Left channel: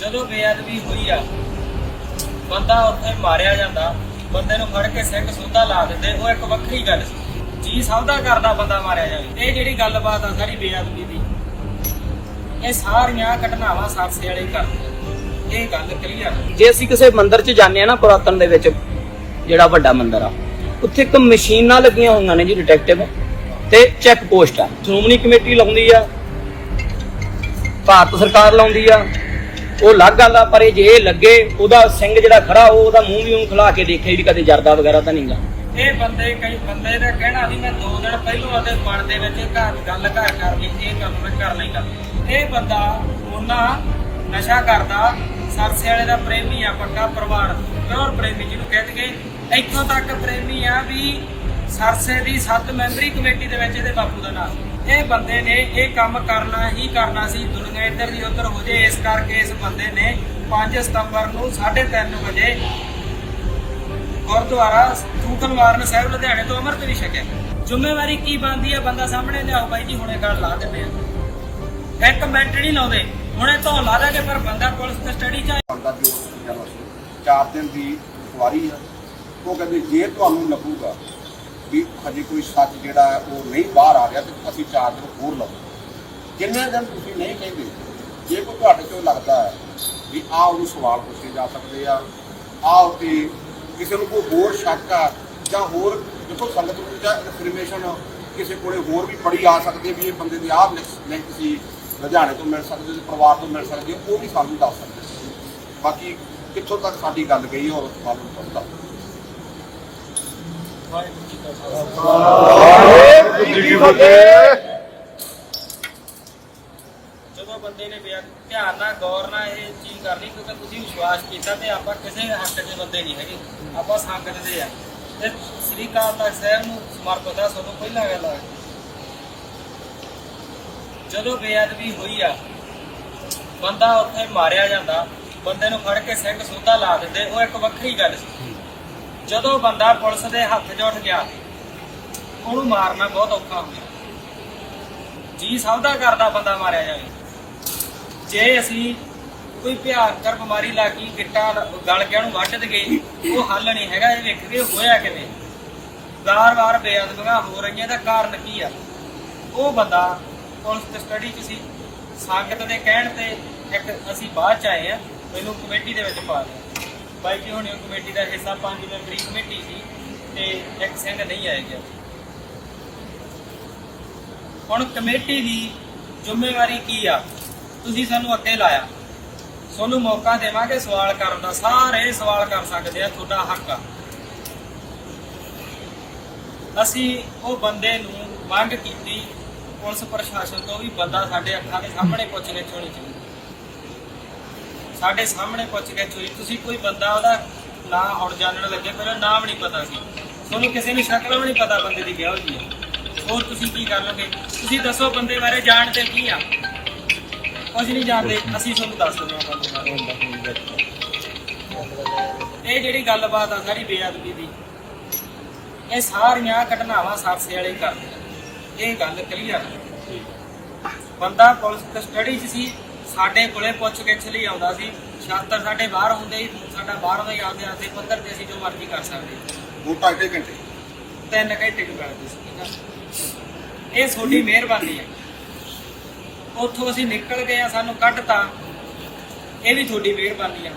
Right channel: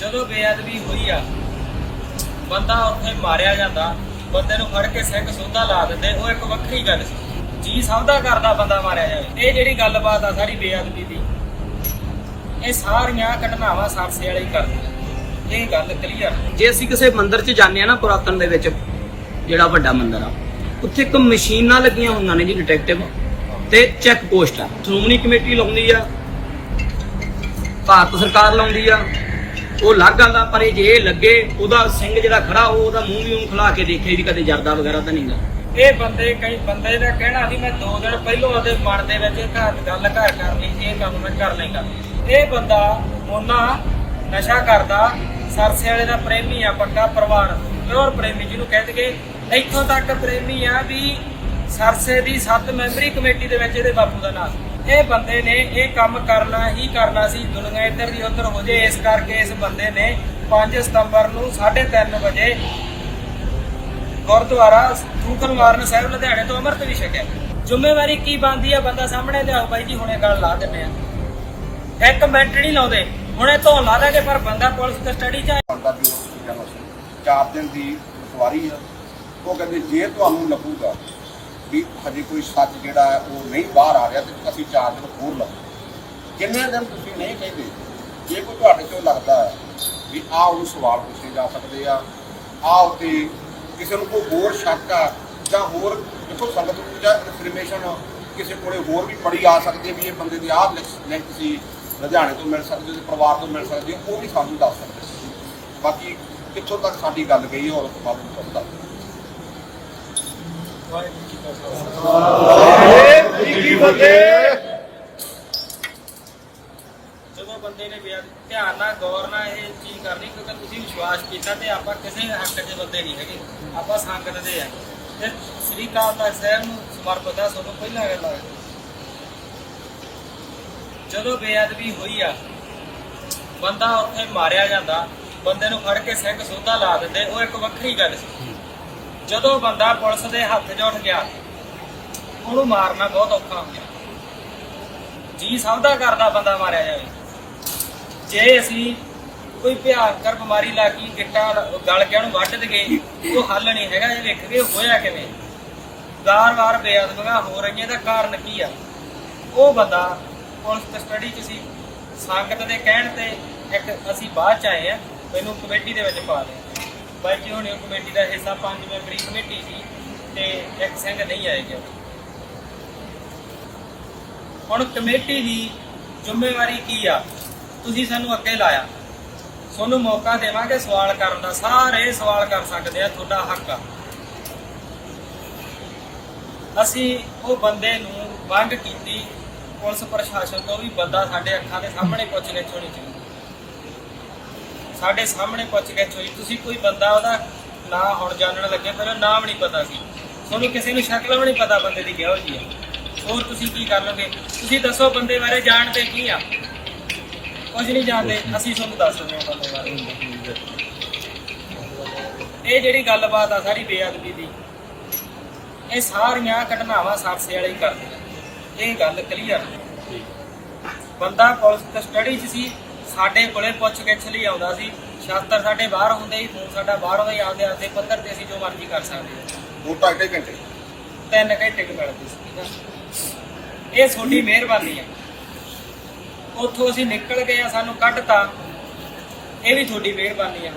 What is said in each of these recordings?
ਜਦੋਂ ਬੇਅਦਬੀ ਹੋਈ ਆ ਬੰਦਾ ਉੱਥੇ ਮਾਰਿਆ ਜਾਂਦਾ, ਬੰਦੇ ਨੂੰ ਫੜ ਕੇ ਸਿੰਘ ਸੁੰਧਾ ਲਾ ਦਿੰਦੇ, ਉਹ ਇੱਕ ਵੱਖਰੀ ਗੱਲ ਸੀ। ਜੀ ਸਭ ਦਾ ਕਰਦਾ ਬੰਦਾ ਮਾਰਿਆ ਜਾਵੇ। ਇਹ ਜਿਹੜੀ ਗੱਲਬਾਤ ਆ ਸਾਰੀ ਬੇਅਦਬੀ ਦੀ, ਇਹ ਸਾਰੀਆਂ ਘਟਨਾਵਾਂ ਸਰਸੇ ਵਾਲੇ ਹੀ ਕਰਦੀਆਂ। ਇਹ ਗੱਲ ਕਲੀਅਰ। ਜੇ ਅਸੀਂ ਕਿਸੇ ਮੰਦਿਰ 'ਚ ਜਾਂਦੇ ਆ ਨਾ, ਪੁਰਾਤਨ ਦੇ ਵਿੱਚ ਜਿਹੜਾ ਵੱਡਾ ਮੰਦਿਰ ਆ, ਉੱਥੇ ਇੱਕ ਮਸ਼ੀਨਾਂ ਲੱਗੀਆਂ ਹੋਈਆਂ ਨੇ ਜੀ, ਡਿਟੈਕਟਿਵ ਤੇ ਚੈੱਕ ਪੋਸਟ ਆ। ਸ਼੍ਰੋਮਣੀ ਕਮੇਟੀ ਲਾਉਂਦੀ ਆ, ਭਾਰਤ ਸਰਕਾਰ ਲਾਉਂਦੀ ਆ, ਉਹ ਅਲੱਗ ਗੱਲ ਆ। ਪਰ ਜੇ ਲੱਗੇ ਉਹਦਾ ਸਿੰਘ ਜਿਹੜਾ ਖੜਾ, ਉਹਦਾ ਮੂੰਹ ਵੀ ਖੁਲਾ ਕੇ ਦੇਖੇ ਵੀ ਕਦੇ ਜਰਦਾ ਵਗੈਰਾ ਤਾਂ ਨਹੀਂ ਗਾ। ਇਹ ਬੰਦੇ ਕਈ ਬੰਦੇ ਦਾ ਕਹਿਣਾ ਵੀ ਮੈਂ 2 ਦਿਨ ਪਹਿਲੋਂ ਉਹਦੇ ਮਨ ਦੇ ਵਿੱਚ ਗੱਲ ਘਰ ਕਰਨੀ, ਇਹ ਕੰਮ ਮੈਂ ਕਰ ਲੈਂਦਾ। ਇਹ ਬੰਦਾ ਉਹਨਾਂ ਨਸ਼ਾ ਕਰਦਾ, ਸਰਸੇ ਵਾਲੇ ਦਾ ਪ੍ਰੇਮੀ ਆ, ਪੱਕਾ ਪ੍ਰਵਾਨ ਪਿਓਰ ਪ੍ਰੇਮੀ ਜਿਹਨੂੰ ਕਹਿੰਦੇ। ਇੱਥੋਂ ਤੱਕ ਪ੍ਰੇਮੀ ਆ ਵੀ ਸਰਸੇ ਦੀ 7 ਮੈਂਬਰੀ ਕਮੇਟੀ ਦੇ ਵਿੱਚ ਇਹਦੇ ਬਾਪੂ ਦਾ ਨਾਮ। ਇਹ ਬੰਦੇ ਨੇ ਇਹ ਕੰਮ ਕਰਨਾ ਹੀ ਕਰਨਾ ਸੀ, ਦੁਨੀਆ ਇੱਧਰ ਦੀ ਉੱਧਰ ਹੋ ਜੇ। ਇਸ ਕਰਕੇ ਇਸ ਬੰਦੇ ਨੇ 5 ਸਤੰਬਰ ਨੂੰ 3:30 ਵਜੇ ਗੁਰਦੁਆਰਾ ਸੂਖਨਵਾਰਨ ਸਾਹਿਬ ਲੁਧਿਆਣੇ ਤੋਂ ਅੰਮ੍ਰਿਤ ਵੀ ਛਕਿਆ। ਜ਼ਿੰਮੇਵਾਰੀ ਕੀ ਬਣਦੀ ਆ? ਬੰਦਾ ਸਾਹਮਣੇ ਲਿਆਓ ਬਾਈ ਜੀ, ਹੁਣੇ ਗੱਲ ਲਾ ਦਿੰਦੇ ਆ, 1 ਮਿੰਟ ਨਹੀਂ ਲਾਉਂਦੇ, ਹੁਣੇ ਤੋਂ ਲਾ ਦਾਂਗੇ। ਪਰ ਬੰਦਾ ਪੁਲਿਸ ਕਸਟਡੀ ਚ 4 ਦਿਨ ਦੀ ਸਵਾਰੀ ਆ। ਉਹ ਕਹਿੰਦੇ ਜੇ ਤੁਹਾਨੂੰ ਲੱਗੂਗਾ ਵੀ ਹਜੇ ਕੋਈ ਸੱਚ ਜਿਹੜਾ ਹੈ ਉਹ ਨਹੀਂ ਬਾਹਰ ਆ ਗਿਆ ਤੇ ਅਸੀਂ 4 ਦਿਨ ਹੋਰ ਲਾਉਂਦੇ। ਕਿੰਨੇ ਦਿਨ ਤੁਸੀਂ ਨਹੀਂ ਕਹਿੰਦੇ। ਜੇ ਕੋਈ ਤੁਹਾਡੇ ਤੋਂ ਲੱਗਦਾ ਹੈ ਵੀ ਆਹ ਉਹਨੂੰ ਸਵਾਲ ਪੁੱਛੇ ਜਾ ਸਕਦੇ ਆ, ਆਹ ਤੇ ਕਿਸੇ ਨੂੰ ਕੋਈ ਹੋਰ ਸ਼ੱਕ ਆ ਜਾਂ ਹੋਰ ਦੇਖੋ ਸੰਗਤ ਨੂੰ ਜਾਂ ਇਨਫੋਰਮੇਸ਼ਨ ਕਿਸੇ ਕੋਲੇ ਹੋਰ ਵੀ ਪੜੀ ਆ ਸਕਦੀ ਵੀ ਇਹ ਬੰਦੇ ਦੀ ਆਹ ਲਿੰਕ ਸੀ, ਲੁਧਿਆਣੇ ਤੋਂ ਮਿਲ ਸਕਦੀ, ਉਹਦੇ ਪਰਿਵਾਰ ਤੋਂ ਮਿਲ ਸਕਦੀ, ਉਹ ਵੀ ਸਾਨੂੰ ਦੱਸ ਸਕਦੇ। ਬਾਕੀ ਕਿੱਥੋਂ ਤੱਕ ਸਾਡੀ ਗੱਲ ਗਈ ਉਹ ਮਾਲੂਮ ਕਰਦਾ। ਜਦੋਂ ਬੰਦੇ ਨੇ ਧਿਆਨ ਨਾਲ ਗੌਰ ਨਾਲ ਇਹ ਚੀਜ਼ ਕਰਨੀ, ਕਿਉਂਕਿ ਤੁਸੀਂ ਵਿਸ਼ਵਾਸ ਕੀਤਾ ਤੇ ਆਪਾਂ ਕਿਸੇ ਹੱਕ 'ਚ ਬੰਦੇ ਨਹੀਂ ਹੈਗੇ, ਆਪਾਂ ਸੰਗਤ ਦੇ ਆ ਤੇ ਸ੍ਰੀ ਅਕਾਲ ਤਖਤ ਸਾਹਿਬ ਨੂੰ ਸਮਰਪਿਤ ਆ। ਤੁਹਾਨੂੰ ਪਹਿਲਾਂ ਗੱਲ ਆ, ਜਦੋਂ ਬੇਅਦਬੀ ਹੋਈ ਆ ਬੰਦਾ ਉੱਥੇ ਮਾਰਿਆ ਜਾਂਦਾ, ਬੰਦੇ ਨੂੰ ਫੜ ਕੇ ਸਿੰਘ ਸੁੰਧਾ ਲਾ ਦਿੰਦੇ, ਉਹ ਇੱਕ ਵੱਖਰੀ ਗੱਲ ਸੀ। ਜਦੋਂ ਬੰਦਾ ਪੁਲਿਸ ਦੇ ਹੱਥ 'ਚ ਉੱਠ ਗਿਆ, ਉਹਨੂੰ ਮਾਰਨਾ ਬਹੁਤ ਔਖਾ ਹੁੰਦਾ। ਜੀ ਸਭ ਦਾ ਕਰਦਾ ਬੰਦਾ ਮਾਰਿਆ ਜਾਵੇ। ਜੇ ਅਸੀਂ ਕੋਈ ਭਿਆਨਕ ਬਿਮਾਰੀ ਲੱਗ ਗਈ, ਗਿੱਟਾ ਗਲ ਕੇ ਉਹਨੂੰ ਵੱਢ ਦੇਗੇ, ਉਹ ਹੱਲ ਨਹੀਂ ਹੈਗਾ। ਇਹ ਵੇਖਦੇ ਹੋਇਆ ਕਿਵੇਂ ਵਾਰ-ਵਾਰ ਬੇਅਦਬੀਆਂ ਹੋ ਰਹੀਆਂ, ਦਾ ਕਾਰਨ ਕੀ ਆ? ਉਹ ਬੰਦਾ ਪੁਲਿਸ ਕਸਟਡੀ 'ਚ ਸੀ। ਸੰਗਤ ਦੇ ਕਹਿਣ ਤੇ ਇੱਕ ਅਸੀਂ ਬਾਅਦ 'ਚ ਆਏ ਆ, ਮੈਨੂੰ ਕਮੇਟੀ ਦੇ ਵਿੱਚ ਪਾ ਲਿਆ। ਬਾਈ ਜੀ ਹੁਣੇ ਕਮੇਟੀ ਦਾ ਹਿੱਸਾ 5 ਮੈਂਬਰੀ ਕਮੇਟੀ ਸੀ ਤੇ ਇੱਕ ਸਿੰਘ ਨਹੀਂ ਆਏ ਗਿਆ। ਹੁਣ ਕਮੇਟੀ ਦੀ ਜ਼ਿੰਮੇਵਾਰੀ ਕੀ ਆ? ਤੁਸੀਂ ਸਾਨੂੰ ਅੱਗੇ ਲਾਇਆ, ਤੁਹਾਨੂੰ ਮੌਕਾ ਦੇਵਾਂਗੇ ਸਵਾਲ ਕਰਨ ਦਾ। ਸਾਰੇ ਸਵਾਲ ਕਰ ਸਕਦੇ ਆ, ਤੁਹਾਡਾ ਹੱਕ ਆ। ਅਸੀਂ ਉਹ ਬੰਦੇ ਨੂੰ ਮੰਗ ਕੀਤੀ ਪੁਲਿਸ ਪ੍ਰਸ਼ਾਸਨ ਤੋਂ ਵੀ ਬੰਦਾ ਸਾਡੇ ਅੱਖਾਂ ਦੇ ਸਾਹਮਣੇ ਪੁੱਛਗਿੱਛ ਹੋਣੀ ਚਾਹੀਦੀ, ਸਾਡੇ ਸਾਹਮਣੇ ਪੁੱਛਗਿੱਛ ਹੋਈ। ਤੁਸੀਂ ਕੋਈ ਬੰਦਾ ਉਹਦਾ ਨਾਂ ਹੁਣ ਜਾਣਨ ਲੱਗੇ, ਪਹਿਲਾਂ ਨਾਮ ਨਹੀਂ ਪਤਾ ਸੀ, ਤੁਹਾਨੂੰ ਕਿਸੇ ਨੂੰ ਸ਼ਕਲ ਵੀ ਨਹੀਂ ਪਤਾ ਬੰਦੇ ਦੀ ਕਿਹੋ ਜਿਹੀ ਆ। ਹੋਰ ਤੁਸੀਂ ਕੀ ਕਰ ਲਓਗੇ? ਤੁਸੀਂ ਦੱਸੋ ਬੰਦੇ ਬਾਰੇ ਜਾਣਦੇ ਕੀ ਆ? ਕੁਝ ਨਹੀਂ ਜਾਣਦੇ, ਅਸੀਂ ਤੁਹਾਨੂੰ ਦੱਸ ਦਿੰਦੇ ਹਾਂ ਬੰਦੇ ਬਾਰੇ। ਇਹ ਜਿਹੜੀ ਗੱਲਬਾਤ ਆ ਸਾਰੀ ਬੇਅਦਬੀ ਦੀ, ਇਹ ਸਾਰੀਆਂ ਘਟਨਾਵਾਂ ਸਰਸੇ ਵਾਲੇ ਹੀ ਕਰਦੀਆਂ। ਇਹ ਗੱਲ ਕਲੀਅਰ। ਬੰਦਾ ਪੁਲਿਸ ਕਸਟਡੀ 'ਚ ਸੀ, ਸਾਡੇ ਕੋਲੇ ਪੁੱਛ-ਗਿੱਛ ਲਈ ਆਉਂਦਾ ਸੀ। ਸ਼ਾਸਤਰ ਸਾਡੇ ਬਾਹਰ ਹੁੰਦੇ ਹੀ, ਫੋਨ ਸਾਡਾ ਬਾਹਰ ਹੋਏ, ਆਪਦੇ ਪੱਧਰ ਤੇ ਅਸੀਂ ਜੋ ਮਰਜ਼ੀ ਕਰ ਸਕਦੇ। 2 ਘੰਟੇ 3 ਘੰਟੇ ਕੁ ਮਿਲਦੇ ਸੀ। ਇਹ ਤੁਹਾਡੀ ਮਿਹਰਬਾਨੀ ਹੈ। ਉੱਥੋਂ ਅਸੀਂ ਨਿਕਲ ਗਏ ਆ, ਸਾਨੂੰ ਕੱਢਤਾ, ਇਹ ਵੀ ਤੁਹਾਡੀ ਮਿਹਰਬਾਨੀ ਹੈ।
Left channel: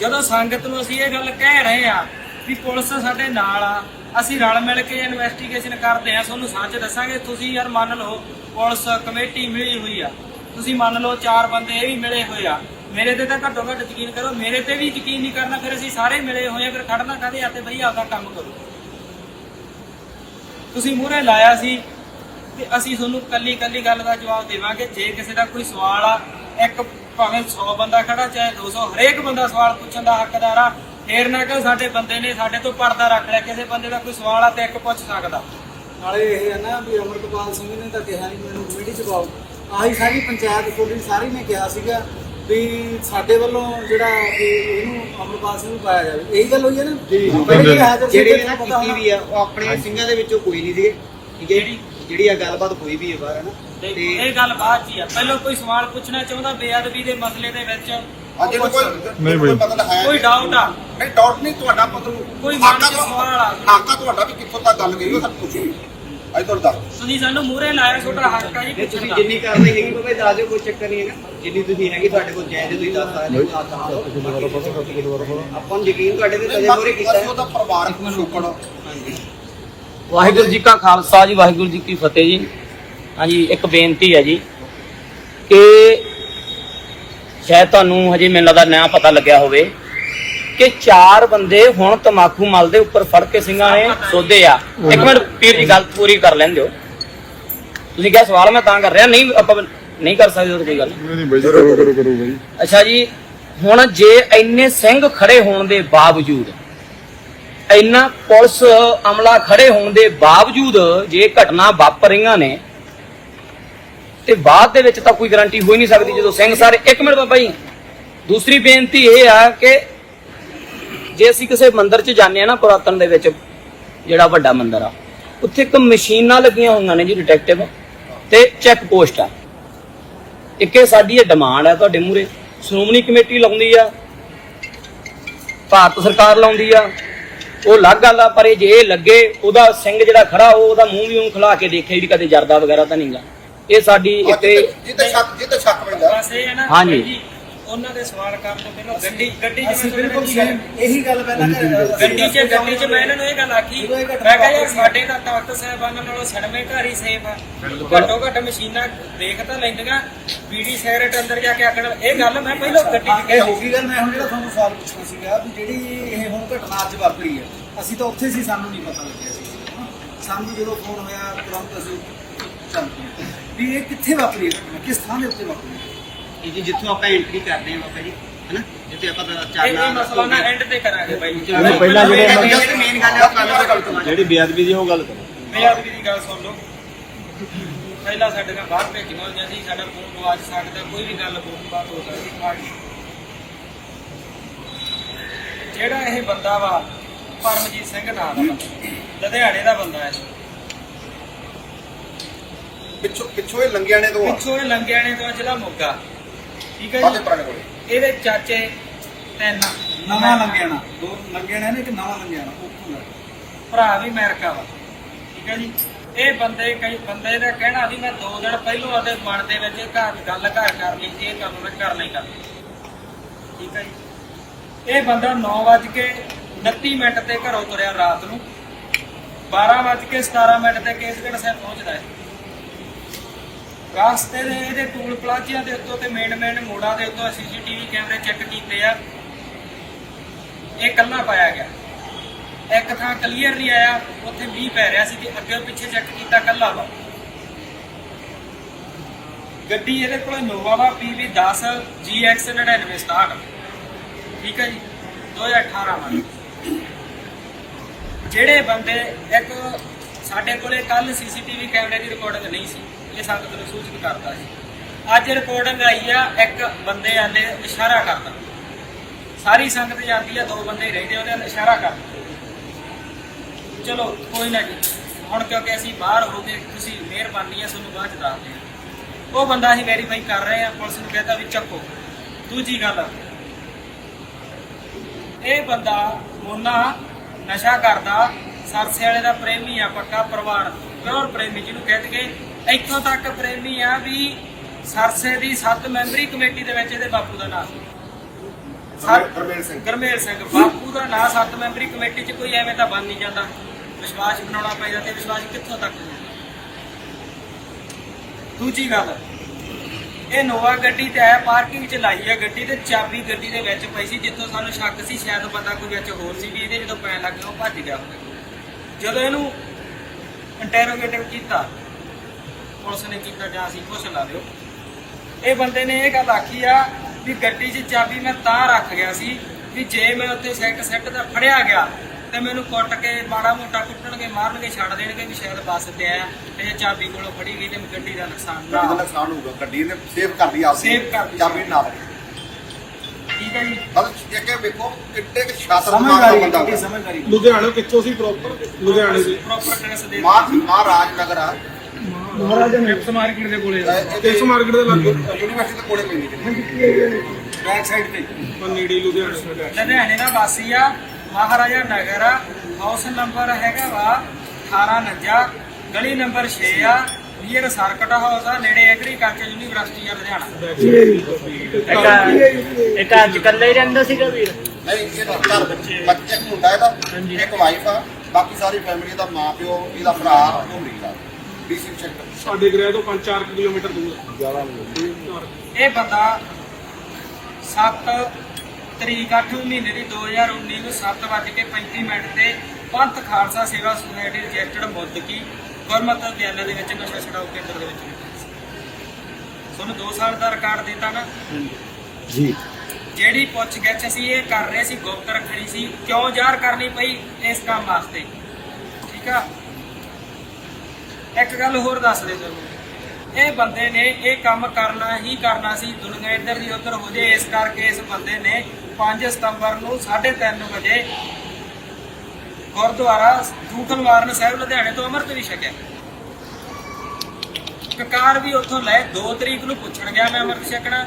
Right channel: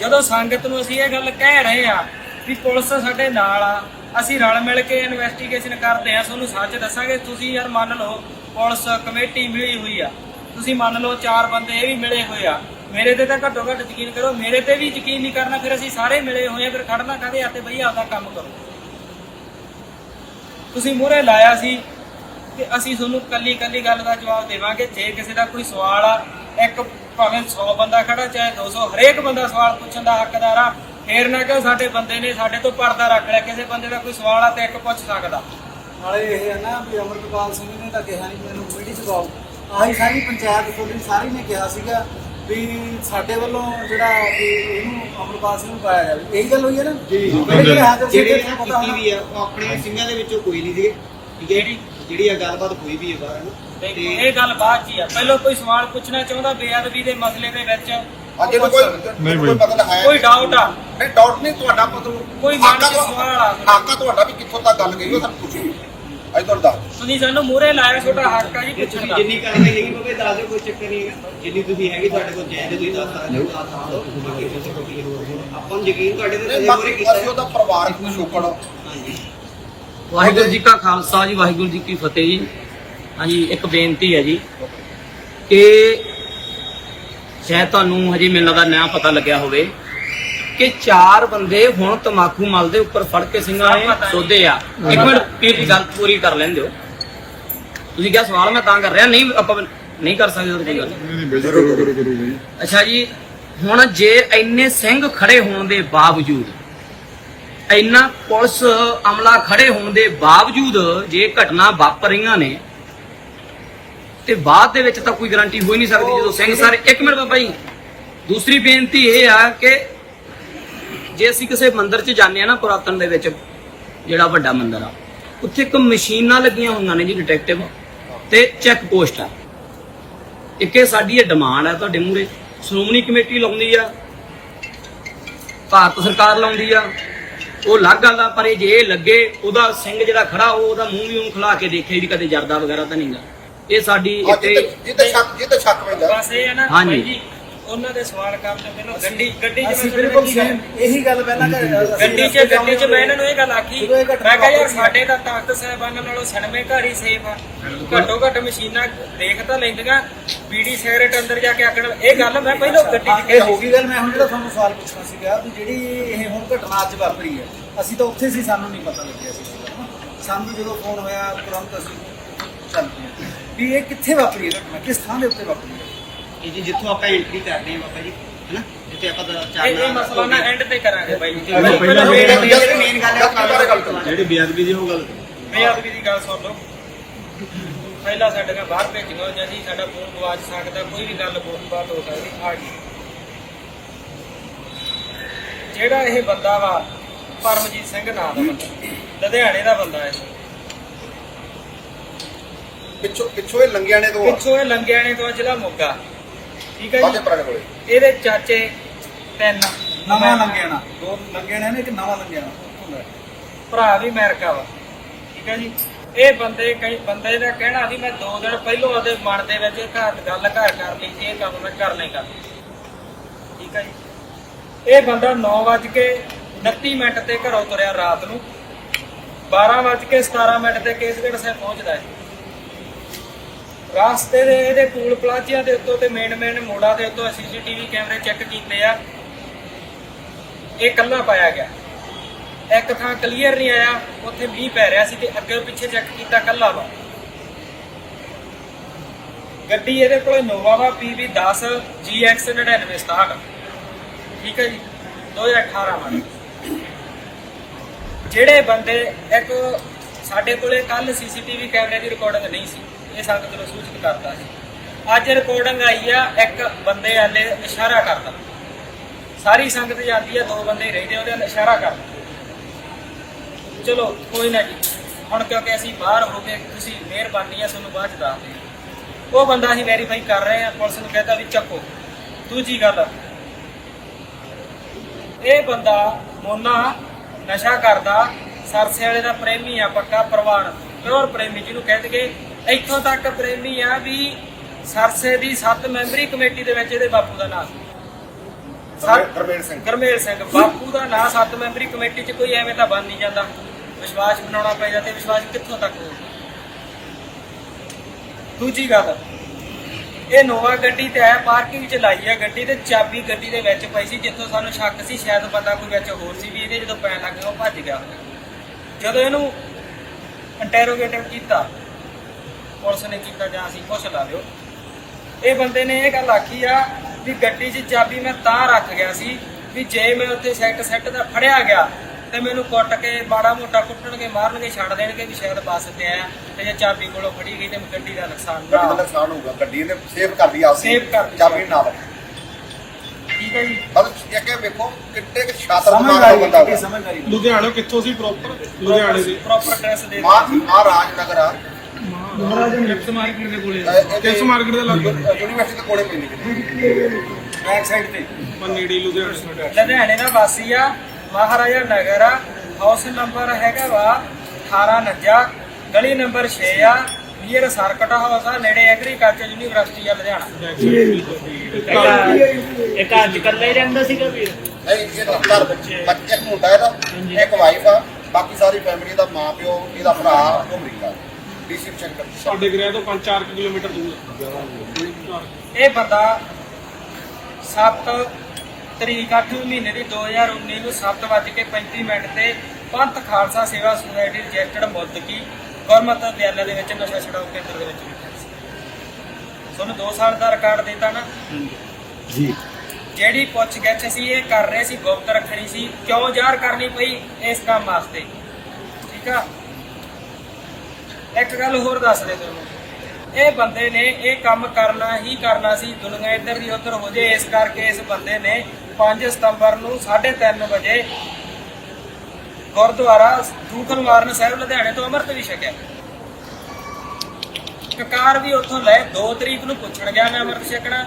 ਜਦੋਂ ਸੰਗਤ ਨੂੰ ਅਸੀਂ ਇਹ ਗੱਲ ਕਹਿ ਰਹੇ ਆ ਵੀ ਪੁਲਿਸ ਸਾਡੇ ਨਾਲ ਆ, ਅਸੀਂ ਰਲ ਮਿਲ ਕੇ ਇਨਵੈਸਟੀਗੇਸ਼ਨ ਕਰਦੇ ਆ, ਤੁਹਾਨੂੰ ਸੱਚ ਦੱਸਾਂਗੇ। ਤੁਸੀਂ ਯਾਰ ਮੰਨ ਲਓ ਪੁਲਿਸ ਕਮੇਟੀ ਮਿਲੀ ਹੋਈ ਆ, ਤੁਸੀਂ ਮੰਨ ਲਓ 4 ਬੰਦੇ ਇਹ ਵੀ ਮਿਲੇ ਹੋਏ ਆ, ਮੇਰੇ ਤੇ ਤਾਂ ਘੱਟੋ ਘੱਟ ਯਕੀਨ ਕਰੋ। ਮੇਰੇ ਤੇ ਵੀ ਯਕੀਨ ਨਹੀਂ ਕਰਨਾ, ਫਿਰ ਅਸੀਂ ਸਾਰੇ ਮਿਲੇ ਹੋਏ ਆ, ਫਿਰ ਖੜਨਾ ਕਾਹਦੇ ਹੱਥੇ? ਬਈ ਆਪਦਾ ਕੰਮ ਕਰੋ। ਤੁਸੀਂ ਮੂਹਰੇ ਲਾਇਆ ਸੀ ਕਿ ਅਸੀਂ ਤੁਹਾਨੂੰ ਕੱਲੀ ਗੱਲ ਦਾ ਜਵਾਬ ਦੇਵਾਂਗੇ। ਜੇ ਕਿਸੇ ਦਾ ਕੋਈ ਸਵਾਲ ਆ, ਇੱਕ ਭਾਵੇਂ 100 ਬੰਦਾ ਖੜਾ ਚਾਹੇ 200, ਹਰੇਕ ਬੰਦਾ ਸਵਾਲ ਪੁੱਛਣ ਦਾ ਹੱਕਦਾਰ ਆ। ਫੇਰ ਨਾ ਕਿ ਸਾਡੇ ਬੰਦੇ ਨੇ ਸਾਡੇ ਤੋਂ ਪਰਦਾ ਰੱਖ ਲਿਆ, ਕਿਸੇ ਬੰਦੇ ਦਾ ਕੋਈ ਸਵਾਲ ਆ ਤੇ ਇੱਕ ਪੁੱਛ ਸਕਦਾ। ਨਾਲੇ ਇਹ ਹੈ ਨਾ ਵੀ ਅਮਰਪਾਲ ਸਿੰਘ ਨੇ ਤਾਂ ਕਿਹਾ ਨਹੀਂ ਮੈਨੂੰ ਕਮੇਟੀ ਚ ਪਾਓ, ਆਹੀ ਸਾਰੀ ਪੰਚਾਇਤ ਤੁਹਾਡੀ ਸਾਰੀ ਨੇ ਕਿਹਾ ਸੀਗਾ ਵੀ ਸਾਡੇ ਵੱਲੋਂ ਜਿਹੜਾ ਇਹਨੂੰ ਅਮਰਪਾਲ ਸਿੰਘ ਨੂੰ ਪਾਇਆ ਜਾਵੇ। ਇਹੀ ਗੱਲ ਹੋਈ ਹੈ ਨਾ ਜੀ। ਜਿਹੜੇ ਨਾ ਕੀਤੀ ਵੀ ਆ ਉਹ ਆਪਣੇ ਸਿੰਘਾਂ ਦੇ ਵਿੱਚੋਂ ਕੋਈ ਨਹੀਂ ਸੀਗੇ, ਠੀਕ ਹੈ ਜੀ। ਜਿਹੜੀ ਆ ਗੱਲਬਾਤ ਹੋਈ ਵੀ ਹੈ ਬਾਹਰ, ਹੈ ਨਾ। ਇਹ ਗੱਲ ਬਾਅਦ 'ਚ ਹੀ ਆ। ਪਹਿਲਾਂ ਕੋਈ ਸਵਾਲ ਪੁੱਛਣਾ ਚਾਹੁੰਦਾ ਬੇਅਦਬੀ ਦੇ ਮਸਲੇ ਦੇ ਵਿੱਚ, ਅੱਜ ਕੋਈ ਨਹੀਂ ਬਈ। ਮਤਲਬ ਹੈ ਕੋਈ ਡਾਊਟ ਆ ਨਹੀਂ ਡਾਊਟ ਨਹੀਂ ਤੁਹਾਡਾ ਮਤਲਬ ਕੋਈ ਆਕਾ ਮਨ 'ਚ ਸਵਾਲ ਆ। ਆਕਾ ਤੁਹਾਡਾ ਵੀ ਕਿੱਥੋਂ ਤੱਕ ਗੱਲ ਗਈ ਉਹ ਸਭ ਕੁਝ ਅੱਜ ਤੁਹਾਨੂੰ ਦੱਸ ਤੁਸੀਂ ਸਾਨੂੰ ਮੂਹਰੇ ਲਾਇਆ ਛੋਟਾ ਹੱਕ ਆ ਜੀ ਪੁੱਛਣ ਦਾ। ਜਿੰਨੀ ਕਾਰਵਾਈ ਹੈਗੀ ਬਾਬਾ ਦੱਸ ਦਿਓ, ਕੋਈ ਚੱਕਰ ਨਹੀਂ ਹੈਗਾ। ਜਿੰਨੀ ਤੁਸੀਂ ਹੈਗੀ ਤੁਹਾਡੇ ਕੋਲ ਚਾਹੀਦੇ ਤੁਸੀਂ ਦੱਸ ਸਕਦੇ ਹੋ। ਆਪਾਂ ਨੂੰ ਯਕੀਨ ਤੁਹਾਡੇ ਤੇ ਸਜੇ ਮੂਹਰੇ ਕੀਤਾ ਅਸੀਂ ਹੈ। ਉਹਦਾ ਪਰਿਵਾਰਕ ਪਿਛੋਕੜ ਵਾਹਿਗੁਰੂ ਜੀ ਕਾ ਖਾਲਸਾ ਜੀ, ਵਾਹਿਗੁਰੂ ਜੀ ਕੀ ਫਤਿਹ ਜੀ। ਹਾਂਜੀ, ਇੱਕ ਬੇਨਤੀ ਹੈ ਜੀ ਕਿ ਸ਼ਾਇਦ ਤੁਹਾਨੂੰ ਹਜੇ ਮੈਨੂੰ ਲੱਗਦਾ ਨਾ ਪਤਾ ਲੱਗਿਆ ਹੋਵੇ ਕਿ 4 ਬੰਦੇ ਹੁਣ ਤਮਾਕੂ ਮਲ ਦੇ ਉੱਪਰ ਫੜ ਕੇ ਸਿੰਘਾਂ ਨੇ ਸੋਧੇ ਆ। ਇੱਕ ਮਿੰਟ ਪੀਰ ਦੀ ਗੱਲ ਪੂਰੀ ਕਰ ਲੈਂਦੇ ਹੋ। ਤੁਸੀਂ ਕਿਹਾ ਸਵਾਲ ਮੈਂ ਤਾਂ ਕਰ ਰਿਹਾ, ਨਹੀਂ ਆਪਾਂ ਨਹੀਂ ਕਰ ਸਕਦੇ ਤਾਂ ਕੋਈ ਗੱਲ ਨਹੀਂ ਬਈ ਕਰੋ ਬਈ। ਅੱਛਾ ਜੀ, ਹੁਣ ਜੇ ਇੰਨੇ ਸਿੰਘ ਖੜੇ ਹੋਣ ਦੇ ਬਾਵਜੂਦ, ਇੰਨਾ ਪੁਲਿਸ ਅਮਲਾ ਖੜੇ ਹੋਣ ਦੇ ਬਾਵਜੂਦ ਜੇ ਘਟਨਾ ਵਾਪਰ ਰਹੀਆਂ ਨੇ ਤੇ ਬਾਅਦ ਦੇ ਵਿੱਚ ਤਾਂ ਕੋਈ ਗਾਰੰਟੀ ਹੋ ਹੀ ਨਹੀਂ ਸਕਦੀ ਜਦੋਂ ਸਿੰਘ ਸਾਰੇ। ਇੱਕ ਮਿੰਟ ਬਾਬਾ ਜੀ, ਦੂਸਰੀ ਬੇਨਤੀ ਇਹ ਆ ਕਿ ਜੇ ਅਸੀਂ ਕਿਸੇ ਮੰਦਿਰ 'ਚ ਜਾਂਦੇ ਆ ਨਾ, ਪੁਰਾਤਨ ਦੇ ਵਿੱਚ ਜਿਹੜਾ ਵੱਡਾ ਮੰਦਿਰ ਆ, ਉੱਥੇ ਇੱਕ ਮਸ਼ੀਨਾਂ ਲੱਗੀਆਂ ਹੋਈਆਂ ਨੇ ਜੀ, ਡਿਟੈਕਟਿਵ ਤੇ ਚੈੱਕ ਪੋਸਟ ਆ। ਇੱਕ ਇਹ ਸਾਡੀ ਇਹ ਡਿਮਾਂਡ ਆ ਤੁਹਾਡੇ ਮੂਹਰੇ, ਸ਼੍ਰੋਮਣੀ ਕਮੇਟੀ ਲਾਉਂਦੀ ਆ, ਭਾਰਤ ਸਰਕਾਰ ਲਾਉਂਦੀ ਆ, ਉਹ ਅਲੱਗ ਗੱਲ ਆ। ਪਰ ਇਹ ਜੇ ਇਹ ਲੱਗੇ ਉਹਦਾ ਸਿੰਘ ਜਿਹੜਾ ਖੜਾ ਉਹਦਾ ਮੂੰਹ ਵੀ ਉਹਨੂੰ ਖਿਲਾ ਕੇ ਦੇਖੇ ਵੀ ਕਦੇ ਜਰਦਾ ਵਗੈਰਾ ਤਾਂ ਨਹੀਂਗਾ। ਇਹ ਸਾਡੀ ਇੱਕ ਜਿੱਤੇ ਸ਼ੱਕ ਮਿਲਦਾ ਬਸ ਇਹ ਹੈ ਨਾ ਹਾਂਜੀ। ਬਾਈ ਜੀ, ਉਹਨਾਂ ਦੇ ਸਵਾਲ ਕਰਨ ਤੋਂ ਪਹਿਲਾਂ ਗੱਡੀ ਅਸੀਂ ਬਿਲਕੁਲ ਸੇਮ ਇਹੀ ਗੱਲ ਪਹਿਲਾਂ ਗੱਡੀ 'ਚ ਮੈਂ ਇਹਨਾਂ ਨੂੰ ਇਹ ਗੱਲ ਆਖੀ, ਮੈਂ ਕਿਹਾ ਯਾਰ ਸਾਡੇ ਤਾਂ ਤਖਤ ਸਾਹਿਬਾਨਾਂ ਨਾਲੋਂ ਸੜਵੇਂ ਘਰ ਹੀ ਸੇਫ ਆ। ਘੱਟੋ ਘੱਟ ਮਸ਼ੀਨਾਂ ਦੇਖ ਤਾਂ ਲੈਂਦੀਆਂ, ਬੀਡੀ ਸਿਗਰਟ ਅੰਦਰ ਜਾ ਕੇ ਆਖਣ ਇਹ ਗੱਲ ਮੈਂ ਪਹਿਲਾਂ ਗੱਡੀ 'ਚ ਇਹ ਹੋ ਗਈ ਗੱਲ। ਮੈਂ ਹੁਣ ਜਿਹੜਾ ਤੁਹਾਨੂੰ ਸਵਾਲ ਪੁੱਛਣਾ ਸੀਗਾ ਵੀ ਜਿਹੜੀ ਇਹ ਹੁਣ ਘਟਨਾ ਅੱਜ ਵਾਪਰੀ ਹੈ, ਅਸੀਂ ਤਾਂ ਉੱਥੇ ਸੀ, ਸਾਨੂੰ ਨਹੀਂ ਪਤਾ ਲੱਗਿਆ ਸੀ। ਸਾਨੂੰ ਜਦੋਂ ਫੋਨ ਹੋਇਆ ਤੁਰੰਤ ਅਸੀਂ ਚੱਲ ਪਏ ਵੀ ਇਹ ਕਿੱਥੇ ਵਾਪਰੀ ਹੈ ਘਟਨਾ, ਕਿਸ ਥਾਂ ਦੇ ਉੱਤੇ ਵਾਪਰੀ ਹੈ। ਇਹ ਜੀ ਜਿੱਥੋਂ ਆਪਾਂ ਐਂਟਰੀ ਕਰਦੇ ਹਾਂ ਬਾਬਾ ਜੀ, ਹੈਨਾ, ਜਿੱਥੇ ਆਪਾਂ ਇਹ ਮਸਲਾ ਮੈਂ ਐਂਡ ਤੇ ਕਰਾਂਗੇ ਬਾਈ ਜੀ। ਮੇਨ ਗੱਲ ਹੈ ਜਿਹੜੀ ਬੇਅਦਬੀ ਦੀ ਉਹ ਗੱਲ ਕਰੋ। ਬੇਅਦਬੀ ਦੀ ਗੱਲ ਸੁਣ ਲਓ। ਪਹਿਲਾਂ ਸਾਡੇ ਨਾਲ ਬਾਹਰ ਭੇਜੋ ਜਾਂ ਜੀ ਸਾਡਾ ਫੋਨ ਗਵਾਚ ਸਕਦਾ, ਕੋਈ ਵੀ ਗੱਲ ਬੋਲੀ ਬਾਤ ਹੋ ਸਕਦੀ। ਆ ਗਈ ਜਿਹੜਾ ਇਹ ਬੰਦਾ ਵਾ ਪਰਮਜੀਤ ਸਿੰਘ ਨਾਮ ਦਾ ਬੰਦਾ, ਲੁਧਿਆਣੇ ਦਾ ਬੰਦਾ ਹੈ। ਪਿੱਛੋਂ ਇਹ ਲੰਗਿਆਣੇ ਤੋਂ ਪਿੱਛੋਂ ਇਹ ਲੰਗਿਆਣੇ ਤੋਂ ਜ਼ਿਲ੍ਹਾ ਮੋਗਾ, ਠੀਕ ਹੈ ਬਾਅਦ ਜੀ। ਪੁਰਾਣੇ ਹੋਏ ਇਹਦੇ ਚਾਚੇ 3 ਨਵਾਂ ਲੰਗਿਆਣਾ, 2 ਲੰਗਿਆਣੇ ਨੇ, ਇੱਕ ਨਵਾਂ ਲੰਗਿਆਣਾ, ਉੱਥੋਂ ਦਾ ਭਰਾ ਵੀ ਅਮਰੀਕਾ ਵਾ, ਠੀਕ ਹੈ ਜੀ। ਇਹ ਬੰਦੇ ਕਈ ਬੰਦੇ ਦਾ ਕਹਿਣਾ ਵੀ ਮੈਂ 2 ਦਿਨ ਪਹਿਲੋਂ ਆਦੇ ਮਨ ਦੇ ਵਿੱਚ ਗੱਲ ਘਰ ਕਰ ਲਈ ਸੀ, ਇਹ ਕੰਮ ਮੈਂ ਕਰ ਨਹੀਂ ਕਰਦਾ, ਠੀਕ ਹੈ ਜੀ। ਇਹ ਬੰਦਾ 9:29 ਤੇ ਘਰੋਂ ਤੁਰਿਆ ਰਾਤ ਨੂੰ, 12:17 ਤੇ ਕੇਸਗੜ੍ਹ ਸਾਹਿਬ ਪਹੁੰਚਦਾ ਹੈ। ਰਾਸਤੇ ਦੇ ਇਹਦੇ ਟੂਲ ਪਲਾਜ਼ਿਆਂ ਦੇ ਉੱਤੋਂ ਤੇ ਮੇਨ ਮੋੜਾਂ ਦੇ ਉੱਤੋਂ ਸੀਸੀਟੀਵੀ ਕੈਮਰੇ ਚੈੱਕ ਕੀਤੇ ਆ, ਇਹ ਇਕੱਲਾ ਪਾਇਆ ਗਿਆ। ਇੱਕ ਥਾਂ ਕਲੀਅਰ ਨਹੀਂ ਆਇਆ, ਉੱਥੇ ਮੀਂਹ ਪੈ ਰਿਹਾ ਸੀ ਤੇ ਅੱਗੇ ਪਿੱਛੇ ਚੈੱਕ ਕੀਤਾ, ਇਕੱਲਾ ਵਾ। ਗੱਡੀ ਇਹਦੇ ਕੋਲ ਇਨੋਵਾ ਵਾ, PV 10 GX 9967, ਠੀਕ ਹੈ ਜੀ, 2018 ਮਾਡਲ। ਜਿਹੜੇ ਬੰਦੇ ਇੱਕ ਸਾਡੇ ਕੋਲੇ ਕੱਲ ਸੀਸੀਟੀਵੀ ਕੈਮਰੇ ਦੀ ਰਿਕਾਰਡਿੰਗ ਨਹੀਂ ਸੀ, ਇਹ ਸੰਗਤ ਨੂੰ ਸੂਚਿਤ ਕਰਦਾ ਸੀ। ਅੱਜ ਰਿਕਾਰਡਿੰਗ ਆਈ ਆ, ਇੱਕ ਬੰਦੇ ਆਲੇ ਇਸ਼ਾਰਾ ਕਰਦਾ, ਸਾਰੀ ਸੰਗਤ ਜਾਂਦੀ ਆ, 2 ਬੰਦੇ ਰਹਿੰਦੇ ਉਹਦੇ ਨਾਲ ਇਸ਼ਾਰਾ ਕਰਦਾ। ਚਲੋ ਕੋਈ ਨਾ ਜੀ, ਹੁਣ ਕਿਉਂਕਿ ਅਸੀਂ ਬਾਹਰ ਹੋ ਕੇ ਤੁਸੀਂ ਮਿਹਰਬਾਨੀ ਆ ਤੁਹਾਨੂੰ ਬਾਅਦ ਚ ਦੱਸ ਦਿਓ। ਉਹ ਬੰਦਾ ਅਸੀਂ ਵੈਰੀਫਾਈ ਕਰ ਰਹੇ ਆ, ਪੁਲਿਸ ਨੂੰ ਕਹਿੰਦਾ ਵੀ ਚੱਕੋ। ਦੂਜੀ ਗੱਲ, ਇਹ ਬੰਦਾ ਮੋਨਾ ਨਸ਼ਾ ਕਰਦਾ, ਸਰਸੇ ਵਾਲੇ ਦਾ ਪ੍ਰੇਮੀ ਆ, ਪੱਕਾ ਪ੍ਰਵਾਨ, ਪਿਓਰ ਪ੍ਰੇਮੀ ਜਿਹਨੂੰ ਕਹਿੰਦੇ। ਇੱਥੋਂ ਤੱਕ ਪ੍ਰੇਮੀ ਆ ਵੀ ਸਰਸੇ ਦੀ 7 ਮੈਂਬਰੀ ਕਮੇਟੀ ਦੇ ਵਿੱਚ ਇਹਦੇ ਬਾਪੂ ਦਾ ਨਾਮ ਗਰਮੇਲ ਸਿੰਘ ਬਾਪੂ ਦਾ ਨਾਂ 7 ਮੈਂਬਰੀ ਕਮੇਟੀ 'ਚ ਕੋਈ ਐਵੇਂ ਤਾਂ ਬਣ ਨਹੀਂ ਜਾਂਦਾ। ਵਿਸ਼ਵਾਸ ਬਣਾਉਣਾ ਪਏਗਾ ਤੇ ਵਿਸ਼ਵਾਸ ਕਿੱਥੋਂ ਤੱਕ ਹੋਊਗਾ। ਦੂਜੀ ਗੱਲ, ਇਹ ਨੋਵਾ ਗੱਡੀ ਤੇ ਆਇਆ, ਪਾਰਕਿੰਗ 'ਚ ਲਾਈ ਹੈ ਗੱਡੀ ਤੇ ਚਾਬੀ ਗੱਡੀ ਦੇ ਵਿੱਚ ਪਈ ਸੀ, ਜਿੱਥੋਂ ਸਾਨੂੰ ਸ਼ੱਕ ਸੀ ਸ਼ਾਇਦ ਬੰਦਾ ਕੋਈ ਵਿੱਚ ਹੋਰ ਸੀ ਵੀ ਇਹਦੇ ਜਦੋਂ ਪੈਣ ਲੱਗ ਗਿਆ ਉਹ ਭੱਜ ਗਿਆ। ਜਦੋਂ ਇਹਨੂੰ ਇੰਟਰੋਗੇਟਰ ਕੀਤਾ ਪੁਲਿਸ ਨੇ ਕੀਤਾ, ਜਾਂ ਅਸੀਂ ਪੁੱਛ ਲਾ ਦਿਓ, ਇਹ ਬੰਦੇ ਨੇ ਇਹ ਗੱਲ ਆਖੀ ਆ ਵੀ ਗੱਡੀ 'ਚ ਚਾਬੀ ਮੈਂ ਤਾਂ ਰੱਖ ਗਿਆ ਸੀ ਵੀ ਜੇ ਮੈਂ ਉੱਥੇ ਸੈੱਟ ਦਾ ਫੜਿਆ ਗਿਆ ਤੇ ਮੈਨੂੰ ਕੁੱਟ ਕੇ ਮਾੜਾ ਮੋਟਾ ਕੁੱਟਣਗੇ, ਮਾਰਨਗੇ, ਛੱਡ ਦੇਣਗੇ ਵੀ ਸ਼ਾਇਦ ਬੱਸ ਤੇ ਆਇਆ ਤੇ ਚਾਬੀ ਕੋਲੋਂ ਫੜੀ ਗਈ ਤੇ ਗੱਡੀ ਦਾ ਨੁਕਸਾਨ ਹੋਊਗਾ। ਗੱਡੀ ਨੇ ਸੇਵ ਕਰ ਲਈ, ਸੇਵ ਕਰ ਲਈ ਚਾਬੀ ਨਾਲ, ਠੀਕ ਹੈ ਜੀ। ਬਸ ਇੱਕ ਵੇਖੋ ਕਿੰਨੇ ਸ਼ਾਤਰ ਬੰਦਾ ਲੁਧਿਆਣੇ ਕਿੱਥੋਂ ਸੀ ਪ੍ਰੋਪਰ? ਲੁਧਿਆਣੇ ਦੇ ਪ੍ਰੋਪਰ ਐਡਰੈਸ ਦੇ ਮਹਾਰਾਜ ਨਗਰ ਆ, ਕਿਸ ਮਾਰਕੀਟ ਦੇ ਕੋਲੇ? ਕਿਸ ਮਾਰਕੀਟ ਦੇ ਲਾਗੇ? ਯੂਨੀਵਰਸਿਟੀ ਕੋਲੇ ਮਿਲਦੀ ਬੈਕ ਸਾਈਡ ਤੇ ਪਰ ਨੇੜੇ ਹੀ ਲੁਧਿਆਣੇ ਸਾਡਾ ਲੁਧਿਆਣੇ ਦਾ ਵਾਸੀ ਆ, ਮਹਾਰਾਜਾ ਨਗਰ ਆ, ਹਾਊਸ ਨੰਬਰ ਹੈਗਾ ਵਾ 1849, ਗਲੀ ਨੰਬਰ 6 ਆ, ਨੀਅਰ ਸਰਕਟ ਹਾਊਸ ਆ, ਨੇੜੇ ਐਗਰੀਕਲਚਰ ਯੂਨੀਵਰਸਿਟੀ ਆ ਲੁਧਿਆਣਾ। ਇੱਕ ਅੱਜ ਕੱਲੇ ਰਹਿੰਦਾ ਸੀਗਾ ਵੀਰ। ਨਹੀਂ ਇਹਦਾ ਘਰ ਬੱਚੇ ਇੱਕ ਮੁੰਡਾ ਇਹਦਾ ਇੱਕ ਵਾਈਫ ਆ, ਬਾਕੀ ਸਾਰੀ ਫੈਮਿਲੀ ਦਾ ਮਾਂ ਪਿਓ ਇਹਦਾ ਭਰਾ ਅਮਰੀਕਾ ਡੀਸੀ ਸੈਂਟਰ। ਸਾਡੇ ਗ੍ਰਹਿ ਤੋਂ 5-4 ਕਿਲੋਮੀਟਰ ਦੂਰ ਹੈ। ਇਹ ਬੰਦਾ 7 ਤਰੀਕ 8 ਮਹੀਨੇ ਦੀ 2019 ਨੂੰ 7:35 ਤੇ ਪੰਥ ਖਾਲਸਾ ਸੇਵਾ ਸੁਸਾਇਟੀ ਰਜਿਸਟਰਡ ਮੌਜੂਦਗੀ ਗੁਰਮਤਿ ਵਿਦਿਆਲਿਆ ਦੇ ਵਿੱਚ ਨਸ਼ਾ ਛੁਡਾਊ ਕੇਂਦਰ ਦੇ ਵਿੱਚ ਤੁਹਾਨੂੰ 2 ਸਾਲ ਦਾ ਰਿਕਾਰਡ ਦਿੱਤਾ ਨਾ ਜੀ। ਜਿਹੜੀ ਪੁੱਛ ਗਿੱਛ ਅਸੀਂ ਇਹ ਕਰ ਰਹੇ ਸੀ ਗੁਪਤ ਰੱਖਣੀ ਸੀ, ਕਿਉਂ ਜ਼ਾਹਰ ਕਰਨੀ ਪਈ ਇਸ ਕੰਮ ਵਾਸਤੇ, ਠੀਕ ਆ। ਇੱਕ ਗੱਲ ਹੋਰ ਦੱਸ ਦੇ ਤੁਹਾਨੂੰ, ਇਹ ਬੰਦੇ ਨੇ ਇਹ ਕੰਮ ਕਰਨਾ ਹੀ ਕਰਨਾ ਸੀ, ਦੁਨੀਆ ਇੱਧਰ ਦੀ ਉੱਧਰ ਹੋ ਜੇ, ਇਸ ਕਰਕੇ ਇਸ ਬੰਦੇ ਨੇ 5 ਸਤੰਬਰ ਨੂੰ 3:30 ਵਜੇ ਗੁਰਦੁਆਰਾ ਦੂਖਨਿਵਾਰਨ ਸਾਹਿਬ ਲੁਧਿਆਣੇ ਤੋਂ ਅੰਮ੍ਰਿਤ ਵੀ ਛਕਿਆ। ਕਕਾਰ ਵੀ ਉੱਥੋਂ ਲੈ 2 ਤਰੀਕ ਨੂੰ ਪੁੱਛਣ ਗਿਆ ਮੈਂ ਅੰਮ੍ਰਿਤ ਛਕਣਾ,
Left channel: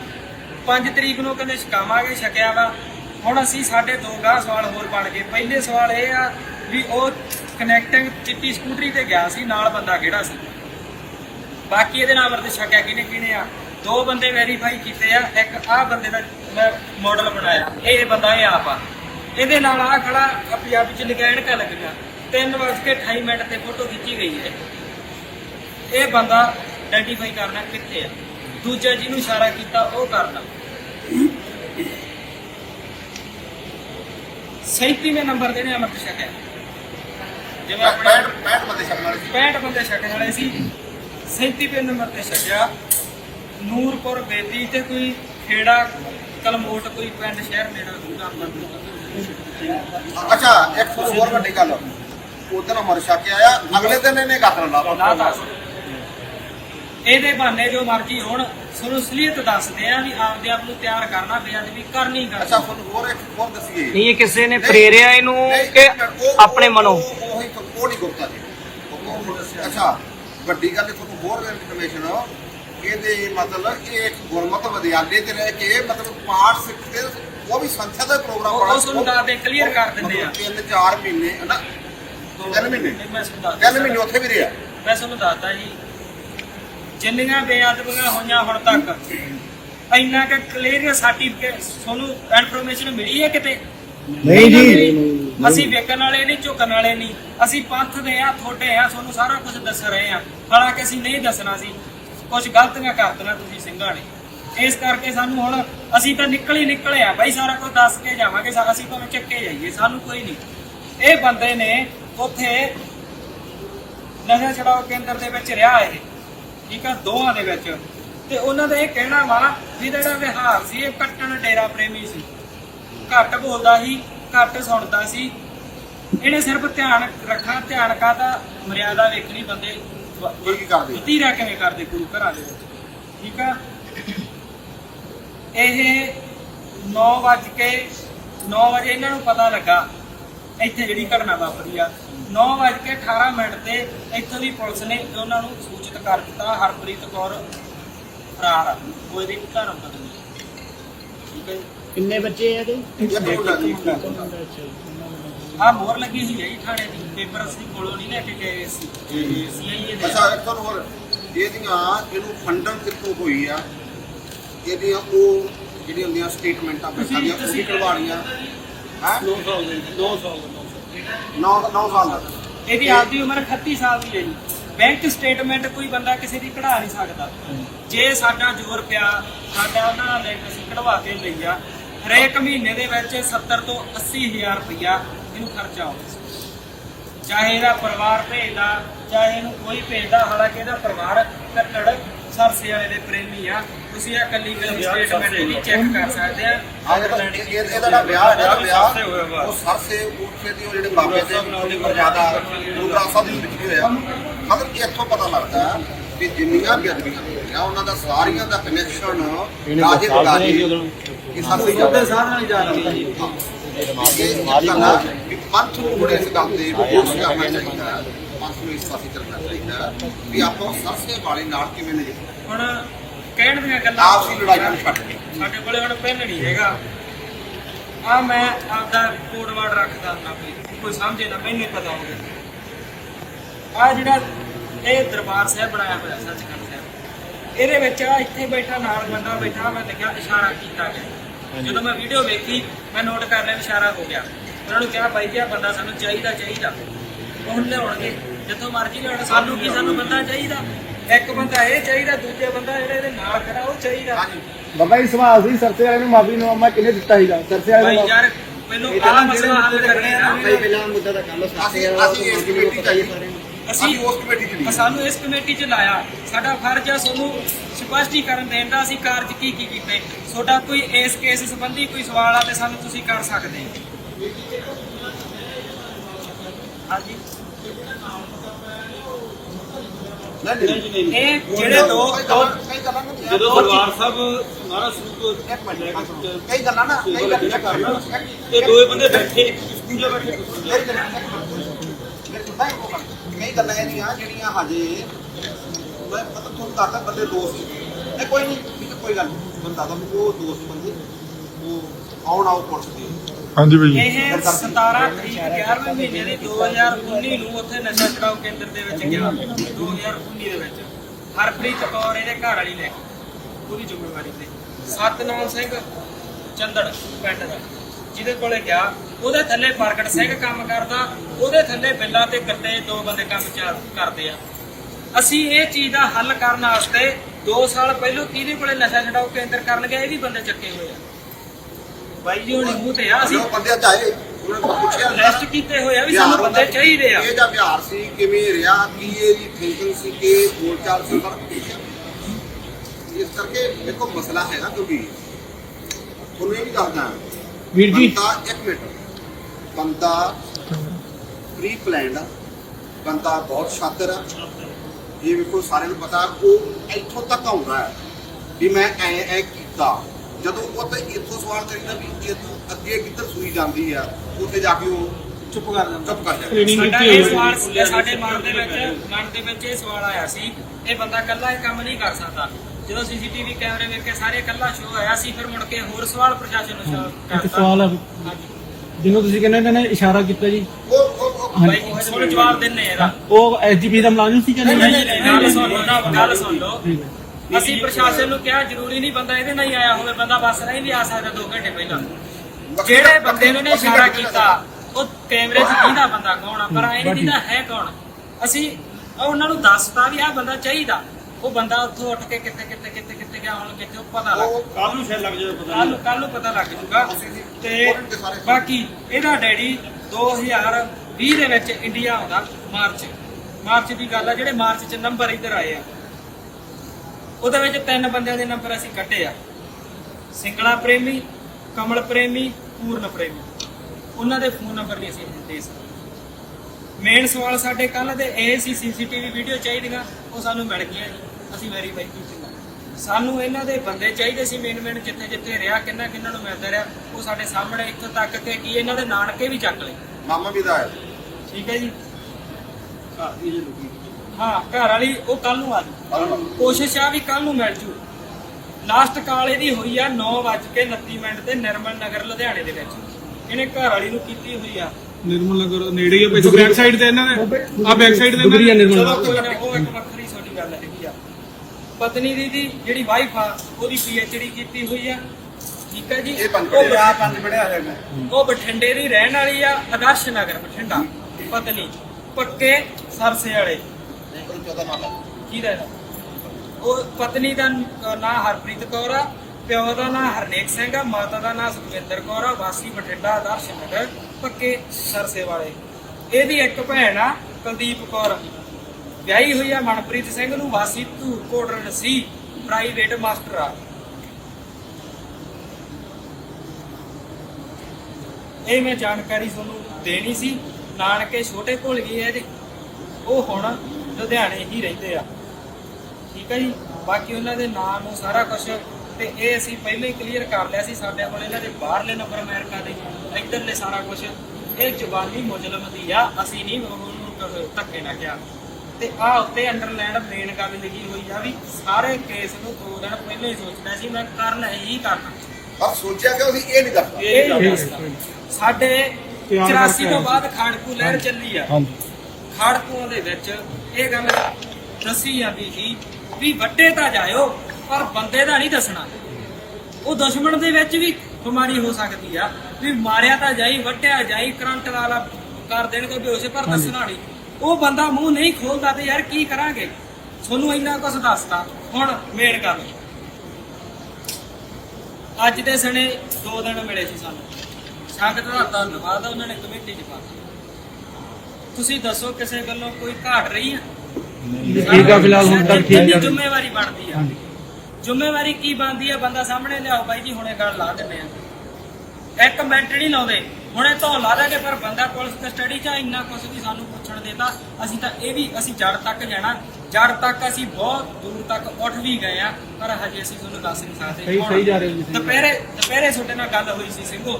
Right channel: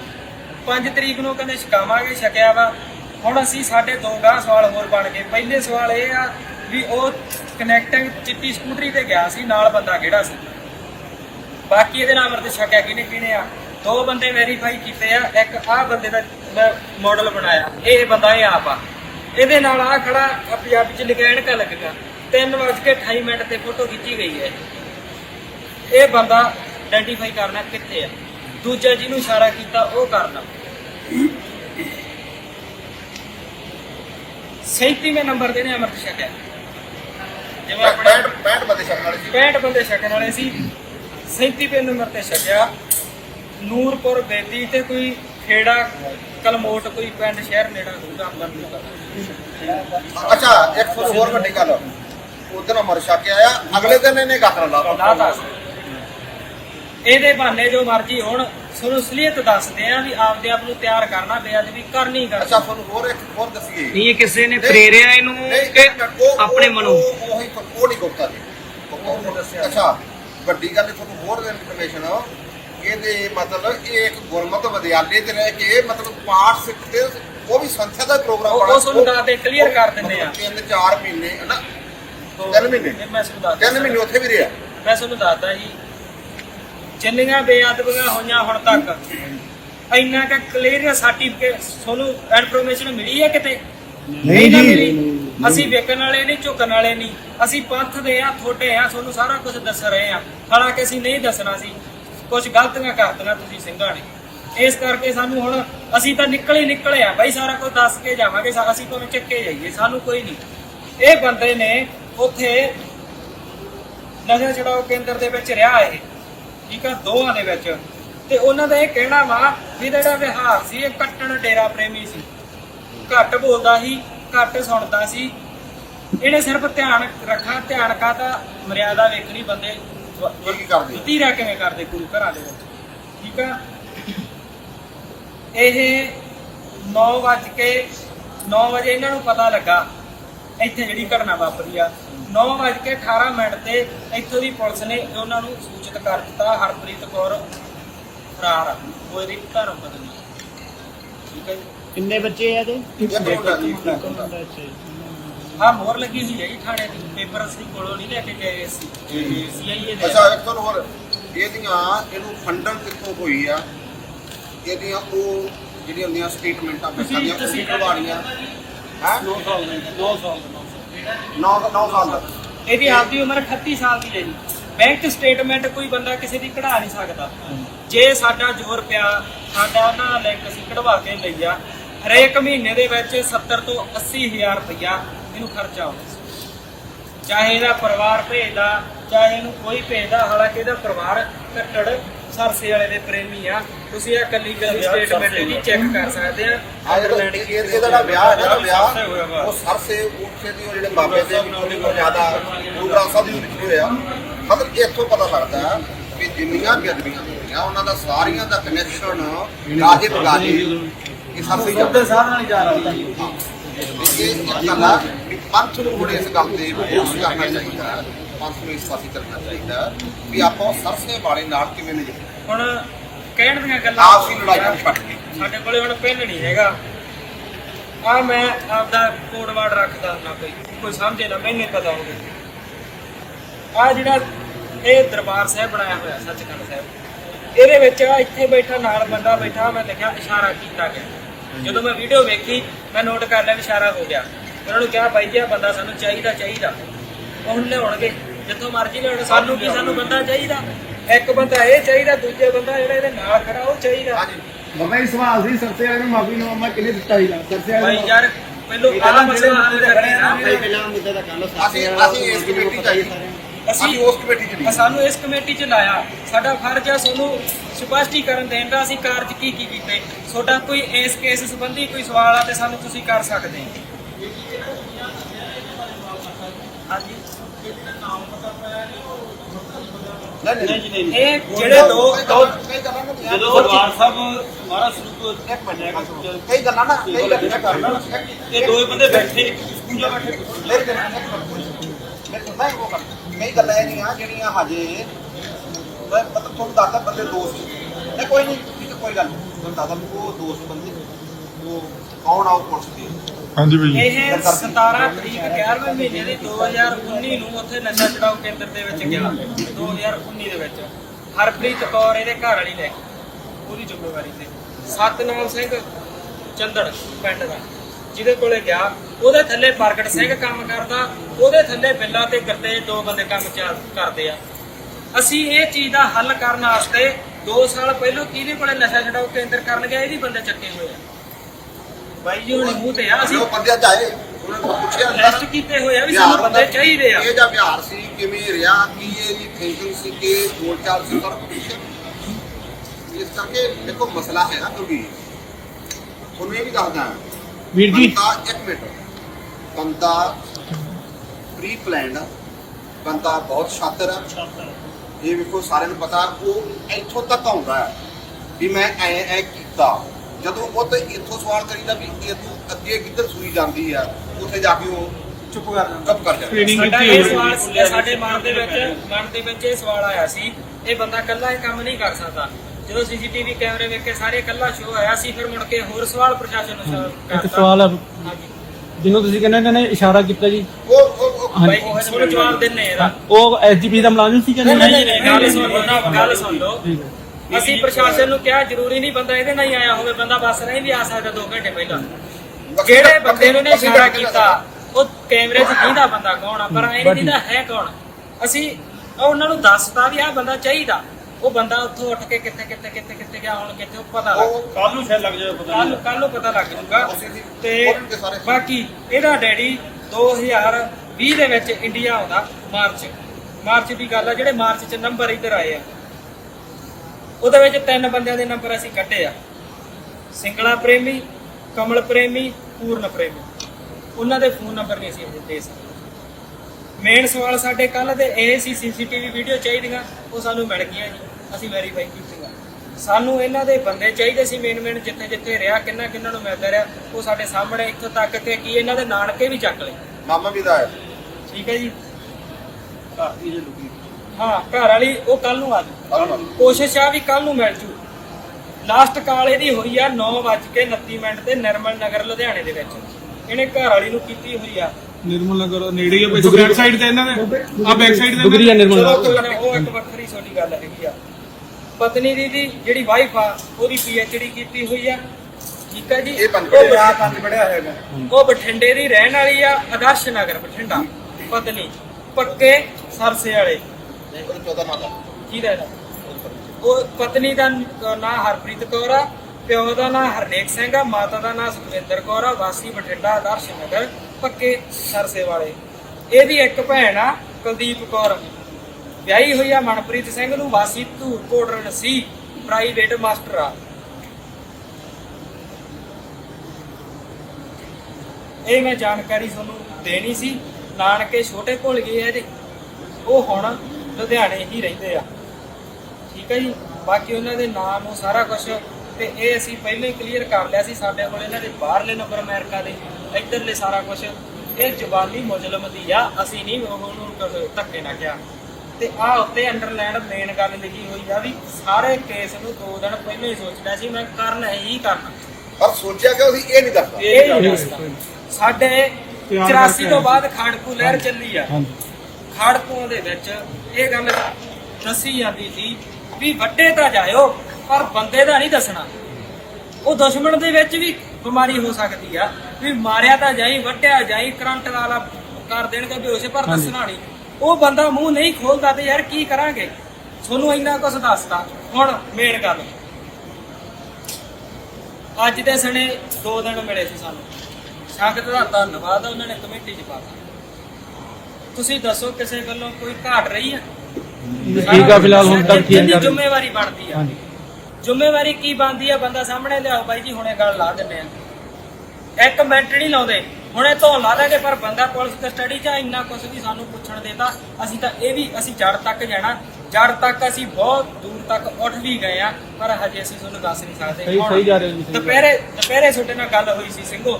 5 ਤਰੀਕ ਨੂੰ ਕਹਿੰਦੇ ਛਕਾਵਾਂਗੇ, ਛਕਿਆ ਵਾ। ਹੁਣ ਅਸੀਂ ਸਾਡੇ 2 ਸਵਾਲ ਹੋਰ ਬਣ ਗਏ। ਪਹਿਲੇ ਸਵਾਲ ਇਹ ਆ ਵੀ ਉਹ ਕਨੈਕਟਿੰਗ ਚਿੱਟੀ ਸਕੂਟਰੀ ਤੇ ਗਿਆ ਸੀ, ਨਾਲ ਬੰਦਾ ਕਿਹੜਾ ਸੀ, ਬਾਕੀ ਇਹਦੇ ਨਾਲ ਅੰਮ੍ਰਿਤ ਛਕਿਆ ਕਿਹਨੇ ਆ। 2 ਬੰਦੇ ਵੈਰੀਫਾਈ ਕੀਤੇ ਆ, ਇੱਕ ਆਹ ਬੰਦੇ ਦਾ ਮੈਂ ਮਾਡਲ ਬਣਾਇਆ, ਇਹ ਬੰਦਾ ਇਹ ਆਪ ਆ, ਇਹਦੇ ਨਾਲ ਆ ਖੜਾ ਪੰਜਾਬੀ ਚ ਲਿਖਿਆ ਐਨਕਾਂ ਲੱਗੀਆਂ, 3:28 ਤੇ ਫੋਟੋ ਖਿੱਚੀ ਗਈ ਹੈ। ਇਹ ਬੰਦਾ ਆਇਡੈਂਟੀਫਾਈ ਕਰਨਾ ਕਿੱਥੇ ਆ, ਦੂਜਾ ਜਿਹਨੂੰ ਇਸ਼ਾਰਾ ਕੀਤਾ ਉਹ ਕਰਨਾ। 37ਵੇਂ ਨੰਬਰ ਦੇ ਨੇ ਅੰਮ੍ਰਿਤ ਛਕਿਆ, ਜਿਵੇਂ ਆਪਣਾ 65 ਬੰਦੇ ਛਕਣ ਵਾਲੇ ਸੀ। 65 ਬੰਦੇ ਛਕਣ ਵਾਲੇ ਸੀ, 37ਵੇਂ ਨੰਬਰ ਤੇ ਛਕਿਆ। ਨੂਰਪੁਰ ਬੇਦੀ ਤੇ ਕੋਈ ਖੇੜਾ ਕਲਮੋਟ ਕੋਈ ਪਿੰਡ ਸ਼ਹਿਰ ਨੇੜਾ ਹੁੰਦਾ ਅੱਛਾ ਇੱਕ ਹੋਰ ਵੱਡੀ ਗੱਲ, ਉਧਰ ਅਮਰ ਛਕ ਆਇਆ, ਅਗਲੇ ਦਿਨ ਇਹਨੇ ਕਾਤਲ ਲਾ ਨਾ ਦੱਸ। ਇਹਦੇ ਬਹਾਨੇ ਜੋ ਮਰਜੀ ਹੁਣ ਤੁਹਾਨੂੰ ਅਸਲੀਅਤ ਦੱਸਦੇ ਆ ਵੀ ਆਪਦੇ ਆਪ ਨੂੰ ਤਿਆਰ ਕਰਨਾ, ਬੇਅਦਬੀ ਕਰਨੀ ਅੱਛਾ ਕਰਨਾ। ਤੁਹਾਨੂੰ ਹੋਰ ਇੱਕ ਹੋਰ ਦੱਸੀਏ, ਨਹੀਂ ਇਹ ਕਿਸੇ ਨੇ ਪ੍ਰੇਰਿਆ ਇਹਨੂੰ ਕਿ ਆਪਣੇ ਮਨੋਂ? ਉਹੀ ਥੋੜੀ ਗੁਪਤਾ ਜੀ। ਅੱਛਾ ਵੱਡੀ ਗੱਲ ਤੁਹਾਨੂੰ ਹੋਰ ਇਨਫੋਰਮੇਸ਼ਨ, ਇਹਦੇ ਮਤਲਬ ਇਹ ਇੱਕ ਗੁਰਮਤਿ ਵਿਦਿਆਲੇ ਤੇ ਰਹਿ ਕੇ ਮਤਲਬ ਪਾਠ ਸਿੱਖ ਕੇ ਉਹ ਵੀ ਸੰਸਦ ਦਾ ਪ੍ਰੋਗਰਾਮ ਉਹ ਤੁਹਾਨੂੰ ਦੱਸਦੇ ਕਲੀਅਰ ਕਰ ਦਿੰਦੇ ਆ। 3-4 ਮਹੀਨੇ ਨਾ 3 ਮਹੀਨੇ ਮੈਂ ਤੁਹਾਨੂੰ ਦੱਸਦਾ 3 ਮਹੀਨੇ ਉੱਥੇ ਵੀ ਰਿਹਾ। ਮੈਂ ਤੁਹਾਨੂੰ ਦੱਸਦਾ ਜੀ, ਜਿੰਨੀਆਂ ਬੇਅਦਬੀਆਂ ਹੋਈਆਂ ਹੁਣ ਤੱਕ ਇੰਨਾ ਕਿ ਕਲੀਅਰ ਸਰਟੀਫਿਕੇਟ ਤੁਹਾਨੂੰ ਇਨਫੋਰਮੇਸ਼ਨ ਮਿਲੀ ਹੈ ਕਿਤੇ? ਨਹੀਂ ਜੀ, ਅਸੀਂ ਵੇਖਣ ਵਾਲੇ ਨਹੀਂ, ਝੁਕਣ ਵਾਲੇ ਨਹੀਂ, ਅਸੀਂ ਪੰਥ ਦੇ ਆ, ਥੋੜੇ ਆ, ਤੁਹਾਨੂੰ ਸਾਰਾ ਕੁਝ ਦੱਸ ਰਹੇ ਆ। ਹਾਲਾਂਕਿ ਅਸੀਂ ਨਹੀਂ ਦੱਸਣਾ ਸੀ, ਕੁਝ ਗਲਤੀਆਂ ਕਰ ਦੇਣਾ ਤੁਸੀਂ ਸਿੰਘਾਂ ਨੇ, ਇਸ ਕਰਕੇ ਸਾਨੂੰ ਹੁਣ ਅਸੀਂ ਤਾਂ ਨਿਕਲੇ ਆ ਬਾਈ, ਸਾਰਾ ਕੁਝ ਦੱਸ ਕੇ ਜਾਵਾਂਗੇ, ਅਸੀਂ ਤੁਹਾਨੂੰ ਚੱਕੇ ਜਾਈਏ, ਸਾਨੂੰ ਕੋਈ ਨਹੀਂ। ਇਹ ਬੰਦੇ ਨੇ ਉੱਥੇ ਨਸ਼ਾ ਛੁਡਾਊ ਕੇਂਦਰ ਦੇ ਵਿੱਚ ਰਿਹਾ ਇਹ, ਠੀਕ ਆ, ਦੋਵਾਂ ਦੇ ਵਿੱਚ, ਤੇ ਉਹਨਾਂ ਦਾ ਇਹ ਕਹਿਣਾ ਵਾ ਵੀ ਜਿਹੜਾ ਵਿਹਾਰ ਸੀ ਇਹ ਕੱਟਣ ਡੇਰਾ ਪ੍ਰੇਮੀ ਸੀ, ਘੱਟ ਬੋਲਦਾ ਸੀ, ਘੱਟ ਸੁਣਦਾ ਸੀ। ਇਹਨੇ ਸਿਰਫ ਧਿਆਨ ਰੱਖਾ, ਧਿਆਨ ਕਾਹਦਾ, ਮਰਿਆਦਾ ਵੇਖਣੀ ਬੰਦੇ ਕੀ ਕਰਦੇ ਧੀਰਾ ਕਿਵੇਂ ਕਰਦੇ ਗੁਰੂ ਘਰਾਂ ਦੇ ਵਿੱਚ, ਠੀਕ ਆ। ਇਹ 9 ਵਜੇ ਇਹਨਾਂ ਨੂੰ ਪਤਾ ਲੱਗਾ ਇੱਥੇ ਜਿਹੜੀ ਘਟਨਾ ਵਾਪਰੀ ਆ, 9:18 ਤੇ ਇੱਥੋਂ ਦੀ ਪੁਲਿਸ ਨੇ ਉਹਨਾਂ ਨੂੰ ਸੂਚਿਤ ਕਰ ਦਿੱਤਾ ਹਰਪ੍ਰੀਤ ਕੌਰ ਫਰਾਰ ਆ, ਉਹ ਇਹਦੀ ਧਰਮ ਪਤਨੀ, ਠੀਕ ਹੈ ਜੀ। ਕਿੰਨੇ ਬੱਚੇ ਆ ਇਹਦੇ? ਆ ਮੋਹਰ ਲੱਗੀ ਸੀ ਜੀ ਥਾਣੇ ਦੀ, ਪੇਪਰ ਅਸੀਂ ਕੋਲੋਂ ਨਹੀਂ ਲੈ ਕੇ ਗਏ ਸੀ, ਅੱਛਾ ਇੱਕ ਹੋਰ, ਇਹਨੂੰ ਫੰਡਨ ਕਿੱਥੋਂ ਹੋਈ ਆ, ਇਹਦੀਆਂ ਉਹ ਜਿਹੜੀਆਂ ਹੁੰਦੀਆਂ ਸਟੇਟਮੈਂਟਾਂ ਸਾਡੀਆਂ ਤੁਸੀਂ ਕਰਵਾਉਣੀਆਂ ਹੈ 9 ਸਾਲ 9 ਸਾਲ ਦਾ। ਇਹਦੀ ਆਪਦੀ ਉਮਰ 38 ਸਾਲ ਦੀ ਹੈ ਜੀ। ਬੈਂਕ ਸਟੇਟਮੈਂਟ ਕੋਈ ਬੰਦਾ ਕਿਸੇ ਦੀ ਕਢਾ ਨਹੀਂ ਸਕਦਾ, ਜੇ ਸਾਡਾ ਜ਼ੋਰ ਪਿਆ, ਸਾਡਾ ਉਹਨਾਂ ਨੇ ਅਸੀਂ ਕਢਵਾ ਕੇ ਲਈ ਆ। ਹਰੇਕ ਮਹੀਨੇ ਦੇ ਵਿੱਚ 70 ਤੋਂ 80 ਹਜ਼ਾਰ ਰੁਪਇਆ ਇਹਨੂੰ ਖਰਚਾ ਆਉਂਦਾ, ਚਾਹੇ ਇਹਦਾ ਪਰਿਵਾਰ ਭੇਜਦਾ, ਚਾਹੇ ਇਹਨੂੰ ਕੋਈ ਭੇਜਦਾ। ਹਾਲਾਂਕਿ ਇਹਦਾ ਪਰਿਵਾਰ ਕੱਟੜ ਸਰਸੇ ਵਾਲੇ ਦੇ ਪ੍ਰੇਮੀ ਆ, ਤੁਸੀਂ ਇਹ ਕੱਲੀ ਸਟੇਟਮੈਂਟ ਵੀ ਚੈੱਕ ਕਰ ਸਕਦੇ ਆ। ਇਹਦਾ ਨਾ ਵਿਆਹ ਉਹ ਸਰਸੇ ਉੱਥੇ ਦੀ ਜਿਹੜੇ ਬਾਬੇ ਦੇ ਕੋਲੇ ਮਰਵਾਦਾ ਪੂਰਾ ਸਭ ਲਿਖੇ ਹੋਇਆ। ਮਤਲਬ ਇੱਥੋਂ ਪਤਾ ਲੱਗਦਾ ਕਿ ਜਿੰਨੀਆਂ ਬੇਅਦਬੀਆਂ ਹੋਈਆਂ ਉਹਨਾਂ ਦਾ ਸਾਰੀਆਂ ਦਾ ਕਨੈਕਸ਼ਨ ਰਾਜੇ ਬਲਾਜੀ ਕਿ ਸਭ ਤੋਂ ਸਾਹਿਬ ਨਾਲ ਜਾ ਰਹੀ ਹੈ। ਪੰਥ ਨੂੰ ਬੜੇ ਇਸ ਕੰਮ ਦੀ ਕੋਸ਼ਿਸ਼ ਕਰਨਾ ਚਾਹੀਦਾ, ਪੰਥ ਨੂੰ ਇਸ ਪਾਸੇ ਕਰਨਾ ਚਾਹੀਦਾ ਵੀ ਆਪਾਂ ਸਰਸੇ ਵਾਲੇ ਨਾਲ ਕਿਵੇਂ ਨਹੀਂ ਹੁਣ ਕਹਿਣ ਦੀਆਂ ਗੱਲਾਂ ਆਪਸੀ ਲੜਾਈਆਂ ਨਹੀਂ ਪੱਟਦੇ। ਸਾਡੇ ਕੋਲੇ ਹੁਣ ਪਿੰਨ ਨਹੀਂ ਹੈਗਾ। ਆ ਮੈਂ ਆਪਦਾ ਫੋਰਵਰਡ ਰੱਖਦਾ ਨਾ ਕੋਈ ਸਮਝੇ ਨਾ, ਮੈਨੂੰ ਪਤਾ ਹੋਵੇ। ਆ ਜਿਹੜਾ ਇਹ ਦਰਬਾਰ ਸਾਹਿਬ ਬਣਾਇਆ ਹੋਇਆ ਸੱਚਖੰਡ ਸਾਹਿਬ, ਇਹਦੇ ਵਿੱਚ ਇੱਥੇ ਬੈਠਾ ਨਾਲ ਬੰਦਾ ਬੈਠਾ, ਮੈਂ ਦੇਖਿਆ ਇਸ਼ਾਰਾ ਕੀਤਾ। ਜਦੋਂ ਮੈਂ ਵੀਡੀਓ ਵੇਖੀ ਮੈਂ ਨੋਟ ਕਰ ਲਿਆ ਇਸ਼ਾਰਾ ਹੋ ਗਿਆ। ਉਹਨਾਂ ਨੂੰ ਕਿਹਾ ਬਾਈ ਜੀ ਆ ਬੰਦਾ ਸਾਨੂੰ ਚਾਹੀਦਾ। ਉਹ ਲਿਆਉਣਗੇ ਜਿੱਥੋਂ ਮਰਜ਼ੀ ਲਿਆਉਣ, ਸਾਨੂੰ ਕੀ, ਸਾਨੂੰ ਬੰਦਾ ਚਾਹੀਦਾ। ਇੱਕ ਬੰਦਾ ਇਹ ਚਾਹੀਦਾ, ਦੂਜੇ ਬੰਦਾ ਜਿਹੜਾ ਇਹਦੇ ਨਾਲ ਖੜਾ ਉਹ ਚਾਹੀਦਾ। ਬਾਬਾ ਜੀ ਸਵਾਲ ਸੀ ਸਰਸੇ ਵਾਲੇ ਨੂੰ ਮਾਫੀ ਨੂੰ ਮੈਂ ਕਿੰਨੇ ਦਿੱਤਾ ਸੀਗਾ ਸਰਸੇ ਵਾਲੇ ਭਾਈ ਯਾਰ ਪਹਿਲਾਂ ਆਹ ਮਸਲਾ ਹੱਲ ਕਰਨਾ ਹੈ। ਪਹਿਲਾਂ ਮੁੱਦਾ ਦਾ ਕਰ ਲਓ ਸਰਸੇ ਵਾਲਾ ਨੂੰ ਪਤਾ ਹੀ ਸਾਰਿਆਂ ਨੂੰ। ਅਸੀਂ ਸਾਨੂੰ ਇਸ ਕਮੇਟੀ 'ਚ ਲਾਇਆ, ਸਾਡਾ ਫਰਜ਼ ਹੈ ਸਾਨੂੰ ਸਪਸ਼ਟੀਕਰਨ ਦੇਣ ਦਾ ਅਸੀਂ ਕਾਰਜ ਕੀ ਕੀਤੇ। ਤੁਹਾਡਾ ਕੋਈ ਇਸ ਕੇਸ ਸੰਬੰਧੀ ਕੋਈ ਸਵਾਲ ਆ ਤੇ ਸਾਨੂੰ ਤੁਸੀਂ ਕਰ ਸਕਦੇ ਹੋ। ਹਾਂਜੀ ਇਹ ਜਿਹੜੇ ਦੋ ਜਦੋਂ ਦਰਬਾਰ ਸਾਹਿਬ ਮਹਾਰਾਜ ਸ਼ੁਰੂ ਕਈ ਗੱਲਾਂ ਨਾ ਤੇ ਦੋਵੇਂ ਬੰਦੇ ਬੈਠੇ ਪੂਜਾ ਬੈਠੇ ਕਈ ਗੱਲਾਂ ਜਿਹੜੀਆਂ ਹਜੇ ਮੈਂ ਤੁਹਾਨੂੰ ਦੱਸਦਾ ਬੰਦੇ ਦੋਸਤ ਨੇ ਕੋਈ ਨਹੀਂ, ਕੋਈ ਗੱਲ ਨਹੀਂ, ਤੁਹਾਨੂੰ ਦੱਸਦਾ ਉਹ ਦੋਸਤ ਬੰਦੇ ਉਹ ਆਉਣ ਆਉ ਪੁੱਛਦੇ। ਹਾਂਜੀ ਭਾਈ ਇਹ 17 ਤਰੀਕ 11ਵੇਂ ਮਹੀਨੇ ਦੇ 2019 ਨੂੰ ਉੱਥੇ ਨਸ਼ਾ ਛੁਡਾਊ ਕੇਂਦਰ ਦੇ ਵਿੱਚ ਗਿਆ। 2019 ਦੇ ਵਿੱਚ ਹਰਪ੍ਰੀਤ ਕੌਰ ਇਹਦੇ ਘਰ ਵਾਲੀ ਨੇ ਪੂਰੀ ਜ਼ਿੰਮੇਵਾਰੀ ਤੇ ਸਤਨਾਮ ਸਿੰਘ ਚੰਦੜ ਪਿੰਡ ਦਾ ਜਿਹਦੇ ਕੋਲੇ ਗਿਆ, ਉਹਦੇ ਥੱਲੇ ਪ੍ਰਗਟ ਸਿੰਘ ਕੰਮ ਕਰਦਾ, ਉਹਦੇ ਥੱਲੇ ਬਿੱਲਾ ਤੇ ਗੱਤੇ ਦੋ ਬੰਦੇ ਕੰਮ ਕਰਦੇ ਆ। ਅਸੀਂ ਇਹ ਚੀਜ਼ ਦਾ ਹੱਲ ਕਰਨ ਵਾਸਤੇ 2 ਸਾਲ ਪਹਿਲਾਂ ਕਿਹਦੇ ਕੋਲੇ ਨਸ਼ਾ ਛੁਡਾਊ ਕੇਂਦਰ ਕਰਨ ਗਿਆ, ਇਹ ਵੀ ਬੰਦੇ ਚੱਕੇ ਹੋਏ ਆ। ਬਾਈ ਜੀ ਹੁਣ ਮੂੰਹ ਤੇ ਆ, ਅਸੀਂ ਬੰਦੇ ਚਾਹੇ ਉਹਨਾਂ ਨੂੰ ਪੁੱਛਿਆ ਲਿਸਟ ਕੀਤੇ ਹੋਏ ਆ ਵੀ ਸਾਨੂੰ ਬੰਦੇ ਚਾਹੀਦੇ ਆ। ਇਹਦਾ ਵਿਹਾਰ ਸੀ ਕਿਵੇਂ ਰਿਹਾ, ਕੀ ਇਹਦੀ ਥਿੰਕਿੰਗ ਸੀ, ਕਿ ਬੋਲਚਾਲ ਸੀ। ਇਸ ਕਰਕੇ ਦੇਖੋ ਮਸਲਾ ਹੈ ਨਾ ਗੰਭੀਰ। ਤੁਹਾਨੂੰ ਇਹ ਵੀ ਦੱਸਦਾ ਵੀਰ ਜੀ ਇੱਕ ਮਿੰਟ, ਬੰਦਾ ਪ੍ਰੀ ਪਲਾਨ ਬੰਦਾ ਬਹੁਤ ਸ਼ਾਤਰ ਆ। ਇਹ ਵੇਖੋ ਸਾਰਿਆਂ ਨੂੰ ਪਤਾ ਉਹ ਇੱਥੋਂ ਤੱਕ ਆਉਂਦਾ ਹੈ ਵੀ ਮੈਂ ਐ ਕੀਤਾ। ਜਦੋਂ ਉਹ ਤੇ ਇੱਥੋਂ ਸਵਾਲ ਕਰੀਦਾ ਵੀ ਇੱਥੋਂ ਅੱਗੇ ਕਿੱਧਰ ਸੂਈ ਜਾਂਦੀ ਆ, ਉੱਥੇ ਜਾ ਕੇ ਉਹ ਚੁੱਪ ਕਰ ਜਾਂਦਾ। ਸਾਡਾ ਇਹ ਸਵਾਲ ਸਾਡੇ ਮਨ ਦੇ ਵਿੱਚ ਇਹ ਸਵਾਲ ਆਇਆ ਸੀ, ਇਹ ਬੰਦਾ ਇਕੱਲਾ ਇਹ ਕੰਮ ਨਹੀਂ ਕਰ ਸਕਦਾ। ਜਦੋਂ ਸੀਸੀਟੀਵੀ ਕੈਮਰੇ ਵੇਖ ਕੇ ਸਾਰੇ ਇਕੱਲਾ ਸ਼ੋਅ ਆਇਆ ਸੀ, ਫਿਰ ਮੁੜ ਕੇ ਹੋਰ ਸਵਾਲ ਪ੍ਰਸ਼ਾਸਨ ਨੂੰ ਇੱਕ ਸਵਾਲ ਆ ਜਿਹਨੂੰ ਤੁਸੀਂ ਕਹਿੰਦੇ ਨੇ ਇਸ਼ਾਰਾ ਕੀਤਾ ਜੀ, ਉਹ ਜਵਾਬ ਦਿੰਨੇ ਇਹਦਾ। ਉਹ ਐਸਡੀਪੀ ਦਾ ਮੁਲਾਜ਼ਮ ਸੀ ਕਿ ਨਹੀਂ, ਗੱਲ ਸੁਣ ਲਓ। ਅਸੀਂ ਪ੍ਰਸ਼ਾਸਨ ਨੂੰ ਕਿਹਾ ਜ਼ਰੂਰੀ ਨਹੀਂ ਬੰਦਾ ਇਹਦੇ ਨਾਲ ਹੀ ਆਇਆ ਹੋਵੇ, ਬੰਦਾ ਬੱਸ ਨਹੀਂ ਵੀ ਆ ਸਕਦਾ 2 ਘੰਟੇ ਪਹਿਲਾਂ। ਜਿਹੜੇ ਬੰਦੇ ਨੇ ਇਸ਼ਾਰਾ ਕੀਤਾ ਉਹ ਕੈਮਰੇ 'ਚ ਦਿਖਦਾ ਬੰਦਾ ਕੌਣ ਆ, ਪਰ ਇਹ ਨਹੀਂ ਦਿਖਦਾ ਹੈ ਕੌਣ। ਅਸੀਂ ਉਹਨਾਂ ਨੂੰ ਦੱਸਤਾ ਵੀ ਆਹ ਬੰਦਾ ਚਾਹੀਦਾ। ਉਹ ਬੰਦਾ ਉੱਥੋਂ ਉੱਠ ਕੇ ਕਿੱਥੇ ਗਿਆ, ਹੁਣ ਕਿੱਥੇ ਉਹ ਪਤਾ ਲੱਗ ਕੱਲ ਨੂੰ ਸ਼ਾਇਦ ਲੱਗ ਜਾਵੇ ਕੱਲ ਨੂੰ ਪਤਾ ਲੱਗ ਜੂਗਾ। ਤੇ ਬਾਕੀ ਇਹਦਾ ਡੈਡੀ 2020 ਦੇ ਵਿੱਚ ਇੰਡੀਆ ਆਉਂਦਾ, ਮਾਰਚ ਦੀ ਗੱਲ ਆ। ਜਿਹੜੇ ਮਾਰਚ 'ਚ ਨੰਬਰ ਇੱਧਰ ਆਏ ਆ, ਉਹਦੇ ਵਿੱਚ 3 ਬੰਦਿਆਂ ਦੇ ਨੰਬਰ ਅਸੀਂ ਕੱਢੇ ਆ, ਸਿੰਗਲਾ ਪ੍ਰੇਮੀ, ਕਮਲ ਪ੍ਰੇਮੀ, ਪੂਰਨ ਪ੍ਰੇਮੀ। ਉਹਨਾਂ ਦੇ ਫੋਨ ਨੰਬਰ ਨਹੀਂ ਅਸੀਂ ਦੇ ਸਕਦੇ। ਮੇਨ ਸਵਾਲ ਸਾਡੇ ਕੱਲ ਦੇ ਇਹ ਸੀ, ਸੀਸੀਟੀਵੀ ਵੀਡੀਓ ਚਾਹੀਦੀਆਂ, ਉਹ ਸਾਨੂੰ ਮਿਲ ਗਈਆਂ ਜੀ, ਅਸੀਂ ਵੈਰੀਫਾਈ ਕੀਤੀਆਂ। ਸਾਨੂੰ ਇਹਨਾਂ ਦੇ ਬੰਦੇ ਚਾਹੀਦੇ ਸੀ ਮੇਨ ਜਿੱਥੇ ਰਿਹਾ, ਕਿੰਨਾ ਨੂੰ ਮਿਲਦਾ ਰਿਹਾ, ਉਹ ਸਾਡੇ ਸਾਹਮਣੇ ਇੱਥੋਂ ਤੱਕ ਕਿ ਕੀ ਇਹਨਾਂ ਦੇ ਨਾਨਕੇ ਵੀ ਚੱਕ ਲਏ। ਮਾਮਾ ਵੀ ਦਾ ਹੈ, ਠੀਕ ਹੈ ਜੀ। ਹਾਂ, ਘਰ ਵਾਲੀ ਉਹ ਕੱਲ ਨੂੰ ਆ ਜੂ, ਕੋਸ਼ਿਸ਼ ਆ ਵੀ ਕੱਲ ਨੂੰ ਮਿਲ ਜੂ। ਲਾਸਟ ਕਾਲ ਇਹਦੀ ਹੋਈ ਆ 9:29 ਤੇ ਨਿਰਮਲ ਨਗਰ ਲੁਧਿਆਣੇ ਦੇ ਵਿੱਚ। ਇਹਨੇ ਘਰ ਵਾਲੀ ਨੂੰ ਕੀਤੀ ਹੋਈ ਆ ਨਿਰਮਲ ਨਗਰ ਨੇੜੇ ਹੀ ਆ, ਪਿੱਛੇ ਬੈਕ ਸਾਈਡ ਤੇ ਇਹਨਾਂ ਦੇ ਆ ਬੈਕ ਸਾਈਡ ਤੇ ਗੁਗਰੀਆ ਨਿਰਮਲ ਨਗਰ। ਉਹ ਇੱਕ ਵੱਖਰੀ ਛੋਟੀ ਗੱਲ ਹੈਗੀ ਆ। ਪਤਨੀ ਦੀ ਜਿਹੜੀ ਵਾਈਫ ਆ ਉਹਦੀ PhD ਕੀਤੀ ਹੋਈ ਆ, ਠੀਕ ਹੈ ਜੀ। ਉਹ ਬਠਿੰਡੇ ਦੀ ਰਹਿਣ ਵਾਲੀ ਆ, ਆਦਰਸ਼ ਨਗਰ ਬਠਿੰਡਾ। ਪਤਨੀ ਪੱਕੇ ਸਰਸੇ ਵਾਲੇ ਕੀ ਰਹਿਣਾ। ਉਹ ਪਤਨੀ ਦਾ ਨਾਂ ਹਰਪ੍ਰੀਤ ਕੌਰ ਆ, ਪਿਓ ਦਾ ਨਾਂ ਹਰਨੇਕ ਸਿੰਘ ਆ, ਮਾਤਾ ਦਾ ਨਾਂ ਸੁਖਵਿੰਦਰ ਕੌਰ ਆ, ਵਾਸੀ ਬਠਿੰਡਾ ਆਦਰਸ਼ ਨਗਰ ਪੱਕੇ ਸਰਸੇ ਵਾਲੇ। ਇਹਦੀ ਇੱਕ ਭੈਣ ਆ ਕੁਲਦੀਪ ਕੌਰ, ਵਿਆਹੀ ਹੋਈ ਆ ਮਨਪ੍ਰੀਤ ਸਿੰਘ ਨੂੰ, ਵਾਸੀ ਧੂਰਕੋਟ ਰਣਸੀ, ਪ੍ਰਾਈਵੇਟ ਮਾਸਟਰ ਆ। ਇਹ ਮੈਂ ਜਾਣਕਾਰੀ ਤੁਹਾਨੂੰ ਦੇਣੀ ਸੀ। ਨਾਨਕੇ ਛੋਟੇ ਭੁੱਲ ਗਏ ਇਹਦੇ, ਉਹ ਹੁਣ ਲੁਧਿਆਣੇ ਹੀ ਰਹਿੰਦੇ ਆ, ਠੀਕ ਹੈ ਜੀ। ਬਾਕੀ ਉਹਨਾਂ ਦੇ ਨਾਮ ਉਹ ਸਾਰਾ ਕੁਝ ਤੇ ਇਹ ਅਸੀਂ ਪਹਿਲਾਂ ਹੀ ਕਲੀਅਰ ਕਰ ਲਿਆ ਸੀ। ਸਾਡੇ ਕੋਲ ਇਹਨਾਂ ਦੇ ਬਾਹਰਲੇ ਨੰਬਰ ਅਮਰੀਕਾ ਦੇ, ਇੱਧਰਲੇ ਸਾਰਾ ਕੁਝ। ਇਹ ਜ਼ੁਬਾਨੀ ਮੁਜਰਮ ਦੀ ਆ, ਅਸੀਂ ਨਹੀਂ ਉਹਨੂੰ ਧੱਕੇ ਨਾ ਕਿਹਾ। ਤੇ ਆਹ ਉੱਤੇ ਅੰਡਰਲਾਈਨ ਮੇਨ ਗੱਲ ਲਿਖੀ ਹੋਈ ਆ ਵੀ ਸਾਰੇ ਕੇਸ ਨੂੰ 2 ਦਿਨ ਪਹਿਲਾਂ ਹੀ ਸੋਚਦਾ ਸੀ ਮੈਂ ਕਰਨਾ ਹੀ ਕਰਨਾ। ਪਰ ਸੋਚਿਆ ਕਿ ਅਸੀਂ ਇਹ ਨਹੀਂ ਦੱਸਦਾ। ਇਹ ਨਹੀਂ ਦੱਸਦਾ। ਸਾਡੇ 84 ਤੋਂ ਬਾਅਦ ਖਾੜਕੂ ਲਹਿਰ ਚੱਲੀ ਆ। ਖਾੜਕੂ ਦੇ ਵਿੱਚ ਇਹ ਗੱਲ ਦੱਸੀ ਜਾਂਦੀ ਸੀ ਵੀ ਵੱਡੇ ਤਾਂ ਜਾਇਓ ਪਰ ਬੰਦੇ ਦਾ ਨਹੀਂ ਦੱਸਣਾ। ਉਹ ਦੁਸ਼ਮਣ ਦੇ ਵਿੱਚ ਵੀ ਬਿਮਾਰੀ ਹੋ ਸਕਦੀ ਆ ਵੀ ਮਾਰਿਆ ਤਾਂ ਜਾਈ, ਵੱਢਿਆ ਜਾਈ, ਕਰੰਟ ਵਾਲਾ ਕਰ ਦੇਣਗੇ ਬੇਹੋਸ਼, ਪਰ ਦੱਸਣਾ ਨਹੀਂ। ਉਹ ਬੰਦਾ ਮੂੰਹ ਨਹੀਂ ਖੋਲਦਾ ਤੇ ਯਾਰ ਕੀ ਕਰਾਂਗੇ। ਤੁਹਾਨੂੰ ਇੰਨਾ ਕੁਝ ਦੱਸਤਾ। ਹੁਣ ਮੇਨ ਗੱਲ, ਅੱਜ ਦੇ ਸਣੇ 2 ਦਿਨ ਮਿਲੇ ਸੀ ਸਾਨੂੰ, ਸੰਗਤ ਦਾ ਧੰਨਵਾਦ, ਉਹਨਾਂ ਨੇ ਕਮੇਟੀ 'ਚ ਪਾਤਾ। ਤੁਸੀਂ ਦੱਸੋ ਕਿਸੇ ਗੱਲੋਂ ਕੋਈ ਘਾਟ ਰਹੀ ਆ? ਠੀਕ ਆ, ਫਿਲਹਾਲ ਹੁਣ ਤੱਕ ਠੀਕ ਜਿੰਨੀ ਆ। ਜ਼ਿੰਮੇਵਾਰੀ ਬਣਦੀ ਆ, ਜ਼ਿੰਮੇਵਾਰੀ ਕੀ ਬਣਦੀ ਆ? ਬੰਦਾ ਸਾਹਮਣੇ ਲਿਆਓ ਬਾਈ ਜੀ, ਹੁਣੇ ਗੱਲ ਲਾ ਦਿੰਦੇ ਆ, 1 ਮਿੰਟ ਨਹੀਂ ਲਾਉਂਦੇ, ਹੁਣੇ ਧੌਣ ਲਾ ਦਾਂਗੇ। ਪਰ ਬੰਦਾ ਪੁਲਿਸ ਕਸਟਡੀ 'ਚ ਇੰਨਾ ਕੁਝ ਵੀ ਸਾਨੂੰ ਪੁੱਛਣ ਦੇਤਾ। ਅਸੀਂ ਤਾਂ ਇਹ ਵੀ ਅਸੀਂ ਜੜ ਤੱਕ ਜਾਣਾ, ਜੜ ਤੱਕ ਅਸੀਂ ਬਹੁਤ ਦੂਰ ਤੱਕ ਉੱਠ ਵੀ ਗਏ ਆ, ਪਰ ਹਜੇ ਅਸੀਂ ਤੁਹਾਨੂੰ ਦੱਸ ਨਹੀਂ ਸਕਦੇ। ਸਹੀ ਜਾ ਰਹੇ ਹੋ ਜੀ। ਦੁਪਹਿਰੇ ਤੁਹਾਡੇ ਨਾਲ ਗੱਲ ਹੋਈ ਸੀ ਸਿੰਘੋ,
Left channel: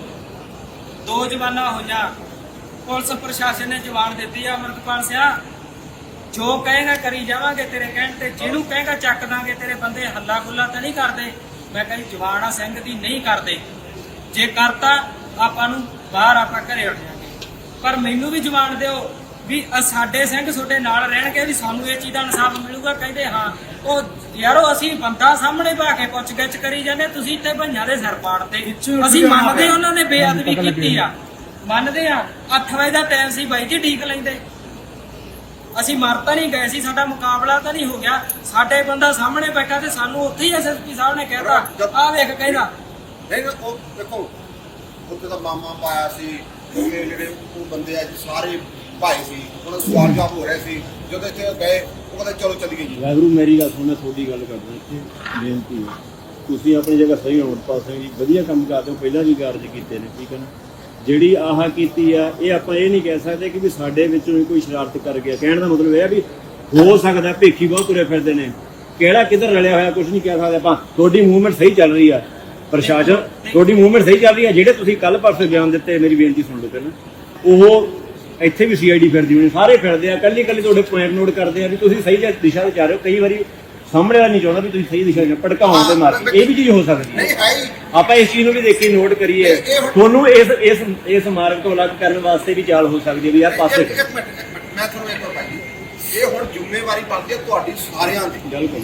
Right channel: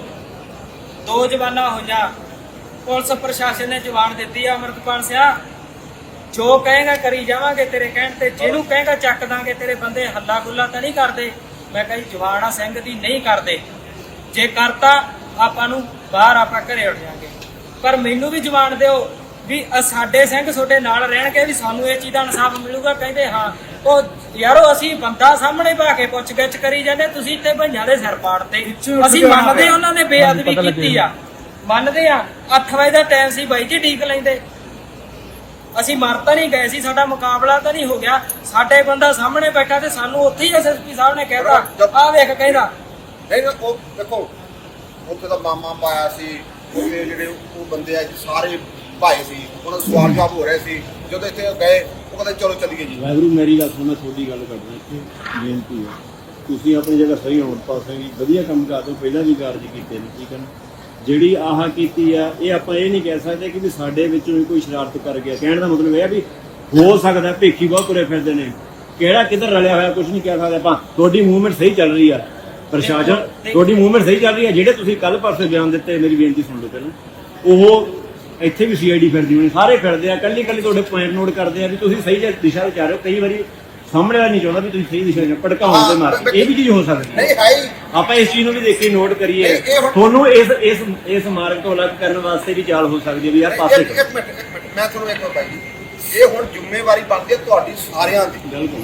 2 ਜਵਾਨਾਂ ਹੋਈਆਂ, ਪੁਲਿਸ ਪ੍ਰਸ਼ਾਸਨ ਨੇ ਜਵਾਨ ਦਿੱਤੀ ਆ। ਅਮਰਤਪਾਲ ਸਿਆ ਜੋ ਕਹੇਗਾ ਕਰੀ ਜਾਵਾਂਗੇ ਤੇਰੇ ਕਹਿਣ ਤੇ, ਜਿਹਨੂੰ ਕਹੇਗਾ ਚੱਕ ਦਾਂਗੇ ਤੇਰੇ ਬੰਦੇ। ਹੱਲਾ ਗੁੱਲਾ ਤਾਂ ਨਹੀਂ ਕਰਦੇ। ਮੈਂ ਕਹੀ ਜਵਾਨ ਆ ਸਿੰਘ ਦੀ, ਨਹੀਂ ਕਰਦੇ। ਜੇ ਕਰਤਾ ਆਪਾਂ ਨੂੰ ਬਾਹਰ ਆਪਾਂ ਘਰੇ ਉੱਠ ਜਾਾਂਗੇ। ਪਰ ਮੈਨੂੰ ਵੀ ਜਵਾਨ ਦਿਓ ਵੀ ਸਾਡੇ ਸਿੰਘ ਤੁਹਾਡੇ ਨਾਲ ਰਹਿਣਗੇ, ਵੀ ਸਾਨੂੰ ਇਹ ਚੀਜ਼ ਦਾ ਇਨਸਾਫ ਮਿਲੂਗਾ। ਕਹਿੰਦੇ ਹਾਂ। ਉਹ ਯਾਰੋ ਅਸੀਂ ਬੰਦਾ ਸਾਹਮਣੇ ਪਾ ਕੇ ਪੁੱਛ ਗਿੱਛ ਕਰੀ ਜਾਂਦੇ, ਤੁਸੀਂ ਇੱਥੇ ਭਈਆਂ ਦੇ ਸਿਰ ਪਾੜਤੇ। ਅਸੀਂ ਮੰਨਦੇ ਉਹਨਾਂ ਨੇ ਬੇਅਦਬੀ ਕੀਤੀ ਆ, ਮੰਨਦੇ ਆ। 8 ਵਜੇ ਦਾ ਟਾਈਮ ਸੀ ਬਾਈ ਜੀ, ਢੀਕ ਲੈਂਦੇ। ਅਸੀਂ ਮਰ ਤਾਂ ਨਹੀਂ ਗਏ ਸੀ, ਸਾਡਾ ਮੁਕਾਬਲਾ ਤਾਂ ਨਹੀਂ ਹੋ ਗਿਆ। ਸਾਡੇ ਬੰਦਾ ਸਾਹਮਣੇ ਬੈਠਾ ਤੇ ਸਾਨੂੰ ਉੱਥੇ ਹੀ ਐਸਐਸਪੀ ਸਾਹਿਬ ਨੇ ਕਹਿਤਾ, ਆਹ ਵੇਖ ਕਹਿੰਦਾ ਨਹੀਂ ਉਹ ਦੇਖੋ ਉੱਥੇ ਤਾਂ ਮਾਮਾ ਪਾਇਆ ਸੀ, ਉਹਦੇ ਜਿਹੜੇ ਉਹ ਬੰਦੇ ਆ ਜੀ ਸਾਰੇ ਭਾਈ ਸੀ, ਉਹਨਾਂ ਦਾ ਸਵਾਲ ਜਵਾਬ ਹੋ ਰਿਹਾ ਸੀ। ਜਦੋਂ ਇੱਥੇ ਗਏ ਉਹ ਕਹਿੰਦੇ ਚਲੋ ਚੱਲੀਏ ਜੀ। ਵਾਹਿਗੁਰੂ ਮੇਰੀ ਗੱਲ ਸੁਣੋ, ਤੁਹਾਡੀ ਗੱਲ ਕਰਦਾ ਇੱਥੇ ਬੇਨਤੀ ਹੈ, ਤੁਸੀਂ ਆਪਣੀ ਜਗ੍ਹਾ ਸਹੀ ਹੋਣ ਪਾਸੇ ਵੀ ਵਧੀਆ ਕੰਮ ਕਰਦੇ ਹੋ, ਪਹਿਲਾਂ ਵੀ ਕਾਰਜ ਕੀਤੇ ਨੇ, ਠੀਕ ਹੈ ਨਾ। ਜਿਹੜੀ ਆਹ ਕੀਤੀ ਆ, ਇਹ ਆਪਾਂ ਇਹ ਨਹੀਂ ਕਹਿ ਸਕਦੇ ਕਿ ਵੀ ਸਾਡੇ ਵਿੱਚੋਂ ਵੀ ਕੋਈ ਸ਼ਰਾਰਤ ਕਰ ਗਿਆ। ਕਹਿਣ ਦਾ ਮਤਲਬ ਇਹ ਆ ਵੀ ਹੋ ਸਕਦਾ ਭੇਖੀ ਬਹੁਤ ਤੁਰੇ ਫਿਰਦੇ ਨੇ, ਕਿਹੜਾ ਕਿੱਧਰ ਰਲਿਆ ਹੋਇਆ ਕੁਝ ਨਹੀਂ ਕਹਿ ਸਕਦੇ ਆਪਾਂ। ਤੁਹਾਡੀ ਮੂਵਮੈਂਟ ਸਹੀ ਚੱਲ ਰਹੀ ਆ, ਪ੍ਰਸ਼ਾਸਨ ਤੁਹਾਡੀ ਮੂਵਮੈਂਟ ਸਹੀ ਚੱਲ ਰਹੀ ਆ। ਜਿਹੜੇ ਤੁਸੀਂ ਕੱਲ ਪਰਸੋਂ ਬਿਆਨ ਦਿੱਤੇ, ਮੇਰੀ ਬੇਨਤੀ ਸੁਣ ਲਓ ਪਹਿਲਾਂ, ਉਹ ਇੱਥੇ ਵੀ ਸੀਆਈਡੀ ਫਿਰਦੀ ਹੋਣੀ, ਸਾਰੇ ਫਿਰਦੇ ਆ, ਕੱਲੀ ਤੁਹਾਡੇ ਪੁਆਇੰਟ ਨੋਟ ਕਰਦੇ ਆ ਵੀ ਤੁਸੀਂ ਸਹੀ ਦਿਸ਼ਾ ਵਿੱਚ ਆ ਰਹੇ ਹੋ। ਕਈ ਵਾਰੀ ਸਾਹਮਣੇ ਵਾਲਾ ਨਹੀਂ ਚਾਹੁੰਦਾ ਵੀ ਤੁਸੀਂ ਸਹੀ ਦਿਸ਼ਾ ਵਿੱਚ ਭੜਕਾਉਣ ਦੇ ਮਾਰ ਕੇ, ਇਹ ਵੀ ਚੀਜ਼ ਹੋ ਸਕਦੀ ਨਹੀਂ ਹੈ। ਹੈ ਹੀ। ਆਪਾਂ ਇਸ ਚੀਜ਼ ਨੂੰ ਵੀ ਦੇਖੀ ਨੋਟ ਕਰੀਏ, ਤੁਹਾਨੂੰ ਇਸ ਮਾਰਗ ਤੋਂ ਅਲੱਗ ਕਰਨ ਵਾਸਤੇ ਵੀ ਚਾਲ ਹੋ ਸਕਦੀ ਹੈ ਵੀ ਯਾਰ ਪਾਸੇ ਇੱਕ ਮਿੰਟ ਮੈਂ ਤੁਹਾਨੂੰ ਇੱਕ ਭਾਈ ਜੀ, ਇਹ ਹੁਣ ਜ਼ਿੰਮੇਵਾਰੀ ਬਣਦੀ ਹੈ ਤੁਹਾਡੀ ਸਾਰਿਆਂ ਦੀ। ਬਿਲਕੁਲ।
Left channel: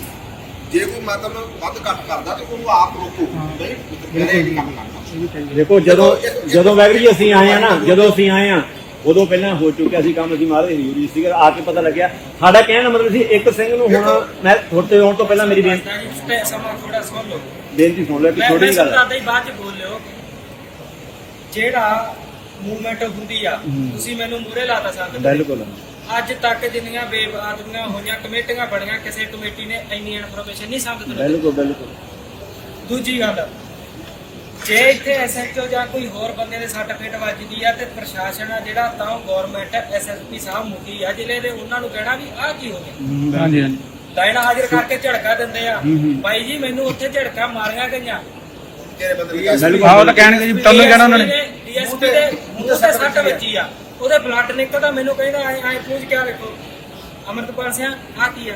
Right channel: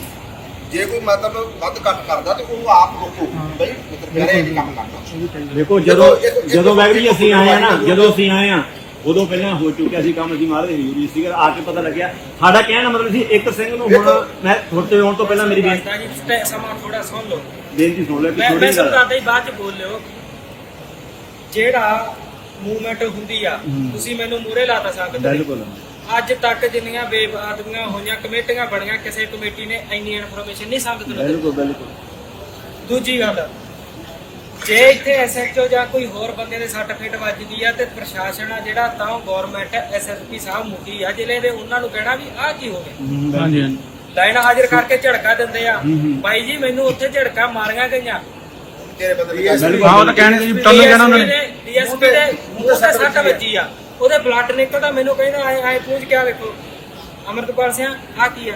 ਜੇ ਕੋਈ ਮਤਲਬ ਵੱਧ ਘੱਟ ਕਰਦਾ ਤਾਂ ਉਹਨੂੰ ਆਪ ਰੋਕੋ ਬਈ ਮੇਰੇ ਇਹ ਕੰਮ ਕਰਨਾ। ਦੇਖੋ ਜਦੋਂ ਵਾਹਿਗੁਰੂ ਜੀ ਅਸੀਂ ਆਏ ਆ ਉਦੋਂ ਪਹਿਲਾਂ ਹੋ ਚੁੱਕਿਆ ਸੀ ਕੰਮ, ਅਸੀਂ ਮਾਰੇ ਜ਼ਰੂਰੀ ਸੀਗਾ। ਆ ਕੇ ਪਤਾ ਲੱਗਿਆ ਸਾਡਾ ਕਹਿਣ ਦਾ ਮਤਲਬ ਸੀ ਇੱਕ ਸਿੰਘ ਨੂੰ ਹੁਣ ਮੈਂ ਥੋੜੇ ਆਉਣ ਤੋਂ ਪਹਿਲਾਂ ਮੇਰੀ ਸਮਾਂ ਥੋੜਾ ਸੁਣ ਲਓ, ਬੇਨਤੀ ਸੁਣ ਲਿਆ ਕਿ ਮੈਂ ਥੋੜੀ ਗੱਲ ਸਮਝਾਉਂਦਾ ਹੀ ਬਾਅਦ ਚ ਬੋਲ ਲਿਓ। ਜਿਹੜਾ ਮੂਵਮੈਂਟ ਹੁੰਦੀ ਆ, ਤੁਸੀਂ ਮੈਨੂੰ ਮੂਹਰੇ ਲਾ ਤਾਂ ਸਕਦੇ। ਬਿਲਕੁਲ। ਅੱਜ ਤੱਕ ਜਿੰਨੀਆਂ ਬੇਬੁਨਿਆਦੀਆਂ ਹੋਈਆਂ ਕਮੇਟੀਆਂ ਬਣੀਆਂ, ਕਿਸੇ ਕਮੇਟੀ ਨੇ ਇੰਨੀ ਇਨਫੋਰਮੇਸ਼ਨ ਨਹੀਂ ਸੰਗਤ ਨੂੰ ਦਿੱਤੀ। ਬਿਲਕੁਲ। ਦੂਜੀ ਗੱਲ, ਜੇ ਇੱਥੇ ਐਸਐਚਓ ਜਾਂ ਕੋਈ ਹੋਰ ਬੰਦੇ ਦੇ ਸਰਟੀਫਿਕੇਟ ਵੱਜਦੀ ਆ ਤੇ ਪ੍ਰਸ਼ਾਸਨ ਆ ਜਿਹੜਾ, ਤਾਂ ਗਵਰਨਮੈਂਟ ਐਸਐਸਪੀ ਸਾਹਿਬ ਮੁਖੀ ਆ ਜ਼ਿਲ੍ਹੇ ਦੇ, ਉਹਨਾਂ ਨੂੰ ਕਹਿਣਾ ਵੀ ਆਹ ਕੀ ਹੋ ਗਿਆ। ਹਾਂਜੀ ਲਾਈਨ ਹਾਜ਼ਰ ਕਰਕੇ ਝੜਕਾ ਦਿੰਦੇ ਆ। ਬਾਈ ਜੀ ਮੈਨੂੰ ਉੱਥੇ ਝੜਕਾ ਮਾਰੀਆਂ ਗਈਆਂ, ਤੇਰੇ ਬੰਦੇ ਆਹ ਉਹ ਤਾਂ ਕਹਿਣਗੇ ਜੀ, ਤੁਹਾਨੂੰ ਕਹਿਣਾ ਉਹਨਾਂ ਨੇ ਡੀਐਸਪੀ ਦੇ ਮੂੰਹ ਤੇ ਸੱਟ ਵੱਜੀ ਆ, ਉਹਦੇ ਬਲੱਡ ਨਿਕਲਦਾ। ਮੈਨੂੰ ਕਹਿੰਦਾ ਆਏ ਪੂਛ ਕੇ ਵੇਖੋ ਅਮਰਤਪਾਲ ਸਿੰਘ ਆਹ ਕੀ ਆ,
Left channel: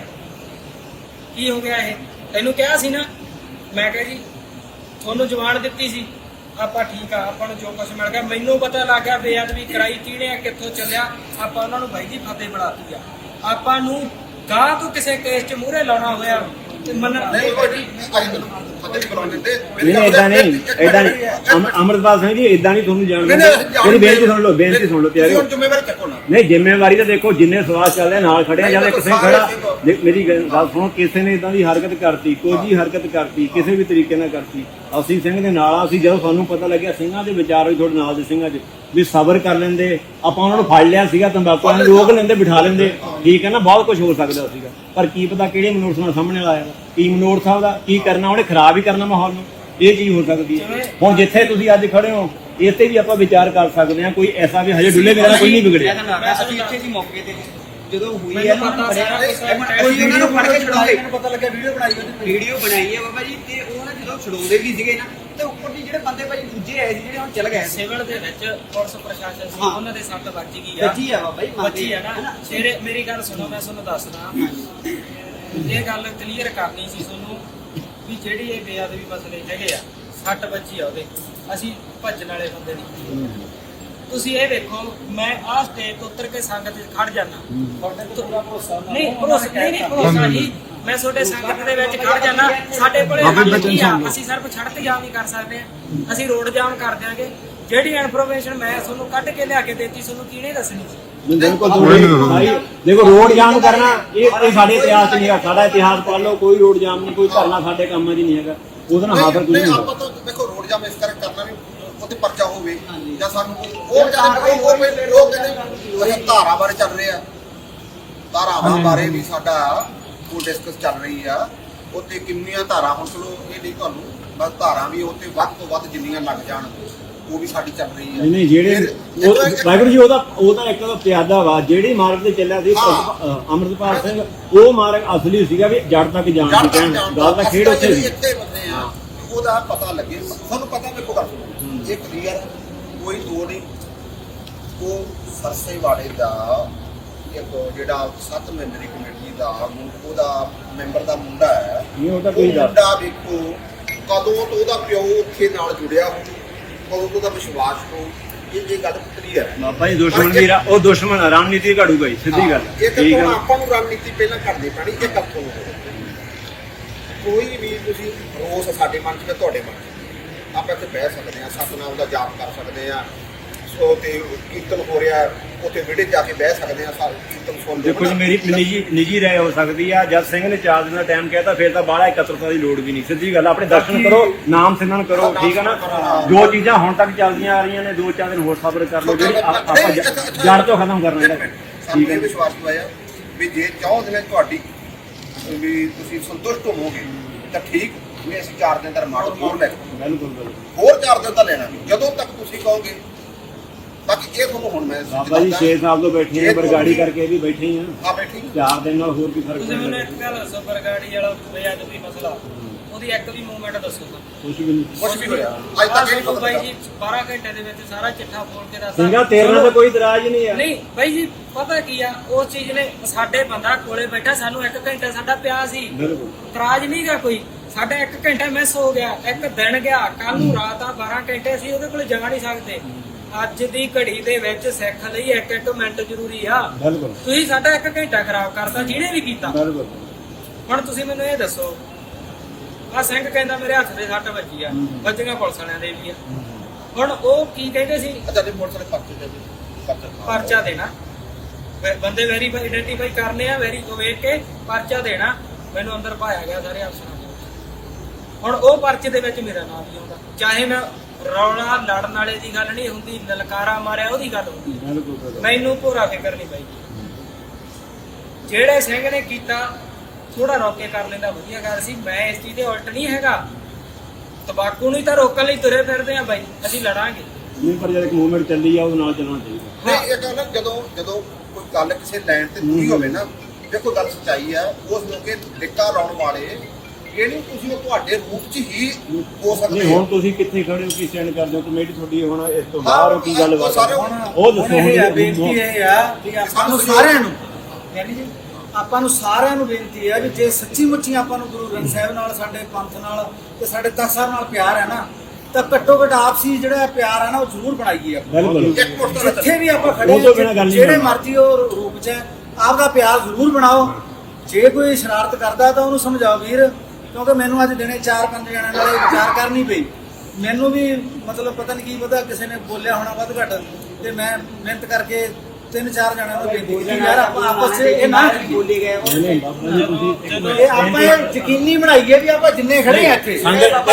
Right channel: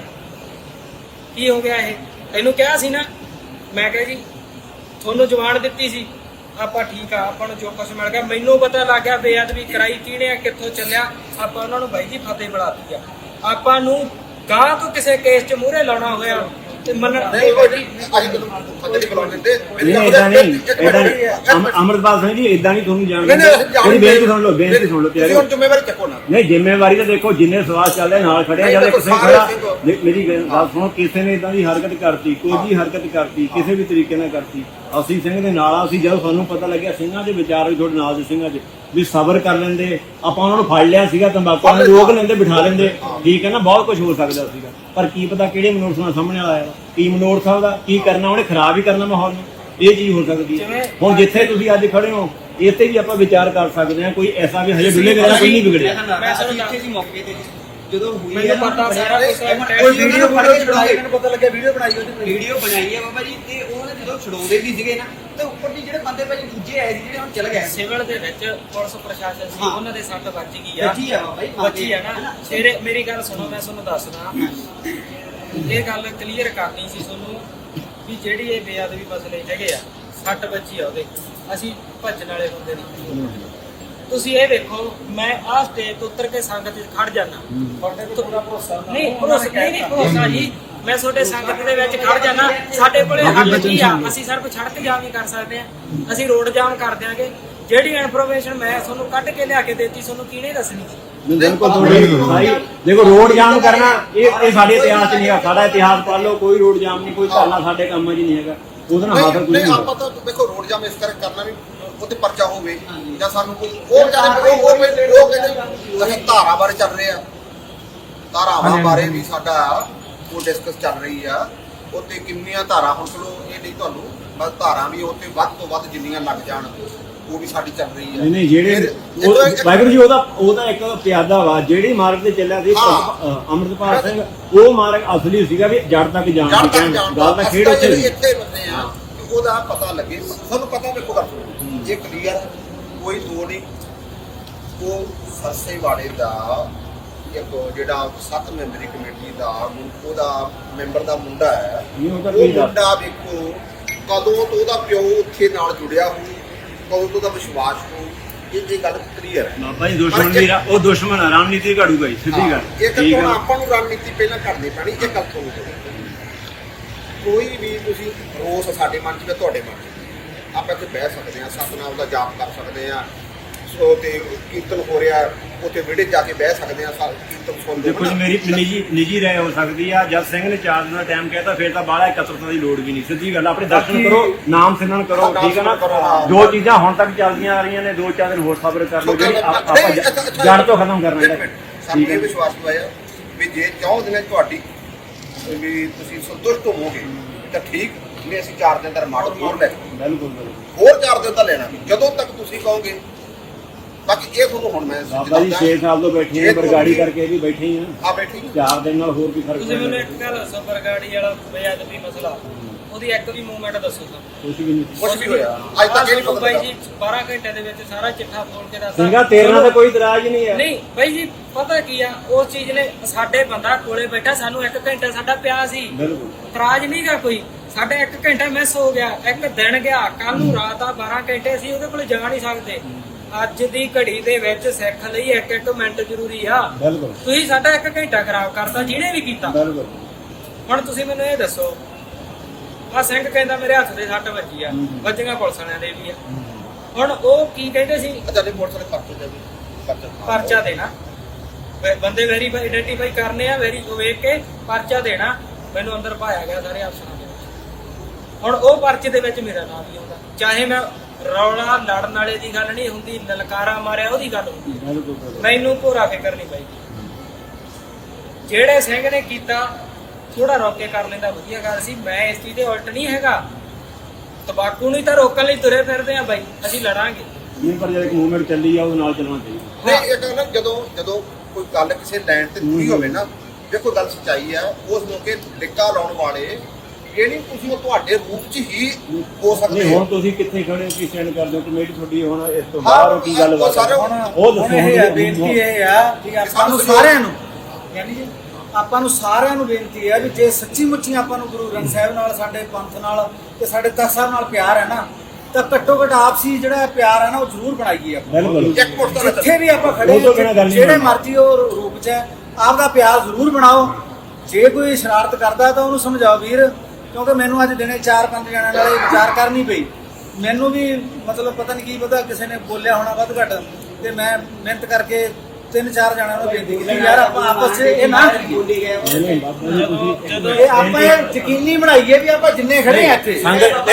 ਕੀ ਹੋ ਗਿਆ ਇਹ? ਇਹਨੂੰ ਕਿਹਾ ਸੀ ਨਾ, ਮੈਂ ਕਿਹਾ ਜੀ ਤੁਹਾਨੂੰ ਜਵਾਨ ਦਿੱਤੀ ਸੀ, ਆਪਾਂ ਠੀਕ ਆ, ਆਪਾਂ ਨੂੰ ਜੋ ਕੁਛ ਮਿਲ ਗਿਆ। ਮੈਨੂੰ ਪਤਾ ਲੱਗ ਗਿਆ ਬੇਅਦਬੀ ਕਰਾਈ ਕਿਹਨੇ ਆ, ਕਿੱਥੋਂ ਚੱਲਿਆ। ਆਪਾਂ ਉਹਨਾਂ ਨੂੰ ਬਾਈ ਜੀ ਫਤਿਹ ਬੁਲਾਤੀ ਆ। ਆਪਾਂ ਨੂੰ ਗਾਂ ਤੋਂ ਕਿਸੇ ਕੇਸ 'ਚ ਮੂਹਰੇ ਲਾਉਣਾ ਹੋਇਆ ਤੇ ਮੰਨਣ ਨਹੀਂ ਭਾਈ ਜੀ ਅੱਜ ਤੁਹਾਨੂੰ ਪਤਾ ਨਹੀਂ ਕਰਵਾ ਦਿੰਦੇ। ਨਹੀਂ ਏਦਾਂ ਨਹੀਂ ਅਮਰਦਾਸ ਸਿੰਘ ਜੀ, ਏਦਾਂ ਨਹੀਂ ਤੁਹਾਨੂੰ ਜਾਣਦੇ। ਉਹਦੀ ਬੇਨਤੀ ਸੁਣ ਲਓ ਤੁਸੀਂ ਹੁਣ ਜ਼ਿੰਮੇਵਾਰੀ ਚੱਕੋ ਨਾ। ਨਹੀਂ ਜ਼ਿੰਮੇਵਾਰੀ ਤਾਂ ਦੇਖੋ, ਜਿੰਨੇ ਸਵਾਲ ਚੱਲ ਰਹੇ ਨਾਲ ਖੜਿਆ ਜਾਂਦੇ, ਕਿਸੇ ਖੜਾ ਮੇਰੀ ਗੱਲ ਸੁਣੋ, ਕਿਸੇ ਨੇ ਇਦਾਂ ਦੀ ਹਰਕਤ ਕਰਤੀ, ਕੋਈ ਵੀ ਹਰਕਤ ਕਰਤੀ, ਕਿਸੇ ਵੀ ਤਰੀਕੇ ਨਾਲ ਕਰਤੀ, ਅਸੀਂ ਸਿੰਘ ਦੇ ਨਾਲ ਅਸੀਂ ਜਦੋਂ ਸਾਨੂੰ ਪਤਾ ਲੱਗਿਆ ਸਿੰਘਾਂ ਦੇ ਵਿਚਾਰ ਵੀ ਤੁਹਾਡੇ ਨਾਲ ਦੇ ਸਿੰਘਾਂ ਦੇ ਵੀ ਸਬਰ ਕਰ ਲੈਂਦੇ, ਆਪਾਂ ਉਹਨਾਂ ਨੂੰ ਫੜ ਲਿਆ ਸੀਗਾ, ਤੰਬਾਕੂ ਨੂੰ ਰੋਕ ਲੈਂਦੇ, ਬਿਠਾ ਲੈਂਦੇ, ਠੀਕ ਹੈ ਨਾ, ਬਹੁਤ ਕੁਝ ਹੋ ਸਕਦਾ ਸੀਗਾ। ਪਰ ਕੀ ਪਤਾ ਕਿਹੜੇ ਮਨੋਰਥ ਨਾਲ ਸਾਹਮਣੇ ਆਇਆ, ਕੀ ਮਨੋਰਥ ਦਾ ਕੀ ਕਰਨਾ, ਉਹਨੇ ਖਰਾਬ ਹੀ ਕਰਨਾ ਮਾਹੌਲ ਨੂੰ, ਇਹ ਚੀਜ਼ ਹੋ ਸਕਦੀ ਹੈ। ਹੁਣ ਜਿੱਥੇ ਤੁਸੀਂ ਅੱਜ ਖੜੇ ਹੋ, ਇੱਥੇ ਵੀ ਆਪਾਂ ਵਿਚਾਰ ਕਰ ਸਕਦੇ ਹਾਂ, ਕੋਈ ਐਸਾ ਵੀ ਹਜੇ ਡੁੱਲੇ ਮੇਰਾ ਕੋਈ ਨਹੀਂ ਵਿਗੜਿਆ। ਇੱਥੇ ਦੀ ਮੌਕੇ ਤੇ ਜਦੋਂ ਹੋਈ ਮੈਨੂੰ ਪਤਾ ਕੋਈ ਵੀਡੀਓ ਪਤਾ ਲੱਗਿਆ, ਵੀਡੀਓ ਬਣਾਈ ਹੈ ਬਾਬਾ ਜੀ, ਤੇ ਉਹਨੇ ਜਦੋਂ ਛਡਾਉਂਦੇ ਵੀ ਸੀਗੇ ਨਾ, ਤੇ ਉੱਪਰ ਦੀ ਜਿਹੜੇ ਬੰਦੇ ਭਾਜੀ ਦੂਜੇ ਆਏ ਸੀ ਜਿਹੜੇ ਹੁਣ ਚਲ ਗਏ। ਸਿਵਲ ਦੇ ਵਿੱਚ ਪੁਲਿਸ ਪ੍ਰਸ਼ਾਸਨ ਸੀ, ਉਹਨਾਂ ਦੇ ਸੱਟ ਵੱਜ ਗਈ ਆ, ਵੱਜੀ ਆ ਬਾਬਾ ਜੀ, ਵੱਜੀ ਆ ਨਾ। ਤੇਰੇ ਮੇਰੀ ਗੱਲ ਸੁਣੋ, ਮੈਂ ਤੁਹਾਨੂੰ ਦੱਸਦਾ, ਇਹ ਗੱਲ ਕਲੀਅਰ ਕਰਨੀ ਸੀ ਤੁਹਾਨੂੰ ਵੀ ਜਿਹੜੀ ਇਹ ਬੇਅਦਬੀ ਮਸਲੇ ਹੈਗੇ ਆ, ਸੱਟ ਵੱਜੀ ਆ ਉਹਦੇ, ਅਸੀਂ ਭੱਜਣ ਵਾਲੇ ਬੰਦੇ ਦੀ। ਤੁਸੀਂ ਇਹ ਦੇਖੋ, ਮੈਂ ਆਹ ਸਟੇਜ ਤੋਂ ਉੱਤਰ ਕੇ ਸੰਗਤ 'ਚ ਖੜ ਜਾਣਾ, ਨਹੀਂ ਭਰੋਸਾ ਜੀ, ਮੈਂ ਤੁਹਾਡੇ ਸੰਗਤ ਦੇ ਵਿੱਚ ਖੜ ਜਾਣਾ। ਸਾਡੇ ਕੋਲੇ ਹੱਲ ਕੀ ਆ? ਅਸੀਂ ਸਿਰਫ ਸੜਕ ਜਾਮ ਹੀ ਕਰ ਸਕਦੇ ਆ, ਅਸੀਂ ਰੋਡ ਜਾਮ ਕਰ ਦਿਆਂਗੇ। ਜਿਹੜੀ ਇਨਫੋਰਮੇਸ਼ਨ ਮੈਂ ਤੁਹਾਨੂੰ ਕੱਢ ਕੇ ਲਿਆ ਕੇ ਦੇਤੀ, ਤੁਹਾਨੂੰ ਕਿਹਨੇ ਦੱਸਣੀ? ਦੇਖੋ ਰੋਡ ਜਾਮ ਕਰਨਾ ਇਹ ਸਾਡੇ ਇਤਿਹਾਸ 'ਚ ਨਹੀਂ ਹੈਗਾ। ਸਾਡਾ ਇਤਿਹਾਸ ਪੜ੍ਹ ਲਓ, ਕੋਈ ਰੋਡ ਜਾਮ ਨਹੀਂ, ਕੋਈ ਧਰਨਾ ਸਾਡੇ ਕੰਮਾਂ 'ਚ ਨਹੀਂ ਹੈਗਾ। ਉਹਦੇ ਨਾਲ ਹਾਜ਼ਰ ਕੁਝ ਨਹੀਂ। ਆਪਾਂ ਤਾਂ ਦੇਖੋ ਰੋਡ ਜਾਮ ਇਸ ਤਰ੍ਹਾਂ ਕਰਨਾ ਵੀ ਉਹਤੇ ਪਰਚਾ ਹੋਵੇ ਜਾਂ ਸਾਨੂੰ ਉਹ ਕਹਿੰਦੇ ਅਸੀਂ ਧਾਰਾ ਬਾਰੇ ਚੱਲ ਰਹੇ ਆ, ਧਾਰਾਵਾਂ ਬਾਰੇ ਵੀ ਸਾਡਾ ਉਹ ਡਿਸਕਸ ਚੱਲ ਰਹੀ ਆ। ਉੱਤੇ ਕਿੰਨੀਆਂ ਧਾਰਾ, ਹੁਣ ਚਲੋ ਇਹ ਨਹੀਂ ਤੁਹਾਨੂੰ, ਬਸ ਧਾਰਾ ਵੀ ਉੱਤੇ ਵੱਧ ਤੋਂ ਵੱਧ ਜਿੰਨੀਆਂ ਲੱਗ ਜਾਣ ਉਹ ਵੀ ਸਾਡੀ ਚੱਲ ਰਹੀ ਆ। ਨਹੀਂ ਜਿਹੜੇ ਵਾਹਿਗੁਰੂ ਜੀ ਉਹਦਾ ਇੱਕ ਪਿਆਦਾ ਵਾ, ਜਿਹੜੀ ਮਾਰਗ ਤੇ ਚੱਲਿਆ ਸੀ ਅੰਮ੍ਰਿਤਪਾਲ ਸਿੰਘ, ਉਹ ਮਾਰਗ ਅਸਲੀ ਸੀਗਾ ਵੀ ਜੜ ਤੱਕ ਜਾਣ ਦੀ ਕਹਿਣ ਗੱਲ ਦਾ ਖੇਡ ਉੱਥੇ ਸੀ। ਇੱਥੇ ਬੰਦੇ ਆ ਉਹਦਾ ਪਤਾ ਲੱਗੇ, ਸਾਨੂੰ ਪਤਾ ਦੇਖੋ ਗੱਲ ਜੇ ਕਲੀਅਰ ਕੋਈ ਦੋ ਨਹੀਂ। ਉਹ ਸਰਸੇ ਵਾਲੇ ਦਾ ਇੱਕ ਜਿਹੜਾ 7 ਮੈਂਬਰੀ ਕਮੇਟੀ ਦਾ ਉਹਦਾ ਮੈਂਬਰ ਦਾ ਮੁੰਡਾ ਹੈ, ਉਹ ਮੁੰਡਾ ਦੇਖੋ ਕਦੋਂ ਤੋਂ ਉਹਦਾ ਪਿਓ ਉੱਥੇ ਨਾਲ ਜੁੜਿਆ ਹੋਇਆ, ਉਹਦਾ ਵਿਸ਼ਵਾਸ ਨੂੰ ਇਹ ਗੱਲ ਕਲੀਅਰ। ਬਾਬਾ ਜੀ ਦੁਸ਼ਮਣ ਵੀ ਉਹ ਦੁਸ਼ਮਣ ਰਣਨੀਤੀ ਘੜੂਗਾ ਜੀ, ਸਿੱਧੀ ਗੱਲ। ਠੀਕ ਹੈ, ਆਪਾਂ ਨੂੰ ਰਣਨੀਤੀ ਪਹਿਲਾਂ ਕਰਨੀ ਪੈਣੀ ਕਿ ਤੱਕ ਹੋਵੇ। ਕੋਈ ਵੀ ਤੁਸੀਂ ਰੋਸ ਸਾਡੇ ਮਨ 'ਚ ਤੁਹਾਡੇ ਮਨ ਆਪਾਂ ਇੱਥੇ ਬਹਿ ਸਕਦੇ ਹਾਂ, ਸਤਿਨਾਮ ਦਾ ਜਾਪ ਕਰ ਸਕਦੇ ਹਾਂ, ਸੋ ਕਿ ਕੀਰਤਨ ਹੋ ਰਿਹਾ ਉੱਥੇ ਵਿੜੇ ਜਾ ਕੇ ਬਹਿ ਸਕਦੇ ਹਾਂ। ਦੇਖੋ ਜੀ ਮੇਰੀ ਨਿੱਜੀ ਰਾਏ ਹੋ ਸਕਦੀ ਆ, ਜਦ ਸਿੰਘ ਨੇ 4 ਦਿਨ ਦਾ ਟਾਈਮ ਕਹਿਤਾ ਫਿਰ ਤਾਂ ਬਾਹਲਾ ਇਕੱਤਰਤਾ ਦੀ ਲੋੜ ਵੀ ਨਹੀਂ। ਸਿੱਧੀ ਗੱਲ, ਆਪਣੇ ਦਰਸ਼ਨ ਕਰੋ, ਨਾਮ ਸਿਮਰਨ ਕਰੋ, ਠੀਕ ਹੈ ਨਾ। ਜੋ ਚੀਜ਼ਾਂ ਹੁਣ ਤੱਕ ਚੱਲਦੀਆਂ ਆ ਰਹੀਆਂ ਨੇ 2-4 ਦਿਨ ਹੋਰ ਸਬਰ ਕਰ ਲਓ, ਜਿਹੜੀ ਆਪਾਂ ਜੜ ਤੋਂ ਖਤਮ ਕਰਨਾ ਇਹਦਾ। ਠੀਕ ਹੈ, ਵਿਸ਼ਵਾਸ ਹੋਇਆ ਵੀ ਜੇ ਚਾਹੋਗੇ ਨੇ ਤੁਹਾਡੀ ਵੀ ਤੁਸੀਂ ਸੰਤੁਸ਼ਟ ਹੋਵੋਗੇ ਤਾਂ ਠੀਕ ਨਹੀਂ। ਅਸੀਂ 4 ਦਿਨ ਦਾ ਰਿਮਾਂਡ ਹੋਰ ਲੈ ਬਿਲਕੁਲ ਹੋਰ 4 ਦਿਨ ਦਾ ਲੈਣਾ ਜਦੋਂ ਤੱਕ ਤੁਸੀਂ ਕਹੋਗੇ। ਬਾਕੀ ਇਹ ਤੁਹਾਨੂੰ ਹੁਣ ਮੈਂ ਬਾਬਾ ਜੀ 6 ਸਾਲ ਤੋਂ ਬੈਠੇ ਆ, ਬਰਗਾੜੀ ਕਰਕੇ ਵੀ ਬੈਠੇ ਆ। ਬੈਠੀ 4 ਦਿਨ ਨਾਲ ਹੋਰ ਵੀ ਫਰਕ ਤੁਸੀਂ ਮੈਨੂੰ ਇੱਕ ਗੱਲ ਦੱਸੋ, ਬਰਗਾੜੀ ਵਾਲਾ ਬੇਅਦਬੀ ਮਸਲਾ, ਉਹਦੀ ਇੱਕ ਵੀ ਮੂਵਮੈਂਟ ਦੱਸੋ ਤਾਂ। ਕੁਝ ਵੀ ਨਹੀਂ, ਕੁਝ ਵੀ ਹੋਇਆ ਅੱਜ ਤੱਕ ਇਹ ਨਹੀਂ ਪਤਾ ਬਾਈ ਜੀ 12 ਘੰਟੇ ਦੇ ਵਿੱਚ ਸਾਰਾ ਚਿੱਠਾ ਫੋਲ ਕੇ ਦੱਸ ਸਿੰਘਾ ਤੇਰੇ ਨਾਲ ਤਾਂ ਕੋਈ ਇਤਰਾਜ਼ ਨਹੀਂ ਆ। ਨਹੀਂ ਬਾਈ ਜੀ, ਪਤਾ ਕੀ ਆ, ਉਸ ਚੀਜ਼ ਨੇ ਸਾਡੇ ਬੰਦਾ ਕੋਲੇ ਬੈਠਾ, ਸਾਨੂੰ 1 ਘੰਟਾ ਸਾਡਾ ਪਿਆ ਸੀ, ਬਿਲਕੁਲ ਇਤਰਾਜ਼ ਨਹੀਂ ਗਾ ਕੋਈ। ਸਾਡਾ 1 ਘੰਟਾ ਮਿਸ ਹੋ ਗਿਆ, 1 ਦਿਨ ਗਿਆ, ਕੱਲ ਨੂੰ ਰਾਤ ਆ 12 ਘੰਟੇ ਅਸੀਂ ਉਹਦੇ ਕੋਲ ਜਾ ਨਹੀਂ ਸਕਦੇ। ਅੱਜ ਦੀ ਘੜੀ ਦੇ ਵਿੱਚ ਸਿੱਖ ਲਈ 1 ਮਿੰਟ ਜ਼ਰੂਰੀ ਆ। ਬਿਲਕੁਲ ਤੁਸੀਂ ਸਾਡਾ 1 ਘੰਟਾ ਖਰਾਬ ਕਰਤਾ, ਜਿਹਨੇ ਵੀ ਕੀਤਾ। ਬਿਲਕੁਲ। ਹੁਣ ਤੁਸੀਂ ਮੈਨੂੰ ਇਹ ਦੱਸੋ, ਆ ਸਿੰਘ ਕਹਿੰਦਾ ਮੇਰੇ ਹੱਥ ਦੇ ਸੱਟ ਵੱਜੀ ਆ, ਵੱਜੀਆਂ ਪੁਲਿਸ ਵਾਲਿਆਂ ਦੇ ਵੀ ਆ। ਹੁਣ ਉਹ ਕੀ ਕਹਿੰਦੇ ਸੀ? ਅੱਛਾ ਜੀ, ਪੁਲਿਸ ਵਾਲੇ ਪਰਚੇ ਦੇ ਵੀ ਪਰਚਾ ਦੇਣਾ, ਬੰਦੇ ਵੈਰੀਫਾਈ ਆਇਡੈਂਟੀਫਾਈ ਕਰਨੇ ਆ, ਵੇਖ ਕੇ ਪਰਚਾ ਦੇਣਾ। ਮੈਨੂੰ ਅੰਦਰ ਪਾਇਆ ਗਿਆ ਸਾਰੇ ਅਫਸਰਾਂ ਦੇ। ਹੁਣ ਉਹ ਪਰਚੇ ਦੇ ਵਿੱਚ ਮੇਰਾ ਨਾਮ ਵੀ ਆਉਂਦਾ, ਚਾਹੇ ਮੈਂ ਰੌਲਾ ਲੜਨ ਵਾਲੇ ਦੀ ਗੱਲ ਨਹੀਂ ਹੁੰਦੀ, ਲਲਕਾਰਾ ਮਾਰਿਆ ਉਹਦੀ ਗੱਲ ਹੁੰਦੀ। ਮੈਨੂੰ ਭੋਰਾ ਫਿਕਰ ਨਹੀਂ ਪਈ। ਜਿਹੜੇ ਸਿੰਘ ਨੇ ਕੀਤਾ ਥੋੜਾ ਰੋਕ ਕੇ ਕਰ ਲੈਂਦਾ ਵਧੀਆ ਗੱਲ ਸੀ। ਮੈਂ ਇਸ ਚੀਜ਼ ਦੇ ਉਲਟ ਨਹੀਂ ਹੈਗਾ, ਤਬਾਕੂ ਨਹੀਂ ਤਾਂ ਰੋਕਣ ਲਈ ਤੁਰੇ ਫਿਰਦੇ ਆ ਬਾਈ, ਅਸੀਂ ਲੜਾਂਗੇ ਨਹੀਂ, ਪਰ ਜਦ ਇੱਕ ਮੂਵਮੈਂਟ ਚੱਲੀ ਆ ਉਹਦੇ ਨਾਲ ਚੱਲਣਾ ਚਾਹੀਦਾ। ਨਹੀਂ, ਇਹ ਨਾ ਜਦੋਂ ਕੋਈ ਗੱਲ ਕਿਸੇ ਲੈਣ ਤੇ ਪੂਰੀ ਹੋਵੇ ਨਾ, ਦੇਖੋ ਗੱਲ ਸੱਚਾਈ ਆ। ਉਸ ਮੌਕੇ ਲਿਕਾ ਲਾਉਣ ਵਾਲੇ ਇਹ ਨਹੀਂ ਤੁਸੀਂ ਉਹ ਤੁਹਾਡੇ ਰੂਪ 'ਚ ਹੀ ਹੋ ਸਕਦੇ ਨਹੀਂ, ਹੁਣ ਤੁਸੀਂ ਕਿੱਥੇ ਖੜੇ ਹੋ, ਕੀ ਸਟੈਂਡ ਕਰਦੇ ਹੋ? ਕਮੇਟੀ ਤੁਹਾਡੀ ਹੁਣ ਇਸ ਤੋਂ ਬਾਹਰ ਕੀ ਗੱਲ ਬਾਤ ਉਹ ਦੱਸੋ। ਬੇਨਤੀ ਇਹ ਆ ਵੀ ਆਪਾਂ ਨੂੰ ਸਾਰਿਆਂ ਨੂੰ, ਯਾਨੀ ਜੀ ਆਪਾਂ ਨੂੰ ਸਾਰਿਆਂ ਨੂੰ ਬੇਨਤੀ ਹੈ ਵੀ ਜੇ ਸੱਚੀ ਮੁੱਚੀ ਆਪਾਂ ਨੂੰ ਗੁਰੂ ਗ੍ਰੰਥ ਸਾਹਿਬ ਨਾਲ, ਸਾਡੇ ਪੰਥ ਨਾਲ ਤੇ ਸਾਡੇ ਤਖਤ ਸਾਹਿਬ ਨਾਲ ਪਿਆਰ ਹੈ ਨਾ, ਤਾਂ ਘੱਟੋ ਘੱਟ ਆਪਸੀ ਜਿਹੜਾ ਪਿਆਰ ਹੈ ਨਾ ਉਹ ਜ਼ਰੂਰ ਬਣਾਈਏ ਆਪਾਂ। ਬਿਲਕੁਲ, ਜਿੱਥੇ ਵੀ ਆਪਾਂ ਖੜੇ ਜਿਹੜੇ ਮਰਜ਼ੀ ਉਹ ਰੂਪ 'ਚ ਆਪਦਾ ਪਿਆਰ ਜ਼ਰੂਰ ਬਣਾਓ। ਜੇ ਕੋਈ ਸ਼ਰਾਰਤ ਕਰਦਾ ਤਾਂ ਉਹਨੂੰ ਸਮਝਾਓ ਵੀਰ, ਕਿਉਂਕਿ ਮੈਨੂੰ ਅੱਜ ਦਿਨੇ 4-5 ਜਣਿਆਂ ਨਾਲ ਵਿਚਾਰ ਕਰਨੀ ਪਈ। ਮੈਨੂੰ ਵੀ ਮਤਲਬ ਪਤਾ ਨਹੀਂ ਕੀ ਪਤਾ ਕਿਸੇ ਨੇ ਬੋਲਿਆ ਹੋਣਾ ਵੱਧ ਘੱਟ, ਤੇ ਮੈਂ ਮਿਹਨਤ ਕਰਕੇ 3-4 ਜਣਿਆਂ ਨੂੰ ਬੇਨਤੀ ਕੀਤੀ ਯਾਰ ਆਪਾਂ ਆਪਸ 'ਚ ਇਹ ਨਾ ਬੋਲੀ ਗਏ, ਇਹ ਆਪਾਂ ਯਕੀਨੀ ਬਣਾਈਏ ਵੀ ਆਪਾਂ ਜਿੰਨੇ ਖੜੇ ਆ ਇੱਥੇ ਸੰਗਤ